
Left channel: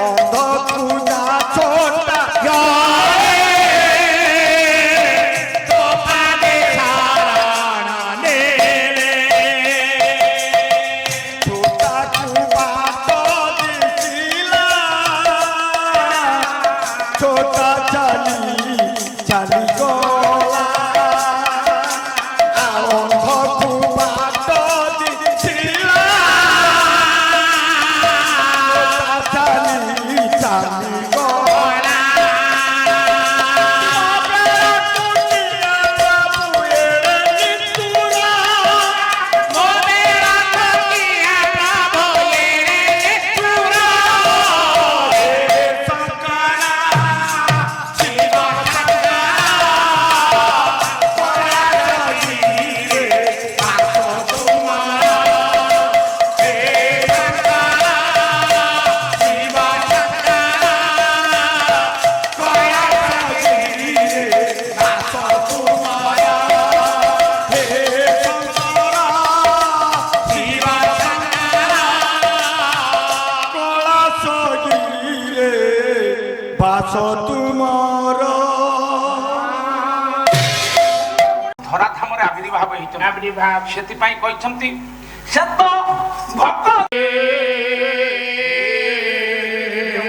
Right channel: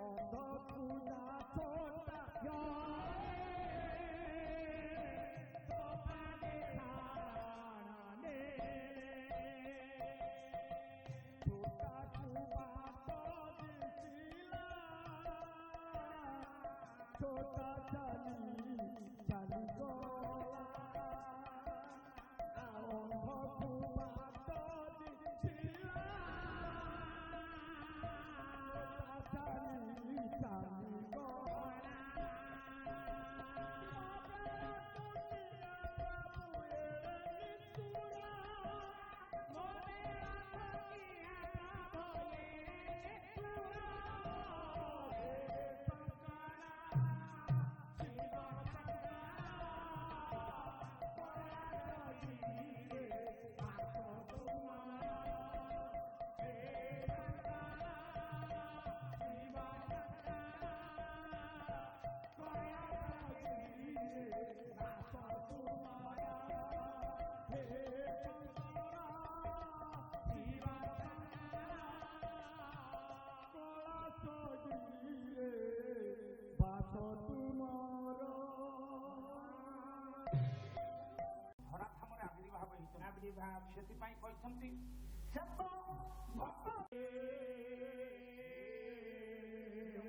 অন্ধ পূজা ছোটা গলে তো পাদে শরণ নেলে ছোটা কুবা তো দিছিলা ছোটা চালি চালি গলা অন্ধ কুবা তো দিছিলা ছোটা চালি চালি গলা বাস তুমর ଧରାଧାମରେ ଆବିର୍ଭାବ ହେଇଛନ୍ତି ଆବିର୍ଭାବ ସେଥିପାଇଁ କହିଛନ୍ତି ସେ ତ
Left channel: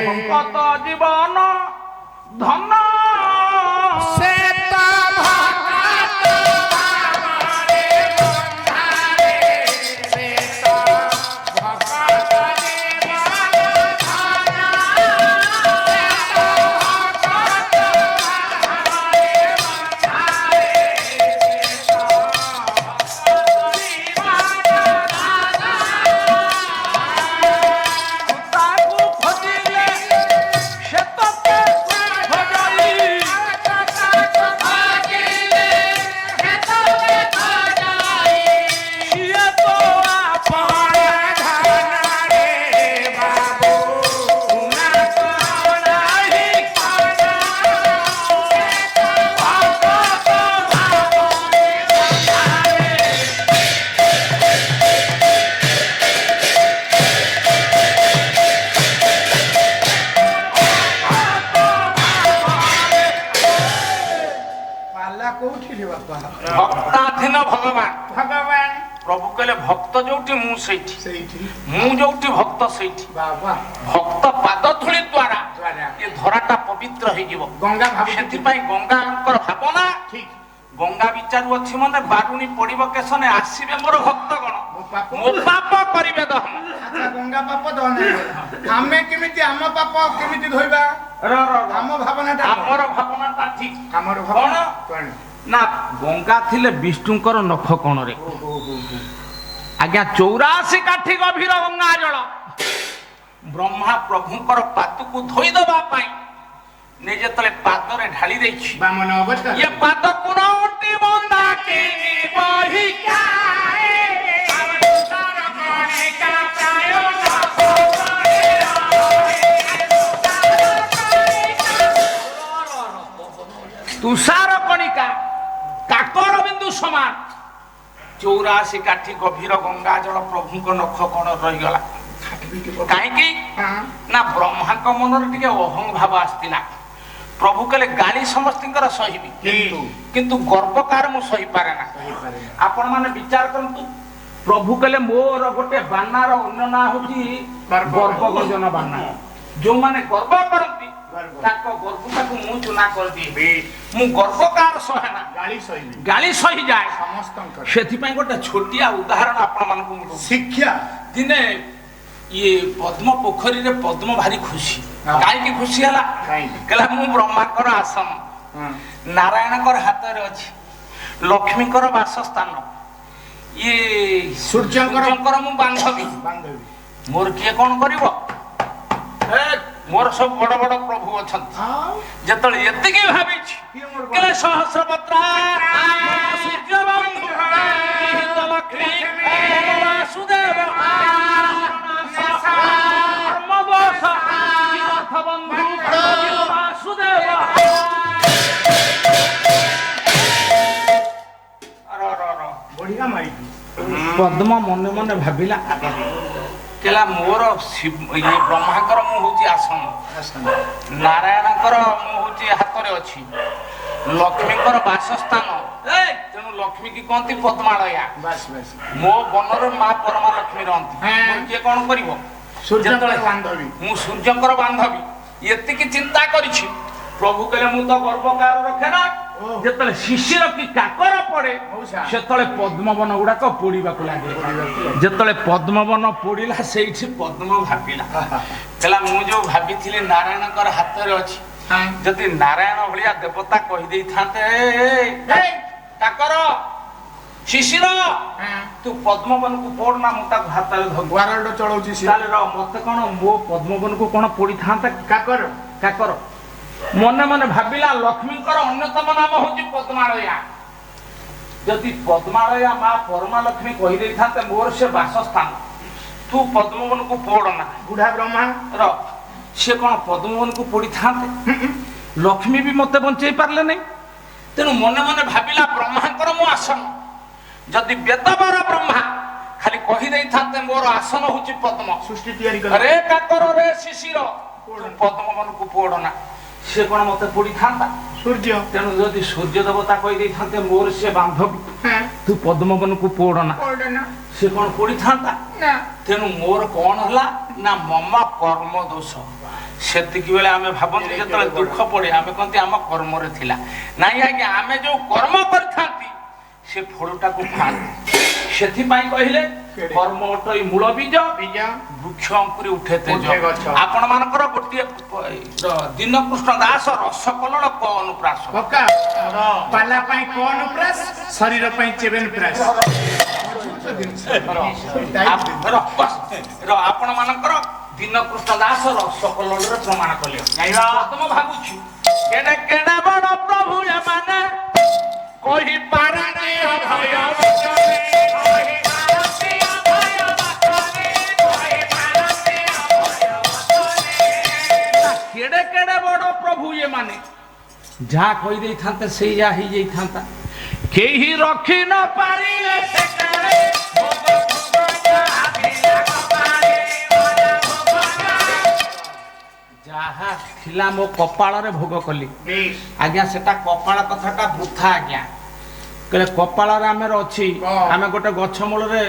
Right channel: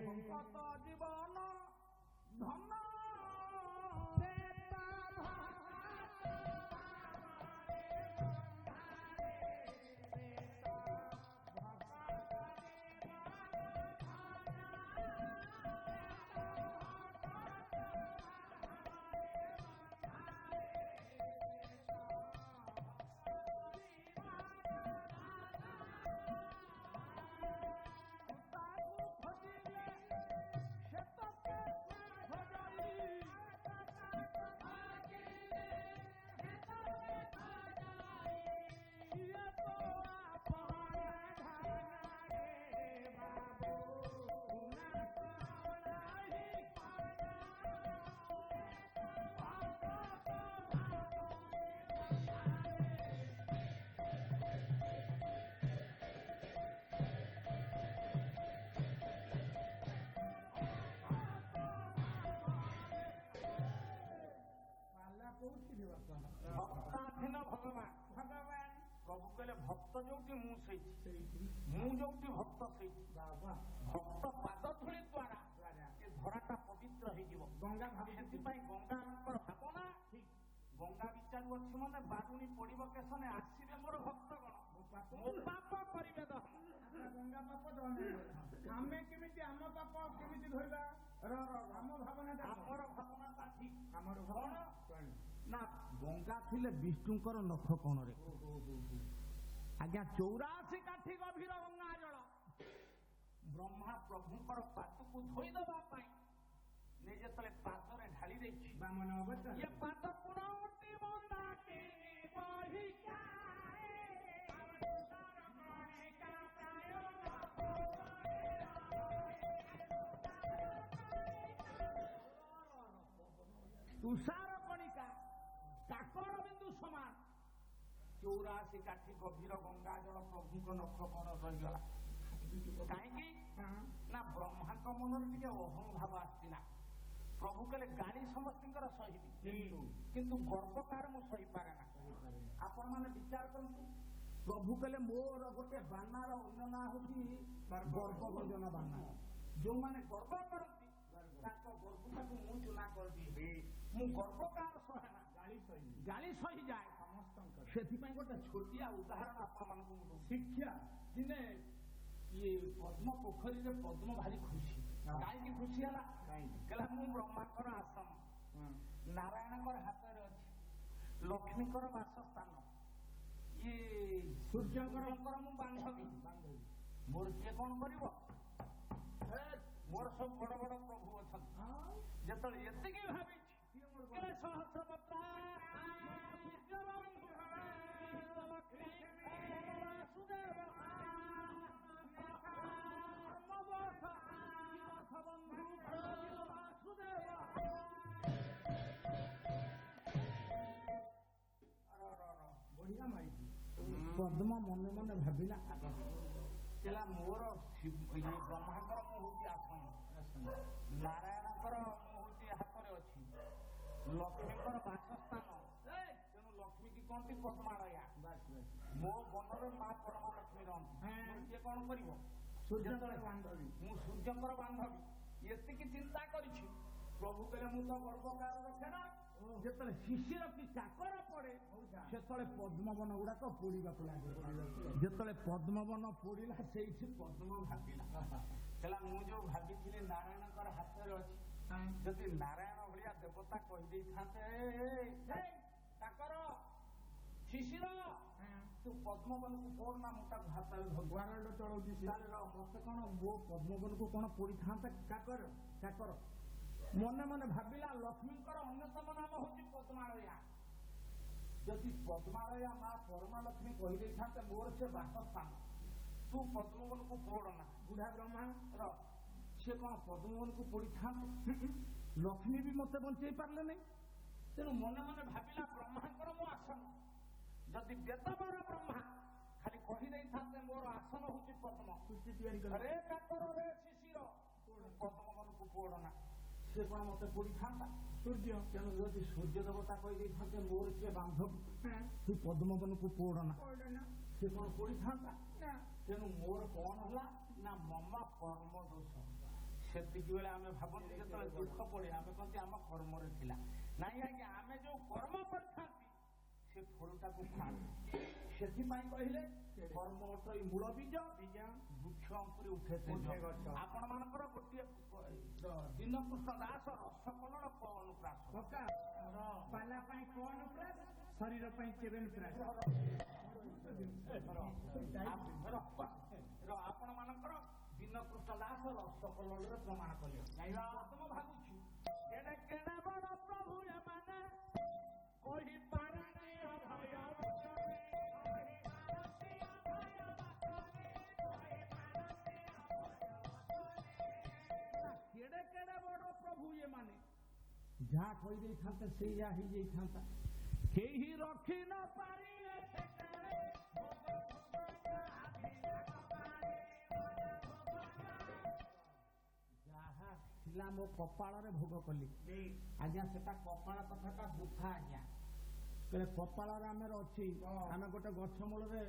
ଭକତ ଜୀବନ ଧନ ସେ ତ ତାକୁ ଖୋଜିଲେ ସେ ତ ଖୋଜଇ ସିଏ ତ ଆପଣ ପାଲା କୋଉଠି ରେ ବାପା? ଭକ୍ତାଧୀନ ଭଗବାନ ଭଗବାନ ପ୍ରଭୁ କହିଲେ ଭକ୍ତ ଯୋଉଠି ମୁଁ ସେଇଠି ସେଇଠି ମୁଁ ଯୋଉଠି ଭକ୍ତ ସେଇଠି ବାବା ଭକ୍ତ ପାଦ ଧୂଳି ଦ୍ୱାରା ଦ୍ୱାରା ଏ ଧରାଟା ପବିତ୍ର ହେଇଯିବ ଗଙ୍ଗା ଭାବୁଛି ସେଥିପାଇଁ ଗଙ୍ଗାଙ୍କର ଭାବନା ଠିକ ଗଙ୍ଗା ବିଚାରୁ ଅଛି ମାନେ ବାରୁଣୀ ପଡିବ କେଶନେ ଆସିବେ ମୋର ଭକ୍ତଗଣ ପାପ ମୋ ପାପ କରିବେ ଦହନ ଆଚ୍ଛା ଗଙ୍ଗା ପାପ ଦହନ ଆମେ କେମିତି ଆମ ପାପ କେମିତି ଧୋଇବା ଆମ ଭାବନାଟା ଆମର ଭାବନାଟା ଠିକ ଆମର ଭାବନା କଣ? ନା ଗଙ୍ଗା ଥିଲେ ବିଷ୍ଣୁଙ୍କର ନଖ କଣରେ ଆଜ୍ଞା 84 କାଠି ଗଭୀର ଗଙ୍ଗା ଜଳ ବ୍ରହ୍ମା ପ୍ରଭୁଙ୍କର ପାଦକୁ ଧୋଇଦବା ପାଇଁ ନେ ଯେତେବେଳେ ପାଦରେ ଢାଳି ଦେଇଛି ବାମନ ଅବତାର ये पाद कुनौटी बंदा के बही काए तुषार कणिका प्रायो तुषार कणिका काकर बिंदु समान 84 काठी गभीर गंगा जल प्रभुଙ୍କ नख कोण रहिगला काहेकि ना ब्रह्माଙ୍କ ମନରେ ଟିକେ ଅହଂ ଭାବ ଆସିଥିଲା प्रभु कहले गाली समस्तिंकर सहिबी किंतु गर्व कार मु सही पारे ना आपण माने विचार करंतु प्रभु कहले मोर गोटे बानार अन्य ना होची गर्व गंजन बाना जो माने गर्व करंती ताको गर्व ताको मु चुना कर दिबे मु गर्व कार सहेना गाली सही जाए समस्तंकर सेथि पई गोटे छोटिया उदाहरण आपण मानकु शिक्षा दिने ये पद्म पोखरी रे पद्म भारी खुशी काई की खुशी हला कहला मु ब्रह्माकर आसन नारायणकर हाथ रे अछि लक्ष्मीकर वासस्थान ये सूर्यकर मु बांधवी मोर किए कोन करिवो ए मोर सब बड़ बड़ प्रभु अछन जतले एतिकी भाबी छी कहले सहस्रपत्रा सूर्य बंधु लक्ष्मी वासुदेव बढ़िया माई पद्म मने मने भाविला कहला मोर ये ब्रह्माकर मु होची आसन नारायणकर मु होची हाथ रे अछि लक्ष्मीकर वासस्थान ए तेनु लक्ष्मी की कोंती पद्मालया बस बस मो बनर मां परमा लक्ष्मी रहंती मोर के कोन करिवो सूर्यकर बांधवी मु सूर्यकर बांधवी एतिकी चिंता करिछि प्रभु कहले मु तो गर्वकार रखे ना जेतले शिशिर की काकर पड़े सेतले पद्मवन गुडा को पोड़ीबाकू लागे जेतले पद्मवन पोड़ीला सेठी पद्म भाबिला कहला मु जो भाबिथिले नारायणकर हाथ रे अछि जति नारायण भलिया देवता कहि देई थाते काकर शिशिर तू पद्मवन को पोड़ ना मुता हाथ रे वारड चळौची ताले र मते कोन मो पद्मवन को कोन पोड़ी थाते काकर काकर मने मने भाबिला लक्ष्मीकर अन्यतम नाम होची पद्मालया जदि पद्मालया मां परमा लक्ष्मी कहि देई थाते मोर से वासस्थान तू पद्मवन को पोड़ ना बुढ़ा ब्रह्मा र से कोन पद्मवन को पोड़ी थाते लक्ष्मी भी मते बंचै पारले नै तेनु मने मने भाबिला ब्रह्माकर मो आसन जदि बेदबर ब्रह्मा खाली कहि देई थाते मोर आसन होची पद्म सृष्टि तैयारी कर अरे काकर रे शिशिर पद्मवन को पोड़ ना से कोन मते पोड़ी थांता सूर्य तेनु जदि सूर्य देवता कहि देई थाते मोर से बांधवी ତୁ ପଦ୍ମବନକୁ ପୋଡ଼ ନା ସେ କ'ଣ ପୋଡ଼ିଥାନ୍ତା ତେଣୁ ମୋର କ'ଣ ହେଲା ନା ମମା କର୍ମ ଦୋଷ ସେତିକି ବେଳେ ଆମେ ଭାବନ୍ତି ଯେତେବେଳେ ଦୁଃଖ ପଡ଼େ ଆମେ କହନ୍ତି ଆମ କର୍ମରେ ଥିଲା ନାଇଁ ଆଜ୍ଞା ଆମେ ଯୋଉ କର୍ମ କରିଥାନ୍ତି ସେ ଫଳଟାକୁ ଖାଆନ୍ତି ସେଥିପାଇଁ କହିଲେ କର୍ମ ଅଟଇ ମୂଳ ବୀଜ ବୃକ୍ଷ ଅଙ୍କୁରି ଉଠେ ତେଜ ଆପଣ ମାନଙ୍କର ଗୋଟିଏ ଦୀନକୃଷ୍ଣ ଦାସ ରସକଲଳ କ ଅନୁପ୍ରାସ ପାଲା ପାଇଁ କ ଅନୁପ୍ରାସ ଶରୀର ପାଇଁ ଚେବେନ ପ୍ରାସ ଆପଣ ମାନଙ୍କର ଦୀନକୃଷ୍ଣ ଦାସ ରସକଲଳରେ ପ୍ରମାଣ କଲେ ମୁଁ ଭାବୁଛୁ କେଡେ କେଡେ ବଡ଼ ପ୍ରଭୁ ଏମାନେ କହିପାରେ କେଡେ କେଡେ ବଡ଼ ପ୍ରଭୁ ଏମାନେ ଯାହା କହିଦେଇଥାନ୍ତେ ସେଇ ଯାହା ହେଇଯାଇଥାନ୍ତା କେହି ରଖି ନ ପାରିଲେ ଯାହା ଥିଲା ମୋ କପାଳରେ ଭୋଗ କଲି ଆଜ୍ଞା ସେଟା କପାଳ କଥାଟା ବୃଥା ଆଜ୍ଞା କହିଲେ କପାଳରେ ଆମର ଅଛି ଆମେ ଗୋଟେ ଗଛ ମୂଳରେ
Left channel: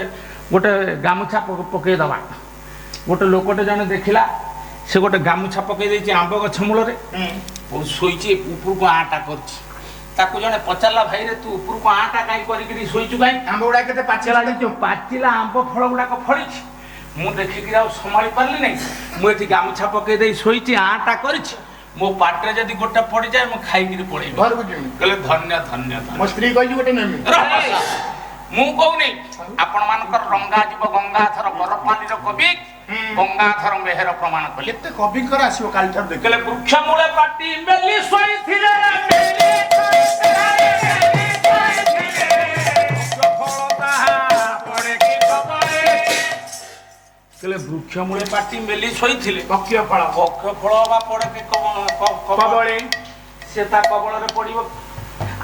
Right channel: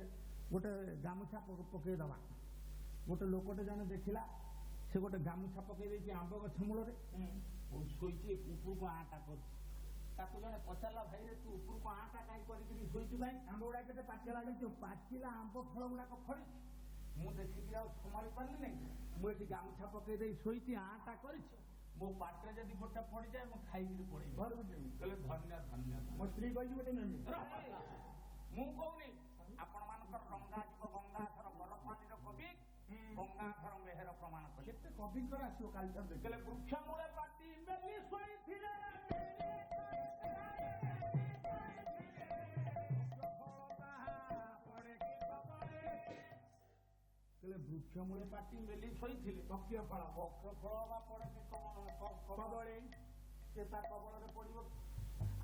ଗୋଟେ ଗାମୁଛା ପକେଇଦବା ଗୋଟେ ଲୋକଟେ ଜଣେ ଦେଖିଲା ସେ ଗୋଟେ ଗାମୁଛା ପକେଇ ଦେଇଛି ଆମ୍ବ ଗଛ ମୂଳରେ ଶୋଇଛି ଉପରକୁ ଆଁଟା କରିଛି ତାକୁ ଜଣେ ପଚାରିଲା ଭାଇରେ ତୁ ଉପରକୁ ଆଁଟା କାହିଁ କରିକିରି ଶୋଇଛୁ କାହିଁ ଆମ୍ବ ଗୁଡା କେତେ ପାଚିଲା ଆମ୍ବ ଫଳ ଗୁଡାକ ଫଳିଛି ମୁଁ ଦେଖିକିରି ଆଉ ସମ୍ଭାଳି ପାରିଲି ନାହିଁ ମୁଁ ଏଠି ଗାମୁଛା ପକେଇ ଦେଇ ଶୋଇଛି ଆଁଟା କରିଛି ମୋ ପାଟିରେ ଯଦି ଗୋଟେ ପଡିଯାଏ ମୁଁ ଖାଇକିରି ପଳେଇବି ଘରକୁ ଯିବି କହିଲେ ଧନ୍ୟ ଧନ୍ୟ ମୋ ସ୍ତ୍ରୀ କହିଛି ଗୋଟେ ନେମି ମୁଁ କହୁନି ଆପଣ ମାନଙ୍କର ରଙ୍ଗା ଯିବ ଗଙ୍ଗାଧର ବରପାଲିର କବି ଗଙ୍ଗାଧର ମେହେର ପ୍ରମାଣ କଲେ କେତେ କବିଙ୍କର ଆସିବ କାଲି ଠାରୁ ଦେଖିଲେ ବୃକ୍ଷ ମୂଳେ ପାଟି ମେଲି ଶୋଇଥିଲେ ବୃକ୍ଷ ମୂଳେ ପାଟି ମେଲି ଶୋଇଥିଲେ ପକ୍ଷ ଫଳ ବା ପଡେ କି କବଳେ ସେ ତା କବଳରେ ପଡିବ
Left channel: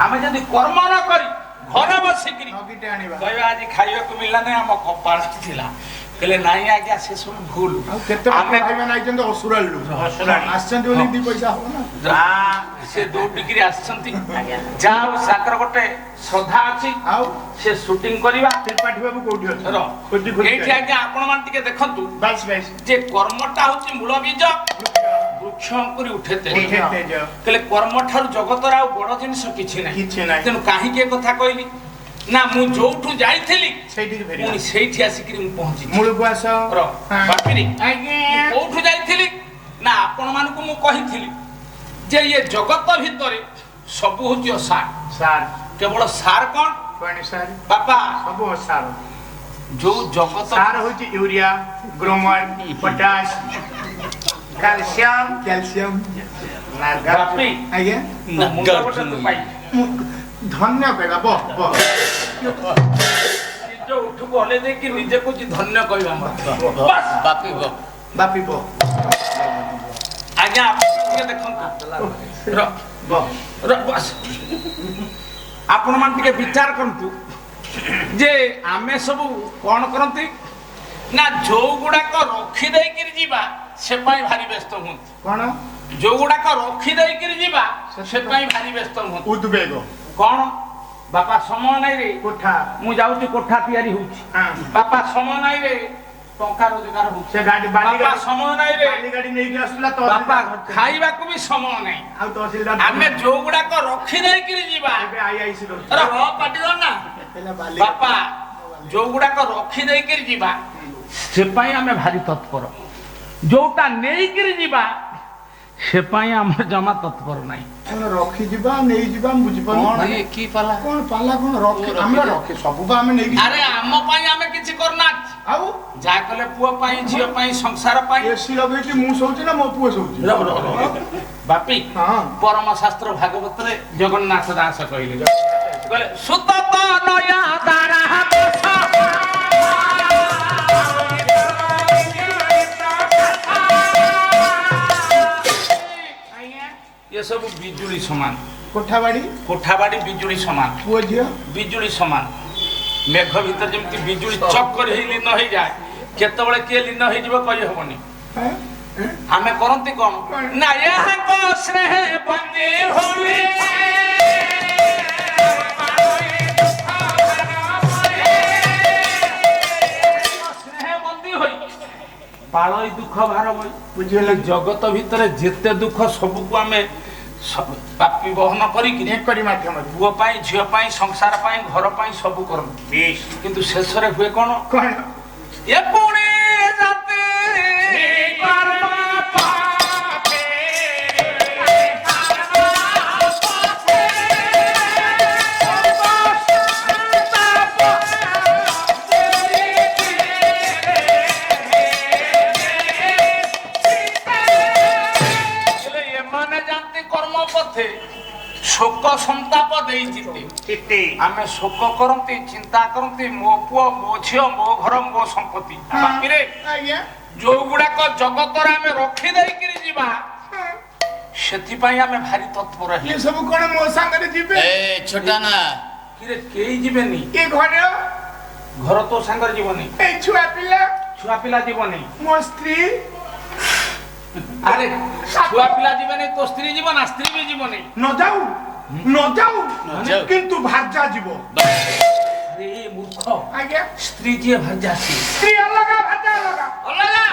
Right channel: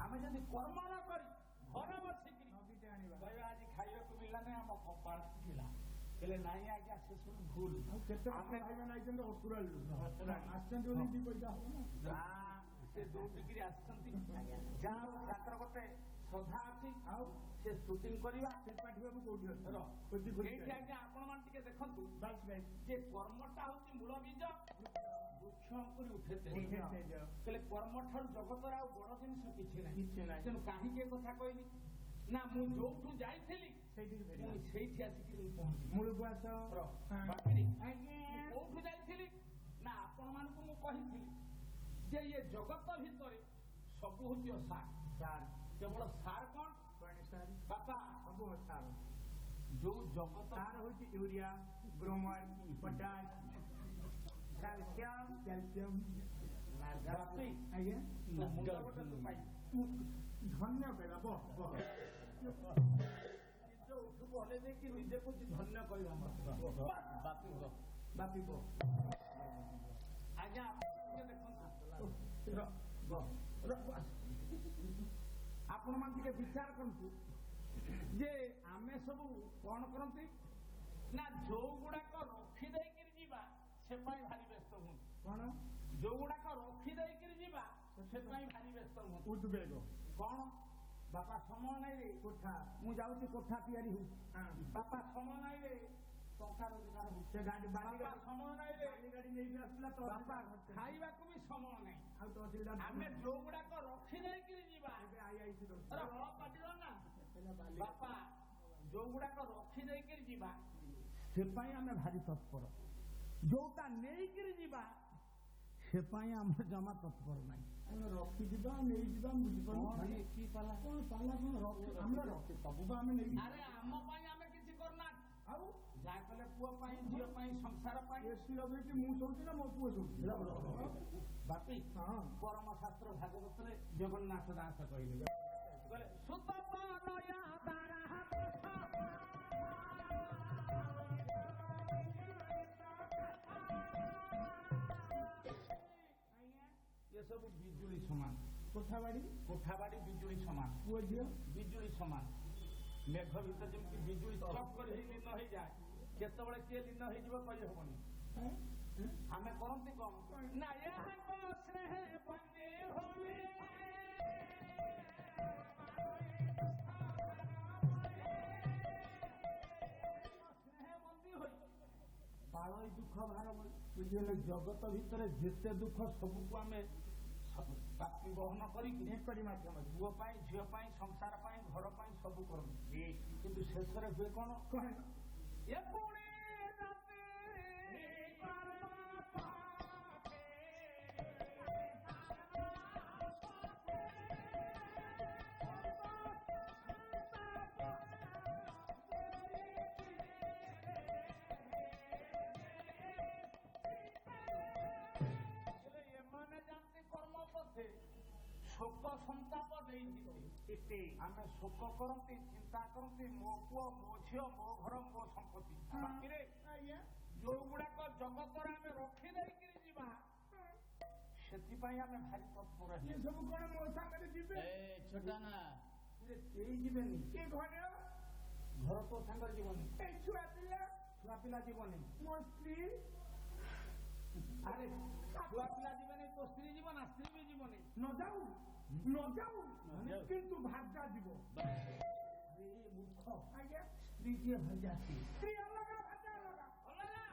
ଆମେ ଯଦି କର୍ମ ନ କରି ଘରେ ବସିକିରି କହିବା ଆଜି ଖାଇବାକୁ ମିଳିଲା ନାହିଁ ଆମ କପାଳ ଥିଲା କହିଲେ ନାଇଁ ଆଜ୍ଞା ସେ ସବୁ ଭୁଲ ସେ ଦୌଡ଼ିକିରି ଆସିଛନ୍ତି ଯାହା ହଉ ତାଙ୍କର ଗୋଟେ ଶ୍ରଦ୍ଧା ଅଛି ଆଉ ସେ ସୁଟିଂ କରିବା ତ୍ରିପାଠୀ ବାବୁ କୋଉଠି ଏଇଠି ଆଜ୍ଞା ଆପଣ ମାନେ ଟିକେ ଦେଖନ୍ତୁ ଯେ କର୍ମଟା ହଉଛି ମୂଳ ବୀଜ ବୃକ୍ଷ ଅଙ୍କୁରି ଉଠେ କହିଲେ କର୍ମ ଠାରୁ ଜଗତର ଆଉ ବଡ ଜିନିଷ କିଛି ନାହିଁ ତେଣୁ କାହିଁକି ଏ କଥା କହିଲି ନା ମୁଁ ଯୋଉଠୁ ଯାଇଥିଲି ପୁଣି ସେଇଠି ଆସିକିରି ମୁଁ ପହଞ୍ଚିଛି କୋଉଠୁ ଯାଇଥିଲି ନା ଆପଣ ମାନଙ୍କୁ ମୁଁ କହିଥିଲି ଯେ ଇଏ ଜଗତ ଭିତରେ ସବୁ ହଉଛି ଅସାର କେବଳ ସାର କଣ ବାପା ସବୁ ଅସାର ଯୋଉ ଜଗତ ସାର ହଉଛି ୟୁରିଆ ଗ୍ରୋମର ପଟାସ କ୍ୟାଲସିୟମ ଧନ୍ୟ କହିବା ଉଠୁକୁ ହଲେଇ ଦେଇକି ନିଜେ କହୁଛି ଧନ୍ୟ କହିବା ବାପିବ ଆଜ୍ଞା ଟିକେ ଦେଖନ୍ତୁ ଆପଣ ମାନେ ଟିକେ ବିଚାର କରନ୍ତୁ ଯେ ଆମେ ସବୁ କଣ କରନ୍ତି ନା ଯୋଉ ଗୁଡାକ ରଖି ଦେଇକିରି ଯିବା ସେ ପାଇଁ ଭାରି ବ୍ୟସ୍ତ ହୁଅନ୍ତି କଣ ଯୋଉ ଗୁଡାକ ରଖି ଦେଇକିରି ଯିବା ସେ ପାଇଁ ଭାରି ବ୍ୟସ୍ତ ହୁଅନ୍ତି ଉଦ୍ବେଗ କଣ ବାପା ସମୟ ନାଇଁ ରେ କୋଠା ମୁଁ ଯାଉଛି କୋଠା ତିଆରି ହଉଛି ବାପା ସମୟ ନାଇଁ ରେ ଟଙ୍କା ରୋଜଗାର ହଉଛି ବାପା ସମୟ ନାଇଁ ରେ ବାପା ଖାଇବାକୁ ବି ସମୟ ନାହିଁ ଆମେ ଯୋଉ ଗୁଡାକ ରଖି ଦେଇକିରି ଯିବା ନା ବାପା ଯୋଉ ଗୁଡାକ ରଖି ଦେଇକିରି ଯିବା ସେ ପାଇଁ ଆମେ ଭାରି ତତ୍ପର ଯୋଉଟା ନେଇକିରି ଯିବା ସେ ପାଇଁ ଆମର ଜମା ତତ୍ପର ନାହିଁ ରଖିଯିବା ନେଇଯିବା ବୁଝିପାରୁନି କି ପାଲା କଣ ପାଲା କଣ ଆମେ ରଖି ସବୁ ଆମେ ନେଇକି ଆରେ ଆମ ପାଇଁ ଆମେ କିଛି କରୁନାହାନ୍ତି ଆଉ ଯାହା କଲେ ପୁଅ ପାଇଁ ଝିଅ ପାଇଁ ସଂସାର ପାଇଁ ଏସି ଲଗେଇକି ମୁଁ ଶୋଉଛି ନା ମୋ ପୁଅ ଶୋଉଛି ବାପି ପରମ ଶାସ୍ତ୍ର ଭାଗବତରେ ଜଗନ୍ନାଥ ଦାସ କହିଲେ ସୁତ ନୟା ଦାରା ये सब बिजुली समान कोठाबाड़ी बिजुली समान पुओ झियो बिजुली समान मेघ भीतर जमती बिजुली चक कर लीन हो जाए केतबळे के लीन हो जीव कहि हबनी आमे करंती कोन ना यहाँ को स्नेह बंदी होली ପାଳଇ ଦୁଃଖ ଭାର ବଇ ବୁଝିଗଲା ଜଗତ ଭିତରେ ଯେତେ ଦୁଃଖ ସବୁକୁ ଆମେ ପାପି ବହନ କରିକି ଏକରି ମାଧ୍ୟମରେ ପୁଅ ପାଇଁ ଝିଅ ପାଇଁ ସଂସାର ପାଇଁ ଘର ପାଇଁ ସବୁ କରନ୍ତି କିନ୍ତୁ ଶେଷରେ ହୁଏ କଣ କଣ ଏ ପୁଣି ରାତି କର୍ମ ପାପେ ଏମାନେ ଯାନ୍ତି କର୍ମ ପଥେ ଶୋକ ସନ୍ତାପ ଦେଇ ଜିତେ ଆମେ ଶୋକ କରନ୍ତି ଚିନ୍ତା କରନ୍ତି ମୋ ପୁଅ ମୋ ଝିଅ ମୋ ଘର ମୋ ସମ୍ପତ୍ତି ବାକିରେ ଆଜ୍ଞା ଯୋଉ ଗୁଡାକ ଜଗତରେ ଆମେ ରଖି ଦେଇକିରି ଯିବା ସେଥିପାଇଁ ଆମେ ଭାରି ତତ୍ପର ଇଏ ସବୁ କଣ ମୋ ସାଙ୍ଗରେ ଯିବେ ଛୋଟା ନା କିରେ କେହି ଯିବେନି ଏ ଘର ଘର ତୋ ସାଙ୍ଗରେ ଯିବନି ଏଇ ଛୁଆ ପିଲା ଛୁଆ ପିଲା ଯିବନି ମୋ ସ୍ତ୍ରୀ ଆରେ ଛୁଆ ପିଲା ଯିବେନି ତୋ ସ୍ତ୍ରୀ ଯିବ ନା ସ୍ତ୍ରୀ ବି ଯିବନି ନ ଯାଉ କିନ୍ତୁ ଭାଜା ଯିବ ଆରେ ମୂର୍ଖ ଆଜ୍ଞା ସ୍ତ୍ରୀ ଯିଏ ଭାଜାସି ସ୍ତ୍ରୀ ଅଲଗା ଭାଜା ଅଲଗା ଅଲଗା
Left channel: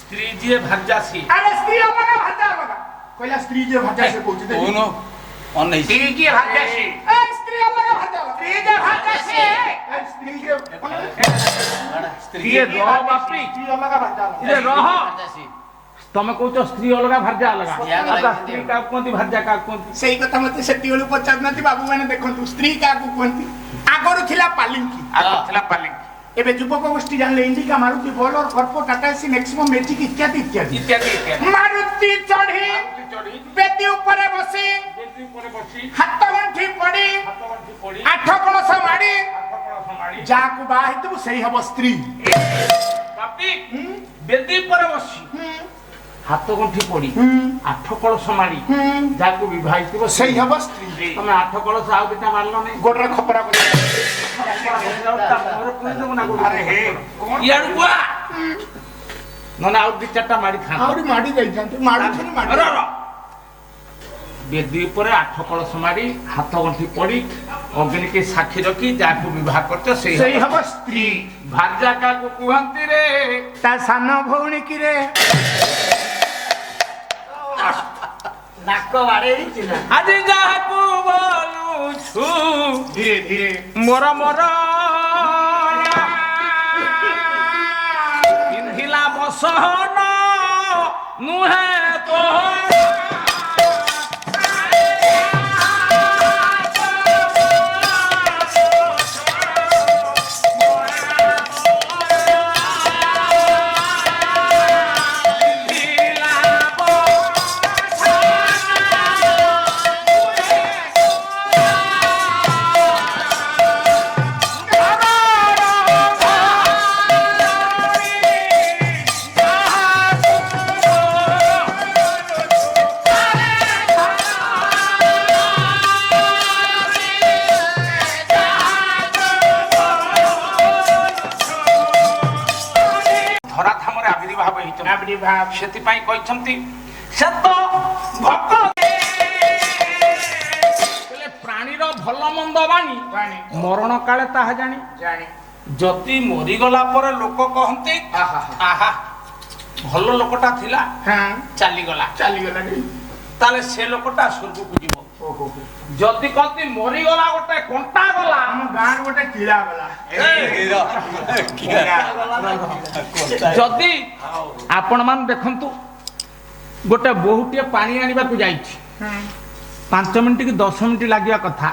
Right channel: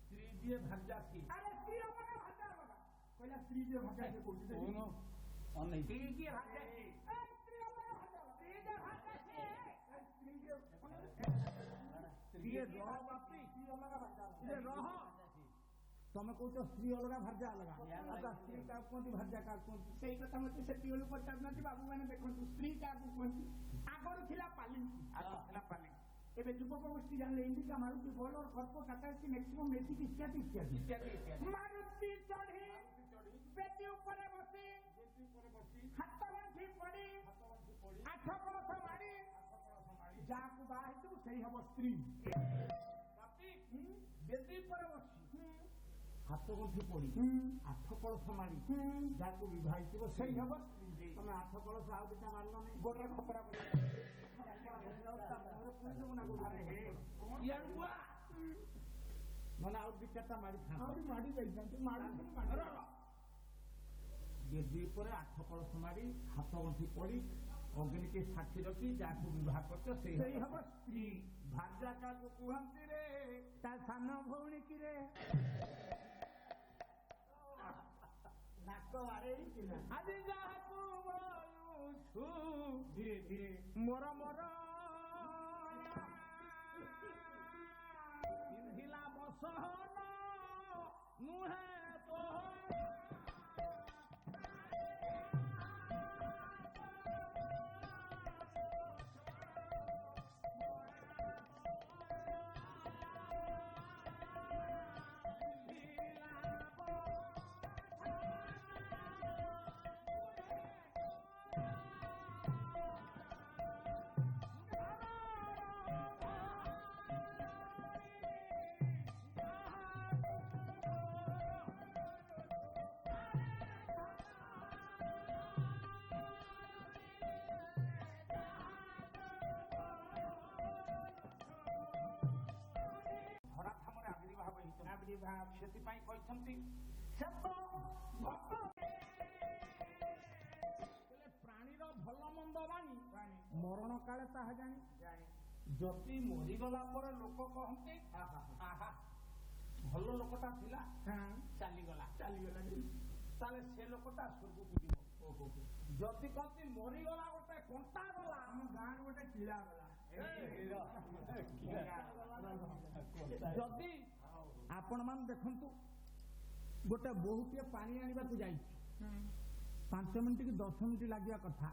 ସ୍ତ୍ରୀ ଯିଏ ଭାଜାସି ଆରେ ସ୍ତ୍ରୀ ଅଲଗା ଭାଜା ଅଲଗା କହିଲା ସ୍ତ୍ରୀ ଯେ ଭାଜା ସେ କହୁଛି କହୁନ ଅନେଇ ସ୍ତ୍ରୀ ଯିଏ ଭାଜାସି ସ୍ତ୍ରୀ ଅଲଗା ଭାଜା ସ୍ତ୍ରୀ ଯେ ଭାଜା ସେ ସ୍ତ୍ରୀ ଯେ ସ୍ତ୍ରୀ ରହ ବାପି ସ୍ତ୍ରୀ ଅଲଗା ଭାଜା ଇରେ ରହ ତମେ କହୁଛ ସ୍ତ୍ରୀ ଅଲଗା ଭାଜା ଅଲଗା ସ୍ତ୍ରୀ କାହାକୁ କୁହନ୍ତି ଭାଜା କାହାକୁ କୁହନ୍ତି ସେଇ କଥା ମତେ ସେତିକି ବେଳୁ ପଚାରୁନାହାନ୍ତି ବାବୁ ମାନେ ଦେଖନ୍ତୁ ସ୍ତ୍ରୀ କାହାକୁ କୁହନ୍ତି ଆଗରୁ ଥିଲା ପାଲିଙ୍କି ଆଗ ଥିଲା ପାଲିଙ୍କି ଏବେ ଯୁବକ ଗୋଷ୍ଠୀ ଜାଣିଲେ ଇଣ୍ଡିକା ମାରୁତି ବୋଲର କର୍ପୋ ଟାଟା ଏସି ମ୍ୟାକ୍ସିମମ୍ ମ୍ୟାଜିକ୍ ଇତ୍ୟାଦି ଇତ୍ୟାଦି ଇତ୍ୟାଦି ଇତ୍ୟାଦି ମାରୁତି ଚଢି ବେଦି ଉପରେ ବସି ହାତ ଗଣ୍ଠି ପଡି ଆଠ କଳସ ମାଡି ଯାହାକୁ ବାହା ହେଇଥିବୁ ସେଇ ହବ ସ୍ତ୍ରୀ ବାପି ବେଦି ପରେ ବସି ହାତ ଗଣ୍ଠି ପଡି ଆଠ କଳସ ମାଡି ଯାହାକୁ ବିବାହ ହେଇଥିବ ସେଇ ହବ ସ୍ତ୍ରୀ ତମେ ଆଠ କଳସ ଆଉ ଦିଟା ମାରିଲ ନାଇଁ ଗୋଡରେ ଖପରା କରି ଆରେ ହେ ଇଆଡୁ କୁଆ ନହେଲେ ଆଉ ଦି ଚାରିଟା ମାରି ଖାଆନ୍ତି ଆହୁରି ମାଡି ଯାଇଥାନ୍ତି ମାଡୁଛନ୍ତି ମାଡି ବେଦି ଉପରେ ଆଠ କଳସ ମାରି ହାତ ଗଣ୍ଠି ପଡି ଅଗ୍ନିକି ସାକ୍ଷୀ ରଖି ଯାହାକୁ ବିବାହ କରୁଛ ସେଇ ହବ ସ୍ତ୍ରୀ ଭାଜା କାହାକୁ କୁହନ୍ତି ରେ ତା ସାନ ଭଉଣୀ କି ରେ ନାକ ବାଡେଇଛି ନା ଆଜି ଯାହାକୁ ବୋଲୁଛୁ ଧୀରେ ଧୀରେ ମୋର ପିନ୍ଧିଲା ବସନ ନୁହେଁ ତ ଧରାଧାମରେ ଆବିର୍ଭାବ ହେଇଛନ୍ତି ଆବିର୍ଭାବ ସେଥିପାଇଁ କହିଛନ୍ତି ସେ ତ ଭକ୍ତ ପ୍ରାଣୀର ଭଲ ମନ୍ଦ ବାଣୀ ମରଣ କାଳେ ତାହା ଜାଣି ଜାଣି ଯଦି ମରିଗଲା ପରେ ଲୋକ କହନ୍ତି ଆହା ଭଲ ଲୋକଟା ଥିଲା ଚାଲିଗଲା ତାହେଲେ ସେ ଲୋକଟା ସ୍ୱର୍ଗକୁ ଯିବ ଯଦି କହନ୍ତି ମରିଗଲା ଗୋଟେ କଣ୍ଟା ଗଲା ଆମ ଗାଁରେ ଗୋଟେ କିଳା ଗଲା ଯଦି ଆପଣ ମାନେ ଦେଖନ୍ତୁ ଗୋଟେ ବୋହୂଟିଏ ପାଣି ଆଣିବାକୁ ଯାଇଛି 5 ମିନିଟ୍ କି 10 ମିନିଟ୍ ଲାଗିବା କଥା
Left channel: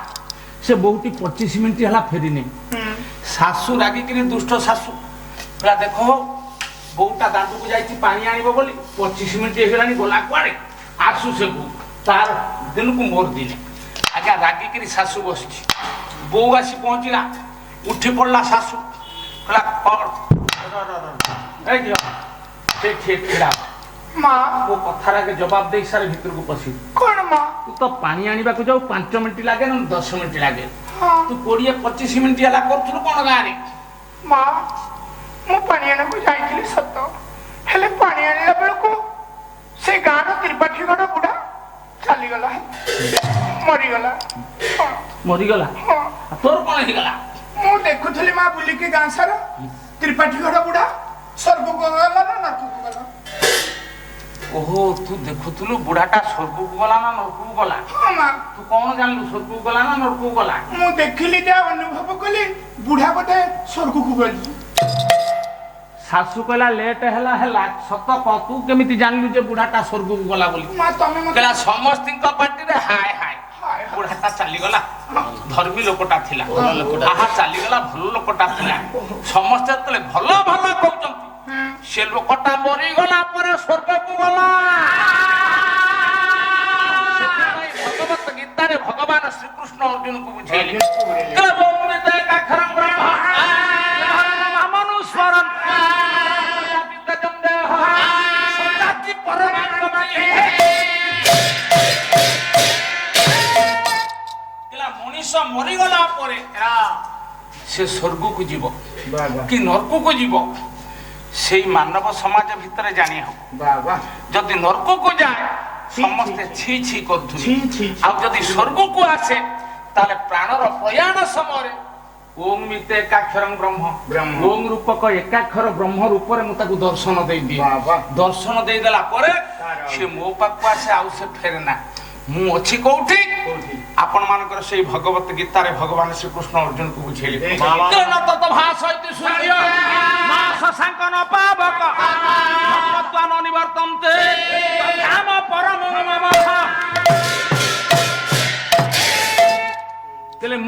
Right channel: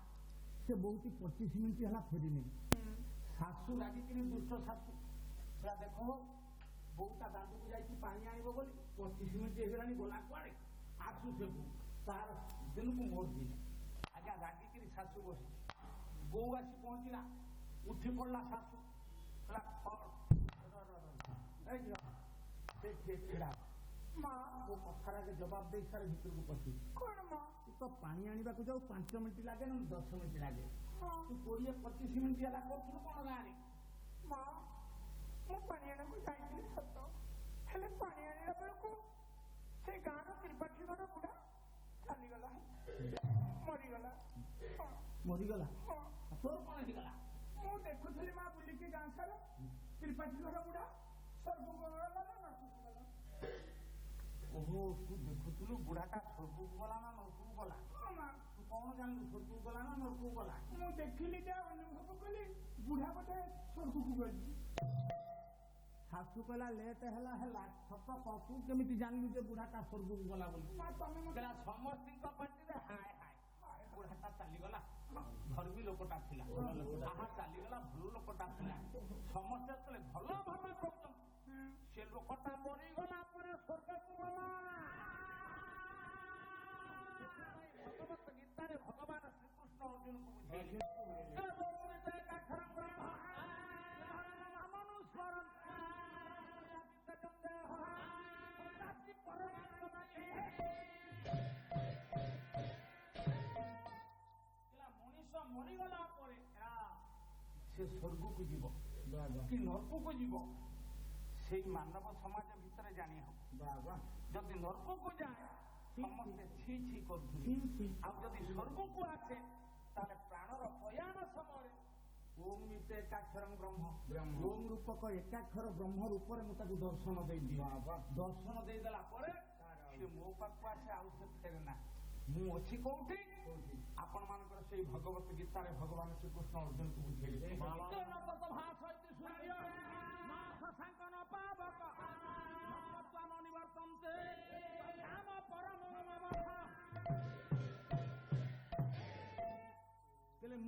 ସେ ବୋହୂଟି 25 ମିନିଟ୍ ହେଲା ଫେରିନି ଶାଶୁ ରାଗିକିରି ଦୁଷ୍ଟ ଶାଶୁ ପୁରା ଦେଖ ବୋହୂଟା ଦାଣ୍ଡକୁ ଯାଇଛି ପାଣି ଆଣିବ ବୋଲି 25 ମିନିଟ୍ ହେଇଗଲାଣି ଗଲା କୁଆଡେ ଆସୁ ସେ ବୋହୂ ତାର ଦିନକୁ ମୋର ଦିନେ ଆଜ୍ଞା ରାଗିକିରି ଶାଶୁ ବସିଛି ବୋହୂ ଆସି ପହଞ୍ଚିଲା ଉଠି ପଡିଲା ଶାଶୁ କହିଲା ମା ମୋ କଥାର ଆଗେ ଜବାବ ଦେଇ ସାରେ ଭିତରକୁ ପଶିବୁ କଣ ମା ତୁ ତ ପାଣି ଆଣିବାକୁ ଯାଉ 5 ମିନିଟ୍ ଲାଗେ ନା 10 ମିନିଟ୍ ଲାଗେ ତୁ 20-25 ମିନିଟ୍ ହେଲା କରୁଥିଲୁ କଣ ଗାଁରେ ମା ମୁଁ ପାଣି ଆଣିବାକୁ ଯାଇଥିଲି ସତ ହେଲେ ପାଣି ଆଣିଲା ବେଳକୁ ସେ ଗାଁର ତ୍ରିପାଠୀ ଗଡ ବୁଢା ଚାଲିଗଲା ମରିଗଲା ମରିଗଲା ତୋର କଣ ହେଇଗଲା ମୁଁ ଦେଖୁଥିଲି ମା ବୁଲିକି ଗାଁ ସାରା ତ୍ରିପାଠୀ ଗଡ ବୁଢା ସ୍ୱର୍ଗକୁ ଗଲା ନା ନରକକୁ ଗଲା? ଓହୋ ତୁ ଦେଖୁଥିଲୁ ବୁଢାଟା ସ୍ୱର୍ଗକୁ ଗଲା ନା ନରକକୁ ଗଲା? ହଁ ମା, ତୁ କଣ ଜାଣିଲୁ ସ୍ୱର୍ଗକୁ ଗଲା ନା ନରକକୁ ଗଲା? ମୁଁ ଦେଖିଲି ଯା ଅନୁଭବ କଲି ବୁଢା ବୋଧେ ସ୍ୱର୍ଗକୁ ଗଲି। ଶାଶୁ କହିଲା ଲେଟ୍ ହେଲା ସତ କହ ତୁ କେମିତି ଜାଣିଲୁ ଯେ ବୁଢାଟା ସ୍ୱର୍ଗକୁ ଗଲା ବୋଲି? ମା ତମେ ମତେ କହିଲା ସମସ୍ତିଙ୍କ ପାଟିରେ ହାୟ ହାୟ ବୁଢାଟା ଚାଲିଗଲା, ଧର୍ମୀ ଲୋକଟା ଥିଲା, ଆହା ଚାଲିଗଲା, ଭଲ ଲୋକଟା ଥିଲା। ସମସ୍ତେ ଯେତେବେଳେ ଭଲ ଭଲ କହୁଛନ୍ତି ସେ ଲୋକଟା ମରିଗଲା ପରେ ସ୍ୱର୍ଗକୁ ଗଲା। ସେଥିପାଇଁ ଭଗବତ ଗୀତାରେ ଭଗବାନ ଶ୍ରୀକୃଷ୍ଣ ଅର୍ଜୁନକୁ ବୁଝେଇଲେ ମଣିଷ ମରିଗଲା ପରେ ସେ ସ୍ୱର୍ଗକୁ ଯିବ କି ନରକକୁ ଯିବ ସେଇ ମାନବ ସମାଜ ଭିତରେ ଜାଣି ହବ। ଯଦି ନରକକୁ ଯାଏ ସମସ୍ତେ ଛି ଛି କରୁଥିବେ, ଆଉ ଯଦି ସ୍ୱର୍ଗକୁ ଆସେ ତାହେଲେ ପ୍ରାଣର ପ୍ରୟାଣ ସମୟରେ ଓಂ ମିତେ ଏକାକ୍ଷରଂ ବ୍ରହ୍ମ, ଓಂ ରୂପକ ଏକାକ୍ଷର ବ୍ରହ୍ମ ରୂପରେ ମୁଁ ତାକୁ ଦର୍ଶନ ଦେଇଦିଏ। ଦର୍ଶନ ଦେଇଦେଲା ପରେ ସେ ମୋ ପାଖକୁ ଆସେ, ଆଉ ସେ ଫେରେ ନା। ମୁଁ ଅଛି କୋଉଠି? ଆପଣ ମାନଙ୍କର ସେଇ ଭଗବତ ଗୀତାରେ ଭଗବାନ ଶ୍ରୀକୃଷ୍ଣ ଅର୍ଜୁନକୁ ବୁଝେଇଲେ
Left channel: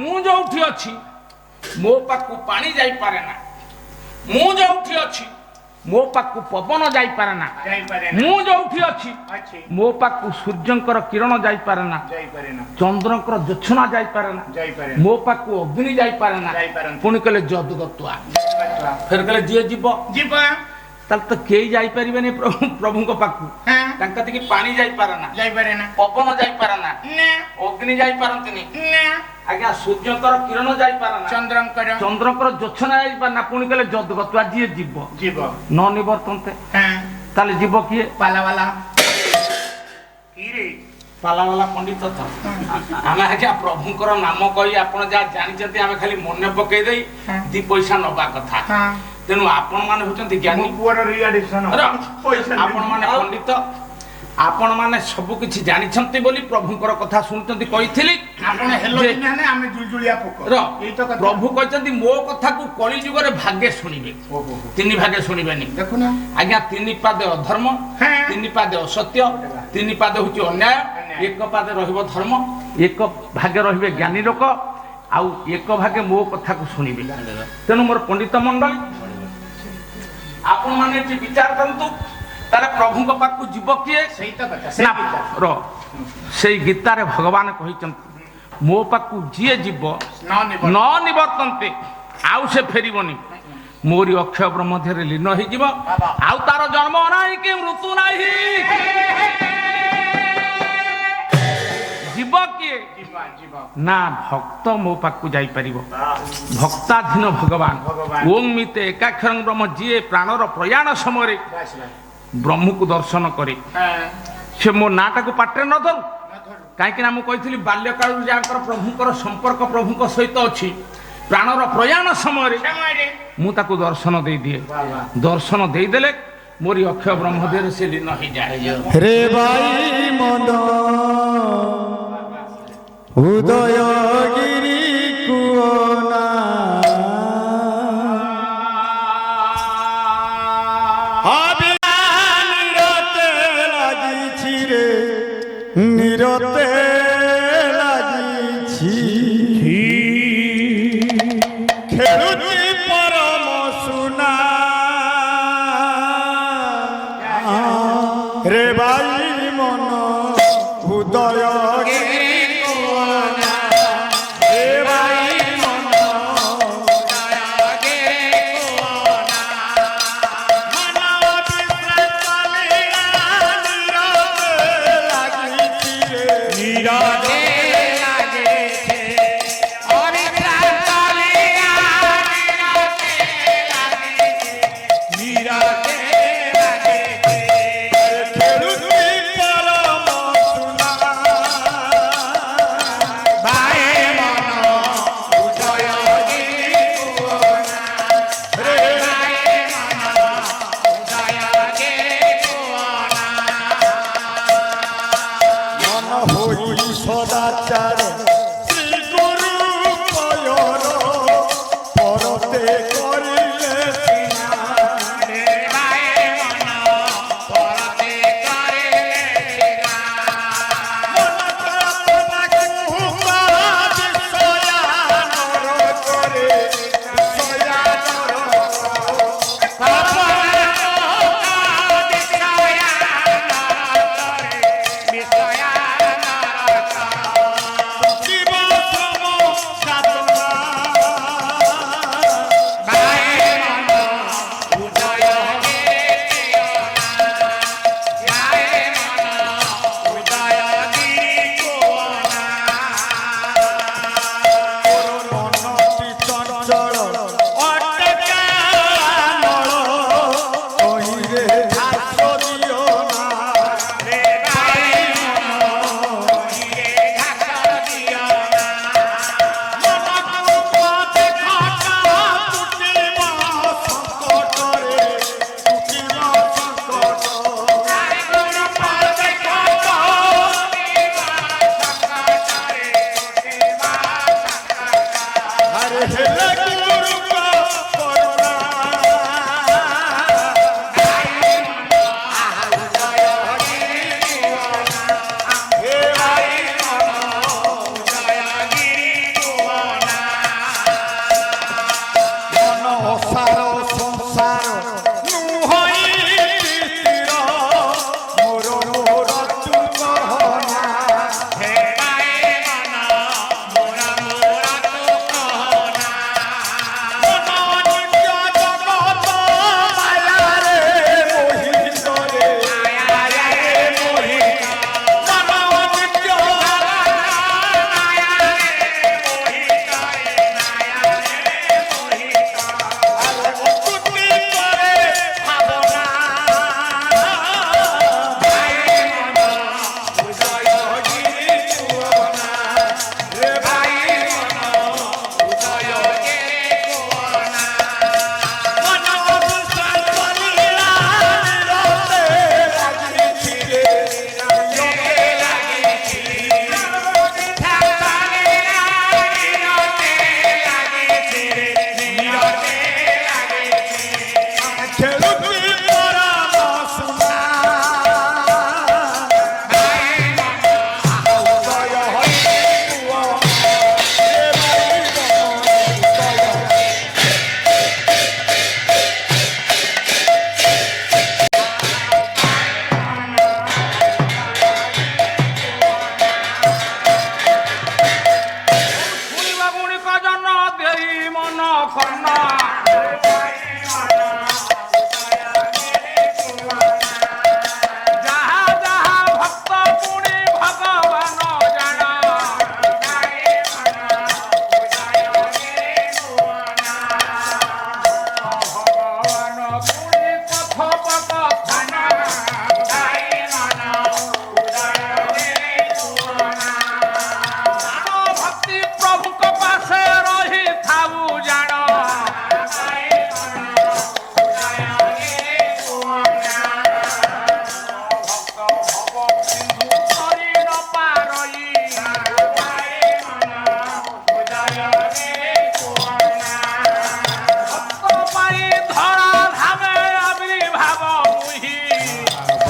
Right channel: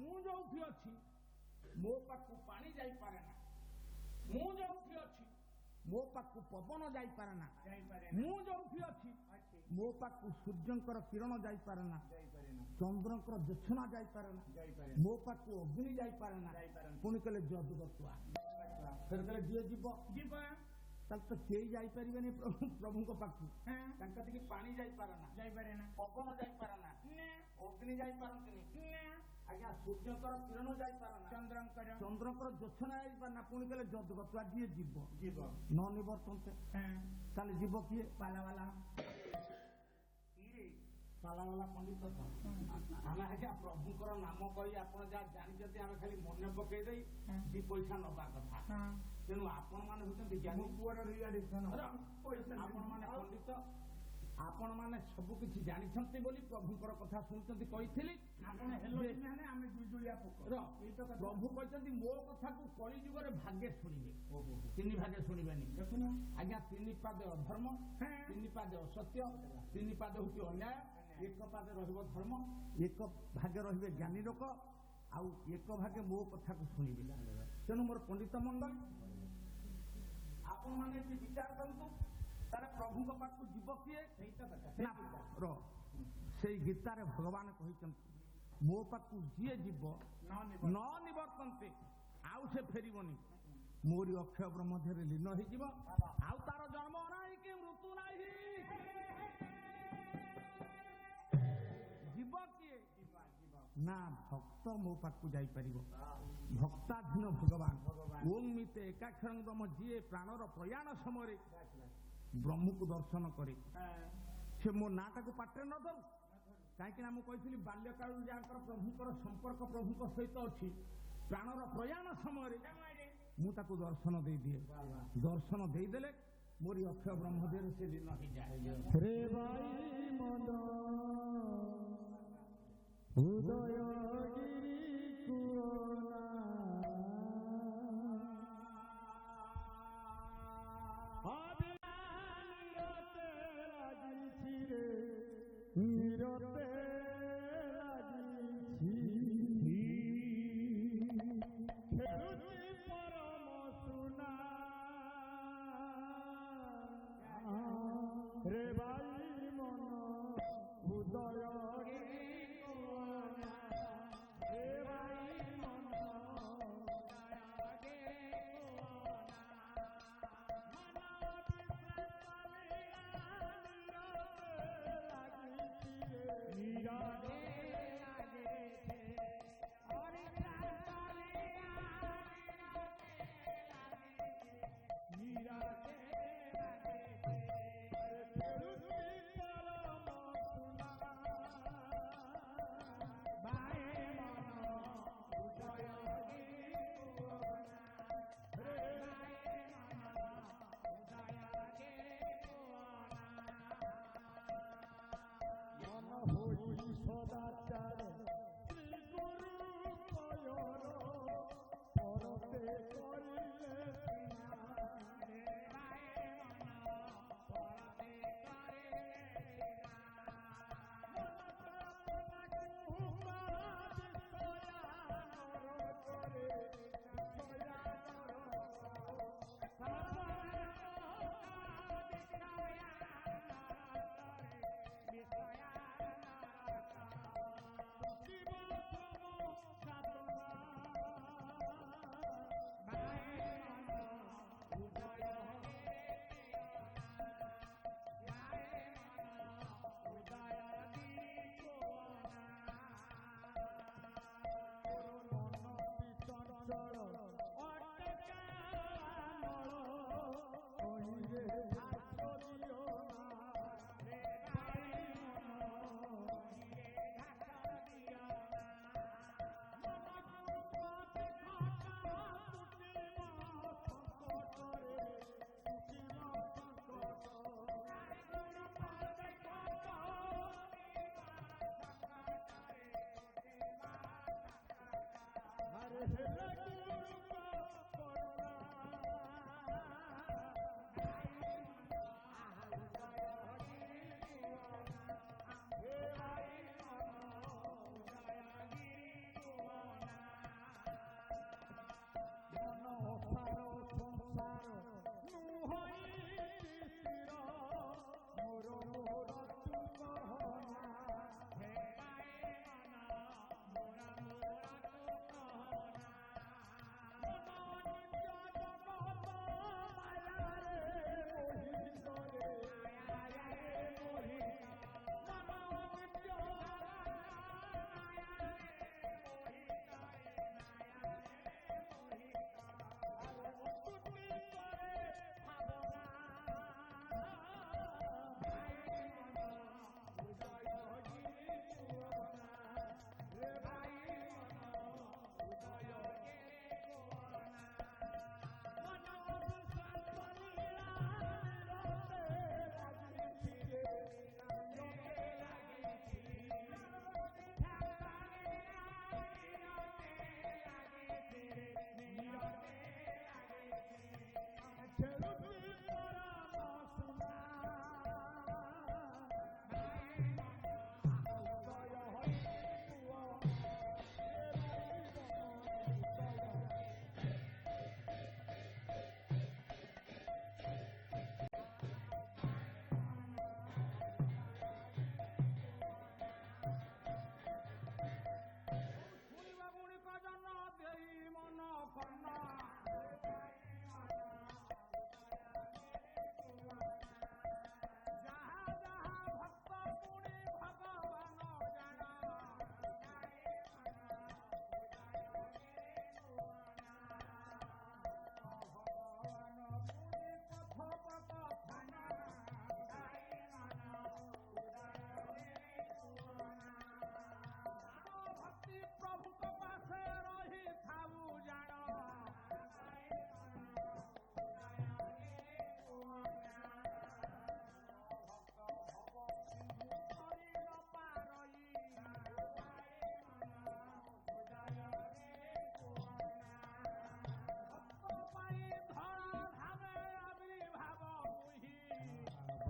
ମୁଁ ଯୋଉଠି ଅଛି ମୋ ପାଖକୁ ପାଣି ଯାଇପାରେ ନା, ମୁଁ ଯୋଉଠି ଅଛି ମୋ ପାଖକୁ ପବନ ଯାଇପାରେ ନା, ମୁଁ ଯୋଉଠି ଅଛି ମୋ ପାଖକୁ ସୂର୍ଯ୍ୟଙ୍କର କିରଣ ଯାଇପାରେ ନା, ଚନ୍ଦ୍ରଙ୍କର ଜ୍ୟୋତ୍ସ୍ନା ଯାଇପାରେ ନା, ମୋ ପାଖକୁ ଅଗ୍ନି ଯାଇପାରେ ନା। ପୁଣି କହିଲେ ଯଦୁଦତ୍ୱା, ଫେର କହିଲେ ଯିଏ ଯିବ ତାହେଲେ ତ କେହି ଯାଇପାରିବେନି ପ୍ରଭୁଙ୍କ ପାଖକୁ। ତାଙ୍କ କତିକି ପାଣି ଯାଇପାରେ ନା, ପବନ ଯାଇପାରେ ନା, ଅଗ୍ନି ଯାଇପାରନ୍ତିନି, ଆଜ୍ଞା ସୂର୍ଯ୍ୟଙ୍କର କିରଣ ଯାଇପାରେ ନା, ଚନ୍ଦ୍ରଙ୍କର ଜ୍ୟୋତ୍ସ୍ନା ଯାଇପାରେ ନା। ପୁଣି କହିଲେ ଯଦୁଦତ୍ୱା ଯିଏ ଯିବ ନ ନିବର୍ତ୍ତନ୍ତେ, ତାହେଲେ ଯିବ କିଏ? ପାଲାବାଲା ପଣ୍ଡିତ। ଆମେ ଆଜ୍ଞା ପ୍ରଭୁଙ୍କର ନାମ କହି ଆପଣ ଯାହା ଜାଣିଛନ୍ତି ଆମେ ଖାଲି ମନେ ପକେଇ ଦେଇ 2 ପଇସା ନବା କଥା। ତେଣୁ ଆପଣ ମାନେ ହଉଛନ୍ତି ଜ୍ଞାନୀ, ଆପଣ ମାନେ ପଣ୍ଡିତ, ଆପଣ ମାନେ ସବୁ କିଛି ଜାଣିଛନ୍ତି ବୋଲି ପ୍ରଭୁଙ୍କର କଥା ଶୁଣୁଛନ୍ତି। କହିଥିଲି ପ୍ରଭୁ କହିଛନ୍ତି ମୋ କଥାକୁ କଳି ଯୁଗରେ ଭାଗେ ଶୁଣିବେ, 3 ଭାଗେ ଶୁଣିବେନି। ଦେଖୁନା ଆଜ୍ଞା 3 ପାଦେ ଅଧର୍ମ, 3 ପାଦେ ଅସତ୍ୟ, 3 ପାଦେ ହଉଛି ଅନ୍ୟାୟ, 1 ପାଦେ ରହିବ ଧର୍ମ, 1 ଭାଗେ ରହିବେ ଜ୍ଞାନୀ ଲୋକ, ଆଉ 1 ଭାଗେ ମୋ କଥାକୁ ଶୁଣିବେ। ତେଣୁ ମୋର ପଣ୍ଡିତ ମଣ୍ଡଳୀ ଆପଣ ମାନେ ଏଠି ବିଚାର କରନ୍ତୁ, ତାହେଲେ ପ୍ରଭୁଙ୍କ ପାଖକୁ ଯିବ କିଏ? ସେଇ ଗୀତାରେ ଭଗବାନ କହିଛନ୍ତି ମୋ ପାଖକୁ ଯିଏ ଯିବ ନ ନିବର୍ତ୍ତନ୍ତେ, ଆଉ ସେ ଫେରିବନି, ମୋରି ଅକ୍ଷୟ ବ୍ରହ୍ମ ମଧ୍ୟରେ ଲୀନ ହେଇଯିବ, ଆଉ ତାର ଜନ୍ମ ନାହିଁ କି ମୃତ୍ୟୁ ନାହିଁ। ଯିବ କିଏ? ନା ଭକ୍ତ ମୋ ପାଖକୁ ଯାଇପାରିବ। ଭକ୍ତାଧୀନ ଭଗବାନ ଓಂ ମିତେ ଏକାକ୍ଷରଂ ବ୍ରହ୍ମ, ଯିଏ ପ୍ରାଣର ପ୍ରୟାଣ ସମୟରେ ବ୍ରହ୍ମକୁ ଦର୍ଶନ କରେ ସେ ମୋ ନାଁଟାକୁ ପାଟିରେ ନ ଧରୁ। କାହିଁକି ନା ମୁଁ କହିଥିଲି ବାଲ୍ୟକାଳରୁ ଯାହାଙ୍କର ପ୍ରଭୁଙ୍କର ସମ୍ପର୍କ ପ୍ରଭୁଙ୍କ ସହିତ ଅଛି, ପ୍ରାଣର ପ୍ରୟାଣ ସମୟରେ ମୁଁ ତାକୁ ଦର୍ଶନ ଦେଇଦିଏ। ଦର୍ଶନ ଦେଇଦେଲେ ମୋରି ଅକ୍ଷୟ ବ୍ରହ୍ମ ଦେହରେ ସେ ଲୀନ ହେଇଯାଏ। ରେ ଭାଇ ମନ ଉଦୟଗିରି କୁଅନା ନିରତେ ଲାଗିଛି ରେ, ନିରତେ ଲାଗିଛି, ଖେଳୁଛି ପରମ ସୁନା ରେ ଭାଇ ମନ ଉଦୟ খেলুছি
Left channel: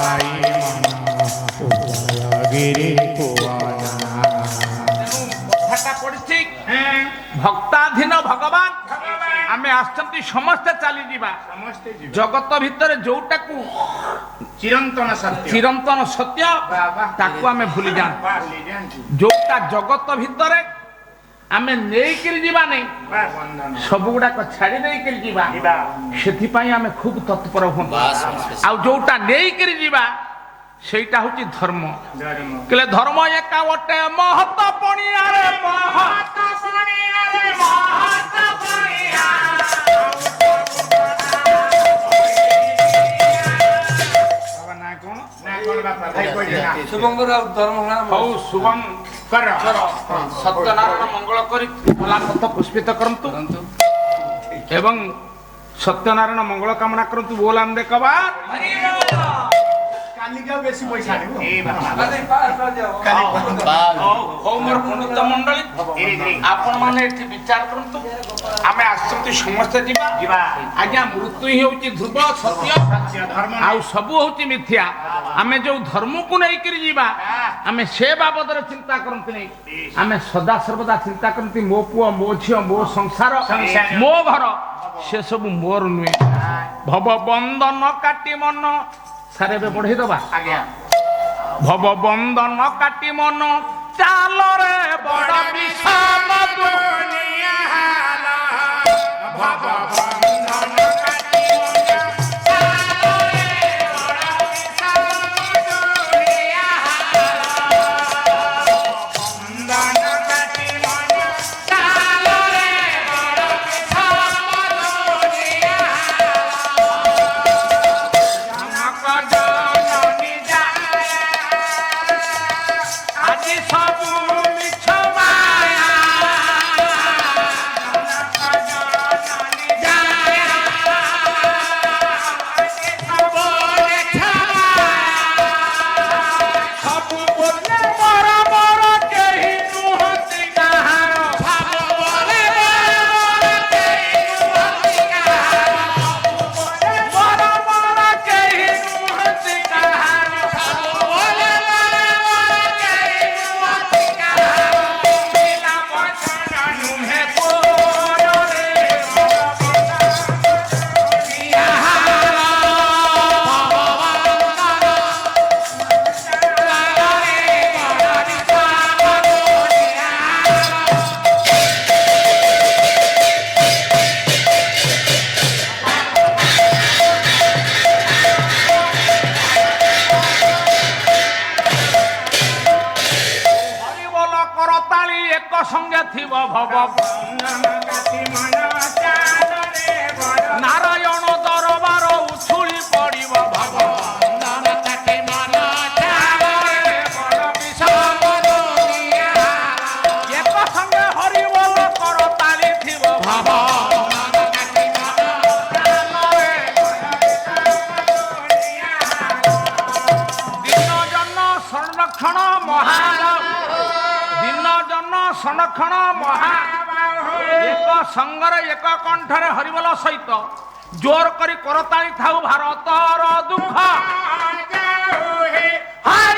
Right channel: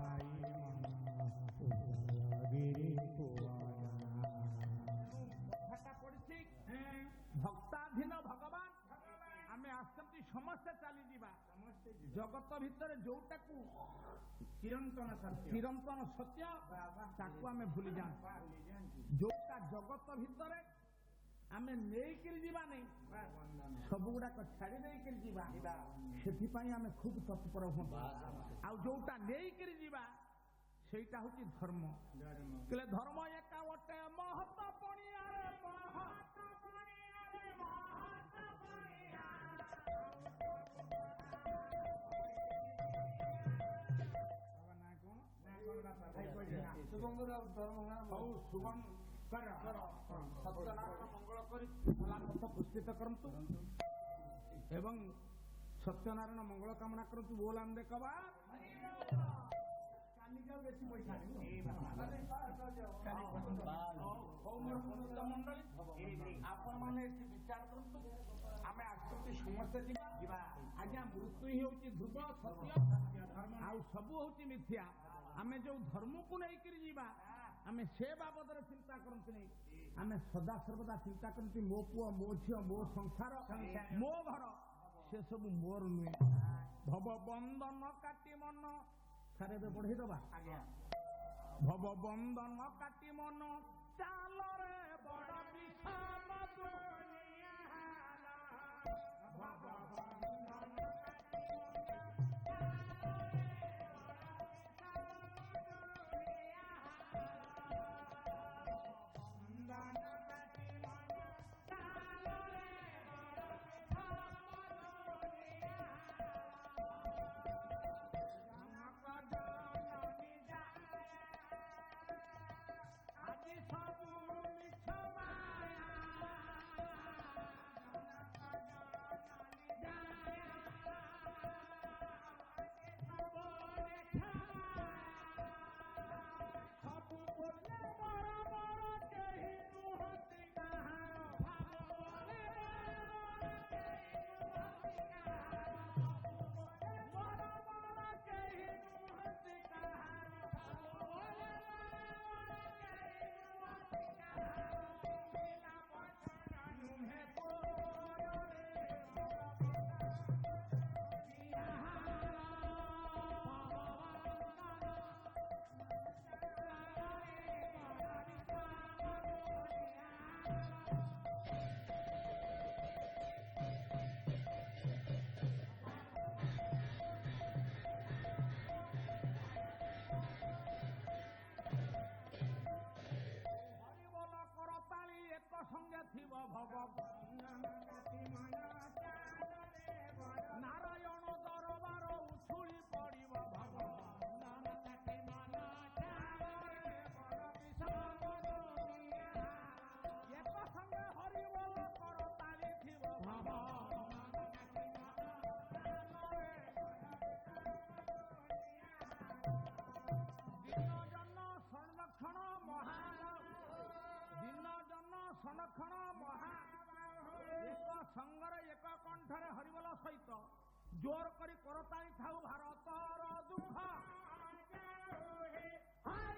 ଭାଇ ମନ ଉଦୟଗିରି କୁଆନା। କଥାଟା ପଡିଛି ଭକ୍ତାଧୀନ ଭଗବାନ ଆମେ ଆସିଛନ୍ତି ସମସ୍ତେ ଚାଲିଯିବା ସମସ୍ତେ ଯିବେ ଜଗତ ଭିତରେ ଯୋଉଟାକୁ ଚିରନ୍ତନ ସତ୍ୟ ଚିରନ୍ତନ ସତ୍ୟ ତାକୁ ଆମେ ଭୁଲି ଯାଆନ୍ତି ଭୁଲି ଯାଆନ୍ତି। ଯୋଉଟା ଜଗତ ଭିତରେ ଆମେ ନେଇକିରି ଯିବା ନାହିଁ ବନ୍ଧନ ସବୁ ଗୁଡାକ ଛାଡି ଦେଇକିରି ଯିବା ସେଥିପାଇଁ ଆମେ ଖୁବ ତତ୍ପର ହୁଅନ୍ତୁ ଆଉ ଯୋଉଟା ନେଇକିରି ଯିବା ସେଇଟା ହଉଛି ଧର୍ମ ଧର୍ମ କହିଲେ ଧର୍ମ ଏକା ଗୋଟେ ମହତ ପଣିଆରେ ମହତ ପଣିଆରେ ମହତ ପଣିଆ ବାବା ନା କଣ ବାପା ଭାଇ କହିଲେ ନା ଶୁଭଙ୍କର ଆଉ ଧର୍ମ ହଉ ଶୁଭମ କର ସତ୍ୟନାରାୟଣ ମଙ୍ଗଳ କରି କଲା ପଥ ପୁଷ୍ପିତ କରନ୍ତୁ ଏବଂ ସତ୍ୟନାରାୟଣ ମଙ୍ଗଳ କାମନା କରନ୍ତୁ ବୋଲାନ୍ଦେ କବା କାଲିକା ବେଶୀ ପଇସା ଆଣିବ ଏ ବାବା ହଉ ମୋର ପଣ୍ଡିତ ମଣ୍ଡଳୀ ଆପଣ ମାନେ ଏଠି ବିଚାର କରନ୍ତୁ ଆମେ ଆସିଛନ୍ତି ସମସ୍ତେ ଯିବା ଯିବା ଆଜ୍ଞା ମୃତ୍ୟୁ ହିଁ ହଉଛି ଧ୍ରୁବ ସତ୍ୟ ଧର୍ମ ଆଉ ସବୁ ହଉଛି ମିଥ୍ୟା ଆମେ ଯୋଉ ଧର୍ମକୁ ନେଇକିରି ଯିବା ଆମେ ସେ ବାବଦରେ ଚିନ୍ତା କରନ୍ତୁନି ଆମେ ସଦା ସର୍ବଦା ଚିନ୍ତା କରନ୍ତି ମୋ ପୁଅ ମୋ ଝିଅ ମୋ ସଂସାର ମୋ ଘର ସେ ସବୁ ମୋର ନୁହେଁ ଭବ ବନ୍ଦନ କାଟି ମନ ସାର୍ ଏବେ ବଢେଇ ଦବା ଆଜ୍ଞା ଭବ ବନ୍ଦନ କାଟି ମନ ଚାଲରେ ବଡ ବିଷମ ଦୁନିଆ ହାଲା ଭବ ବନ୍ଦନ କାଟି ମନ ଚାଲରେ ବଡ ବିଷମ ଦୁନିଆ ହାଲା ବନ୍ଦନ କାଟି ମନ ଚାଲରେ ବଡ ବିଷମ ଦୁନିଆ ଆଜି ସବୁ ମିଛ ମାୟା ସବୁ ବୋଲେ ମୋର ମୋର କେହି ନୁହନ୍ତି କାହାର ସବୁ ବୋଲେ ମୋର କେହି ନୁହନ୍ତି କାହାର ମୋର ମୋର କେହି ନୁହନ୍ତି କାହାର ସବୁ ବୋଲେ ମୋର କେହି ନୁହନ୍ତି କାହାର ପିଲା ବଚନ ନୁହେଁ କୋରରେ ହରିବୋଲ କରତାଳି ଏକ ସଙ୍ଗେ ଥିବ ଭବ ନାରାୟଣ ଦରବାର ଉଛୁଳି ପଡିବ ଭବ ଏକ ସଙ୍ଗେ ହରିବୋଲ କରତାଳି ଥିବ ଭବ ଦିନ ଜନ ସଂରକ୍ଷଣ ଦିନ ଜନ ସଂରକ୍ଷଣ ମହା ଏକ ସଙ୍ଗରେ ଏକ କଣ୍ଠରେ ହରିବୋଲ ସହିତ ଜୋର କରି କରତାଳି ଥାଉ ଭାରତର ଦୁଃଖ ହାୟ